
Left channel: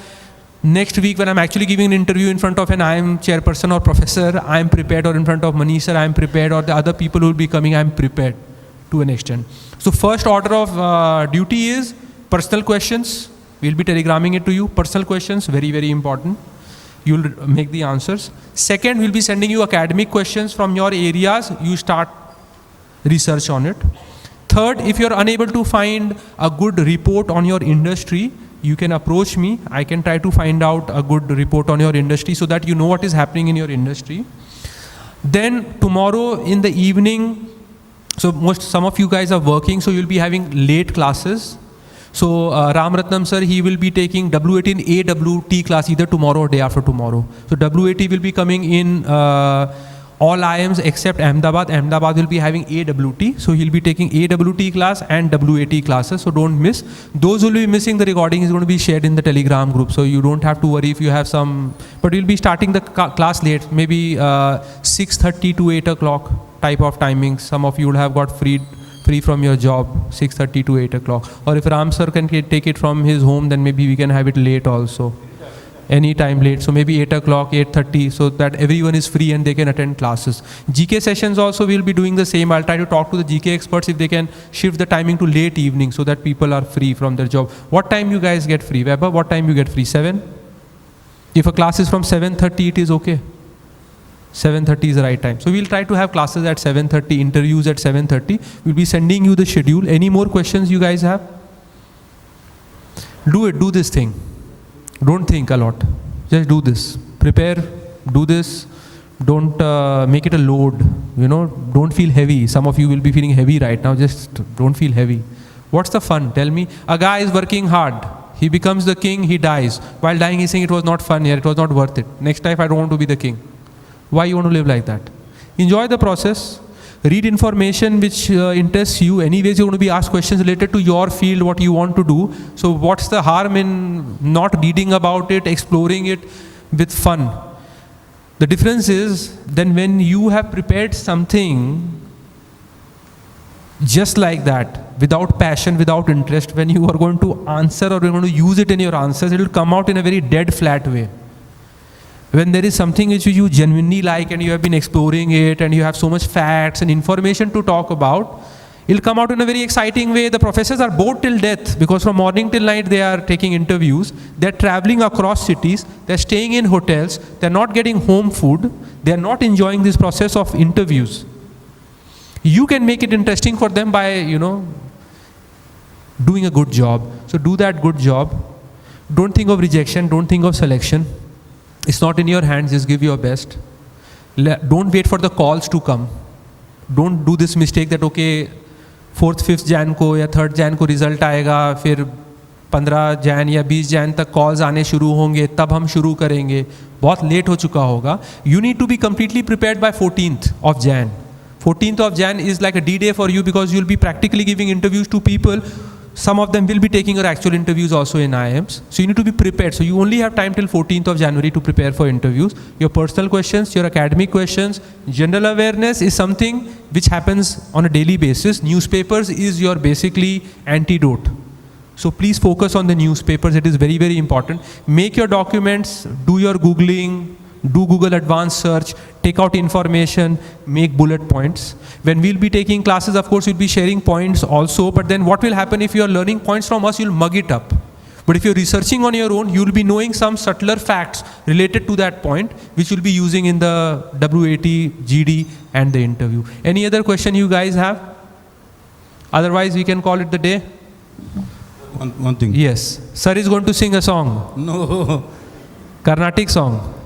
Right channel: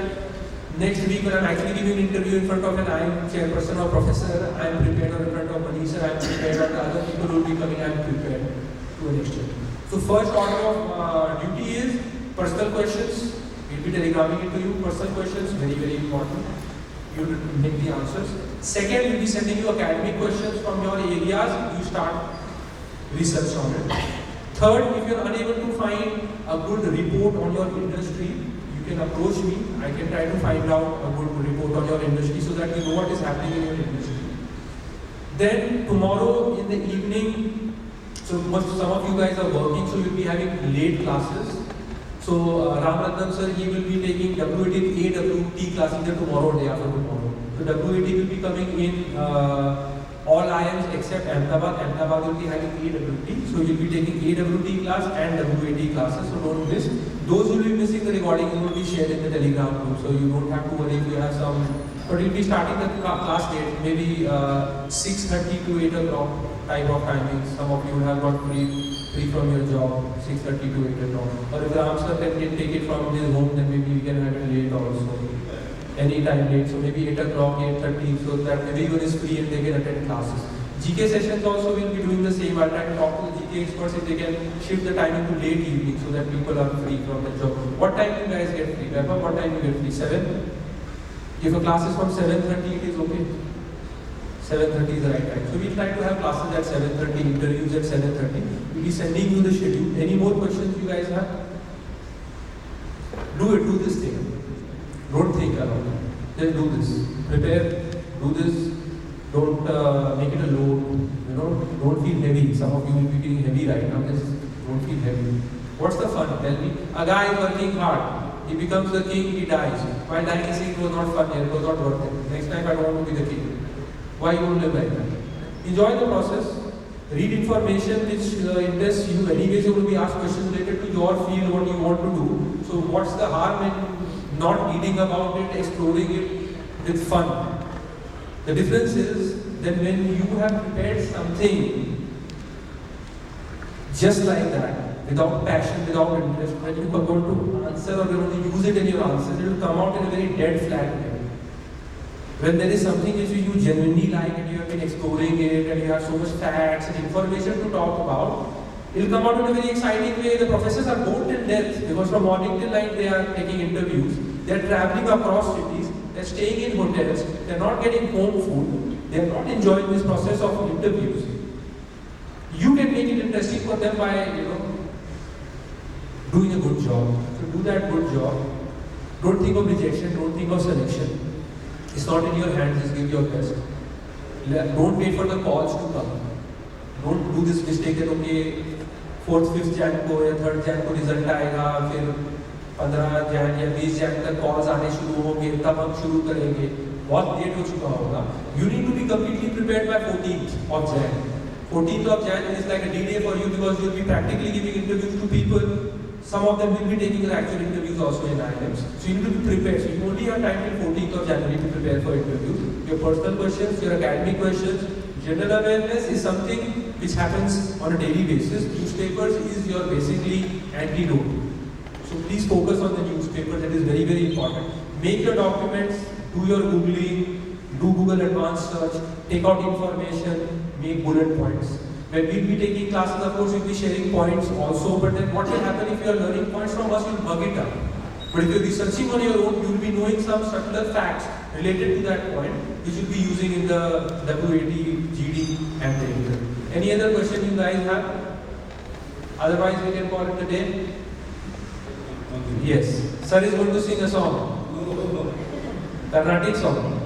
next week when I'm actually giving an interview in front of an IIM chairperson or professor, I'm prepared, or in front of Manish sir, I'm prepared, or the other people who will be coming, I'm prepared to an extent. So first order of duty is personal questions. We'll be telegramming it to you. Personal questions, very, very important. You'll make the answers. Second, we'll be sending you academic questions from your areas. You start research on it. Third, if you're unable to find a good report on your industry, you can approach me. I can try to find out a good report on your industry so that you know what is happening in your industry. Then tomorrow in the evening, so some of you guys are working, so you'll be having late classes. So Ram Ratnam sir, he will be taking WAT in AWT class either tomorrow or day after tomorrow. So WAT will be coming in all IIMs except Ahmedabad. Ahmedabad will be having AWT. So he'll be taking AWT class and WAT classes. So don't miss. Those who will be missing, the recording is going to be shared in the Telegram group. So you don't have to worry if you have some, but we'll be starting the class late, maybe 6:30 to 8 o'clock type of timings. Some of you would have got free from your job, 6:30 to 8 o'clock. Or if Ram sir can take it from his home, then maybe we can have it late also. Any time late. So maybe 8 o'clock, 8:30, so that everyone is free and they can attend classes. GK sessions also we'll be doing the same. I'll try to talk to the GK experts if they can shift the timing to late evening so that people are free from their job. What time you guys get free? Weber, what time you get free? 7? If a class is from 7:30, it is okay. 7:30 is the right time. So we'll try to have classes at 7:30, interviews at 7:30. We'll be sending you the schedule. Any more questions you guys have? Do it, do this thing. Don't think a lot. Just do this. Prepare, do this. Don't make it a load. Don't feel heavy. Some of you will be feeling heavy right now. Just don't feel heavy. What's the fun? Tell me. A guy is working hard. He becomes the king, he dies. While dying, he's saying it was not fun here, it was not worth it. Next life, I don't want to be the king. Why you want to live like that? Enjoy the process. Read information which interests you. Anyways, you want to be asked questions related to your field, what you want to do. So what's the harm in not reading about it, exploring it with fun? The difference is then when you have prepared something just like that, without passion, without interest, when you are going to answer or you're going to use it in your answers, it will come out in a very dead, flat way. When there is something which you genuinely like and you have been exploring it and you have so much facts and information to talk about, it will come out in a very exciting way. The professors are bored till death because from morning till night they are taking interviews, they're traveling across cities, they're staying in hotels, they're not getting home food, they're not enjoying this process of interviews. You can make it interesting for them by, doing a good job. So do that good job. Don't think of rejection, don't think of selection. It's not in your hands, just give your best. Don't wait for the calls to come. Don't do this mistake that, okay, 4th, 5th Jan को या 3rd Jan को result आएगा, फिर 15 Jan या 20 Jan तक calls आने शुरू होंगे, तब हम शुरू करेंगे. बहुत लेट हो चुका होगा. You need to be completely prepared by 14th of Jan. 14th of Jan is like a D-day for you because you'll be practically giving interviews to people. Some of them will be taking your actual interviews also in IIMs. So you need to be prepared. So you only have time till 14th of January to prepare for interviews. Your personal questions, your academic questions, general awareness is something which happens on a daily basis. Newspapers is your basically antidote. So please focus on the newspapers. It is very, very important. Make your documents, do your Googling, do Google advanced search, take out information, make bullet points. When we'll be taking classes, of course, we'll be sharing points also, but then what will happen if you are learning points from us, you'll mug it up. But if you're researching on your own, you'll be knowing some subtler facts related to that point, which you'll be using in the WAT, GD, and the interview. Any other question you guys have? Otherwise, we can call it the day. One thing. Yes. Sir is going to sing a song. No. Carnatic song.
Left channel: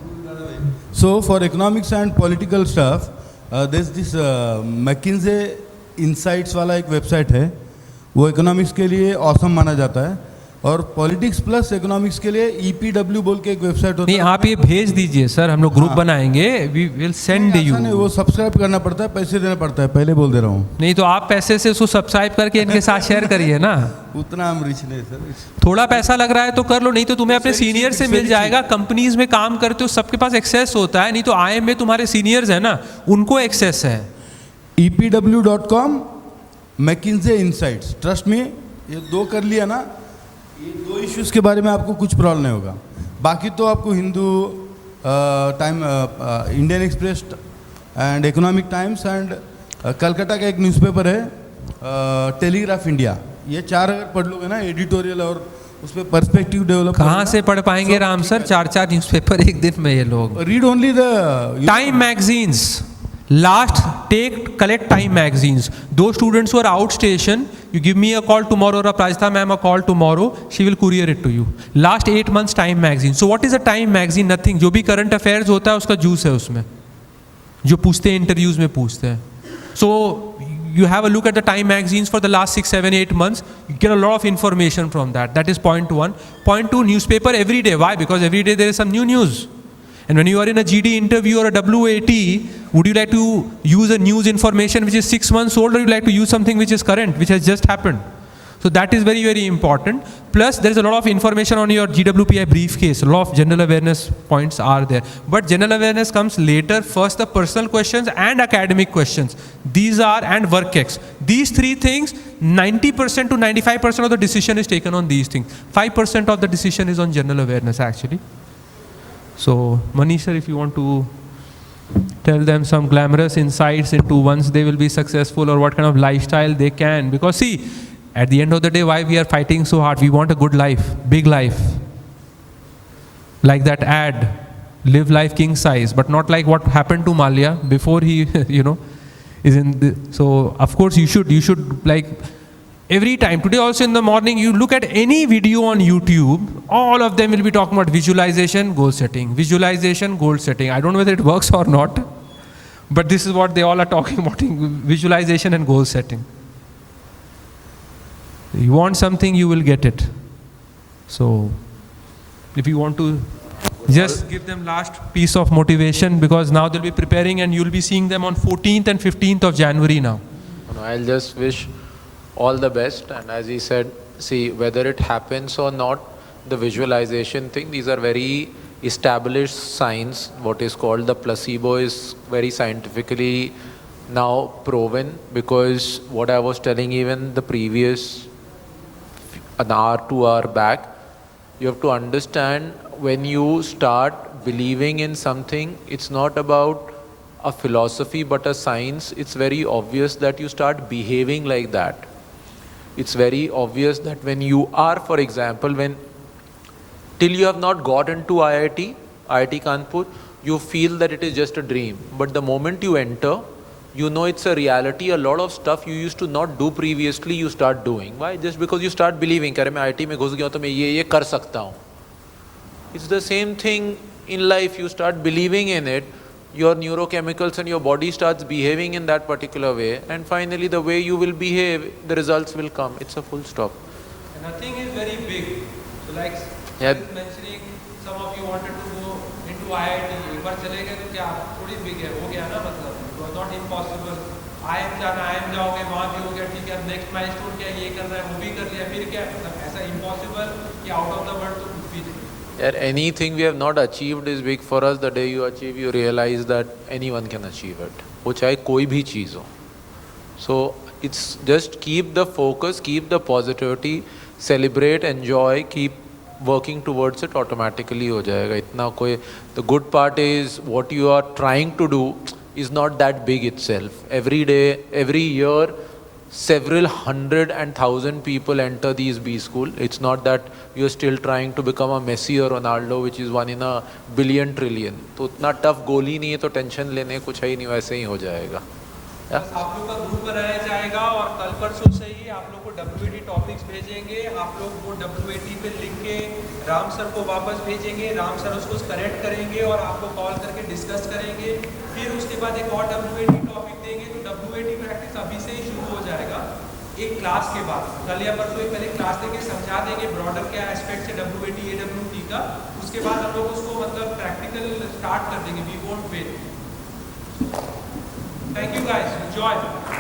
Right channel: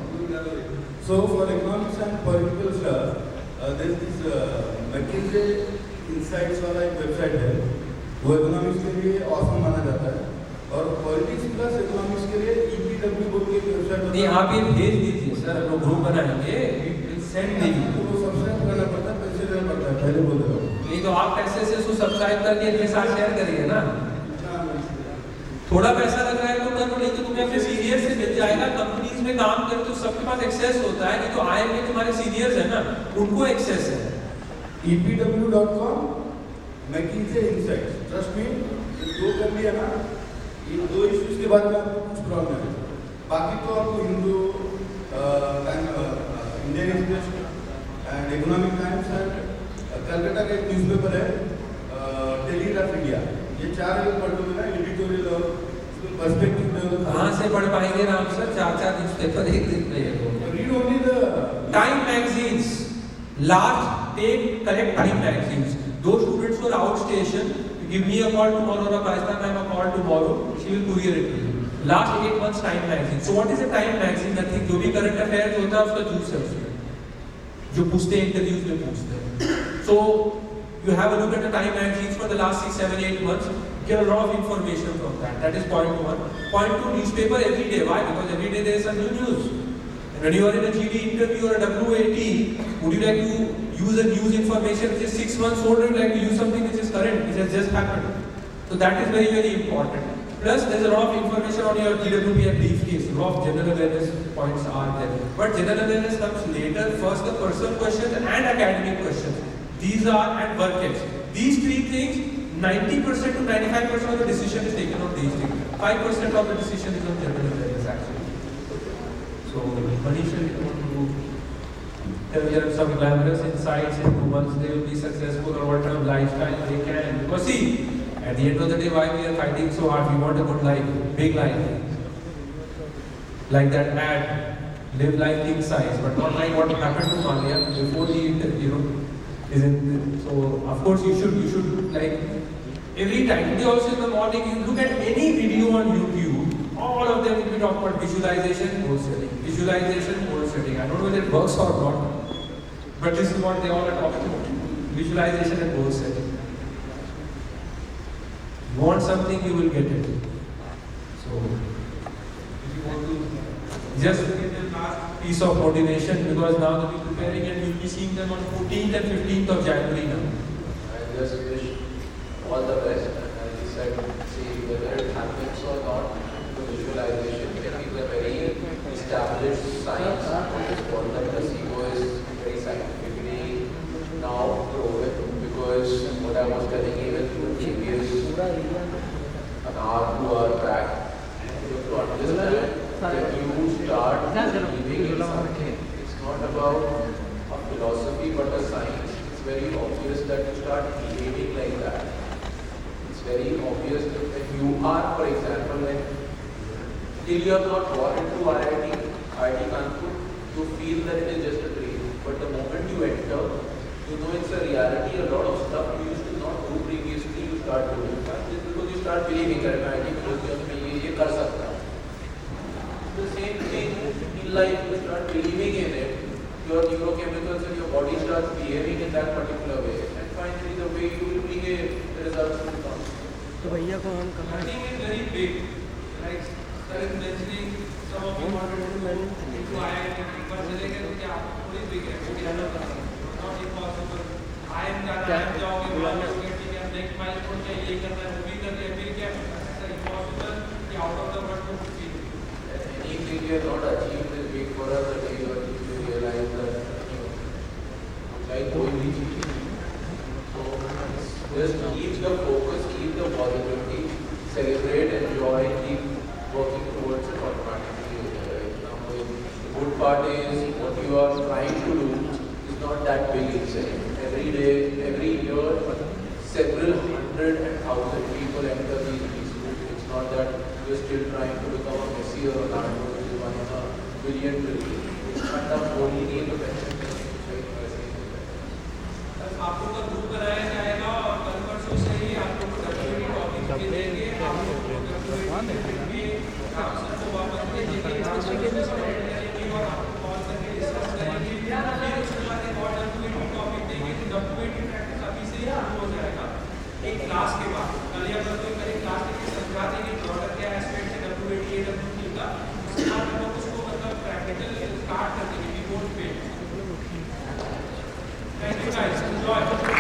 So for economics and political stuff, there's this McKinsey Insights वाला एक website है, वो economics के लिए awesome माना जाता है, और पॉलिटिक्स प्लस इकोनॉमिक्स के लिए EPW बोल के एक वेबसाइट होता है. नहीं, आप ये भेज दीजिए सर, हम लोग ग्रुप बनाएंगे, we will send you. वो सब्सक्राइब करना पड़ता है, पैसे देना पड़ता है, पहले बोल दे रहा हूँ. नहीं तो आप पैसे से उसको सब्सक्राइब करके इनके साथ शेयर करिए ना. उतना हम रिच नहीं है सर. थोड़ा पैसा लग रहा है तो कर लो, नहीं तो तुम्हें अपने सीनियर से मिल जाएगा. कंपनीज में काम करते हो, सबके पास एक्सेस होता है. नहीं तो IIM में तुम्हारे सीनियर्स है ना, उनको एक्सेस है. EPW.com, McKinsey Insights. ट्रस्ट में ये दो कर लिया ना, दो इश्यूज के बारे में आपको कुछ प्रॉब्लम नहीं होगा. बाकी तो आपको Hindu time, Indian express and economic times and Calcutta का एक न्यूज़पेपर है टेलीग्राफ इंडिया, ये 4 पढ़ लोगे ना, एडिटोरियल और उसमें पर्सपेक्टिव डेवलप. कहाँ से पढ़ पाएंगे राम सर 4 न्यूज़पेपर एक दिन में ये लोग? Read only the time magazines. collect time magazines. Those students who are outstation, you give me a call tomorrow or Prajita ma'am a call tomorrow, she will courier it to you. Last 8 months time magazine. So what is a time magazine? Nothing. जो भी current affairs होता है उसका juice है उसमें, जो पूछते हैं इंटरव्यूज में पूछते हैं. So you have a look at the time magazines for the last 6, 7, 8 months. You get a lot of information from that. That is point 1. Point 2, newspaper every day. Why? Because every day there is some new news. And when you are in a GD interview or a WAT, would you like to use a news information which is 6 months old, or you like to use something which is current, which has just happened? So that is very, very important. Plus there is a lot of information on your GWPI briefcase. A lot of general awareness points are there. But general awareness comes later. First the personal questions and academic questions. These are, and work X. These 3 things, 90% to 95% of the decision is taken on these things. 5% of the decision is on general awareness actually. So Manish sir, if you want to tell them some glamorous insights into once they will be successful or what kind of lifestyle they can. Because see, at the end of the day, why we are fighting so hard? We want a good life, big life. Like that ad, live life king size, but not like what happened to Malia before he, is in the, so of course you should like Every time. Today also in the morning, you look at any video on YouTube, all of them will be talking about visualization, goal setting. Visualization, goal setting. I don't know whether it works or not, but this is what they all are talking about, visualization and goal setting. You want something, you will get it. So, if you want to just give them last piece of motivation, because now they'll be preparing and you'll be seeing them on 14th and 15th of January now. I'll just wish all the best, and as he said, see, whether it happens or not, the visualization thing, these are very established science. What is called the placebo is very scientifically now proven, because what I was telling even the previous an hour, 2 hour back, you have to understand, when you start believing in something, it's not about a philosophy but a science. It's very obvious that you start behaving like that. It's very obvious that when you are, for example, till you have not got into IIT Kanpur, you feel that it is just a dream. But the moment you enter, you know it's a reality. A lot of stuff you used to not do previously, you start doing. Why? Just because you start believing, "Kare main IIT mein ghus gaya to main ye kar sakta hu." It's the same thing in life. You start believing in it, your neurochemicals and your body starts behaving in that particular way, and finally the way you will behave, the results will come. It's a full stop. Nothing is very big. So like mentioning, some of you wanted to go into IIT, but चले गए क्या? थोड़ी big है, हो गया ना मतलब. It was not impossible. IIM जाओगे, वहाँ जाओगे, ठीक है, next milestone क्या ये करना है, वो भी कर लिया, फिर क्या? ऐसा impossible कि out of the world to be. Anything we have not achieved is big for us. The day you achieve, you realize that anyone can achieve it. वो चाहे कोई भी चीज़ हो. So it's just keep the focus, keep the positivity, celebrate, enjoy, keep working towards it. Automatically हो जाएगा. इतना कोई. The good part is what you are trying to do is not that big itself. Every day, every year, several hundred and thousand people enter these B school. It's not that you are still trying to become a Messi or Ronaldo, which is 1 in a billion trillion. तो उतना tough गोल ही नहीं है, तो tension लेने कुछ है ही नहीं, वैसे ही हो जाएगा. आप लोग का ग्रुप बनाया जाएगा और कल परसों से ही आप लोग कल टॉपिक्स भेजेंगे. आप लोग को WPI के लिख के राम सर को वापस भेजेंगे. राम सर उसको करेक्ट करेंगे और आपको कॉल करके डिस्कस करेंगे. फिर उसके बाद एक और WPI टॉपिक देंगे. WPI प्रैक्टिस अभी से शुरू हो जाएगा एक क्लास के बाद. कल या परसों पहले क्लास लेके समझा देंगे ब्रॉडर क्या एस्पेक्ट है WPI AWT का. उसके बाद हम लोग उसको मतलब प्रैक्टिकल स्टार्ट कर देंगे. We won't fail. Thank you guys. Enjoy.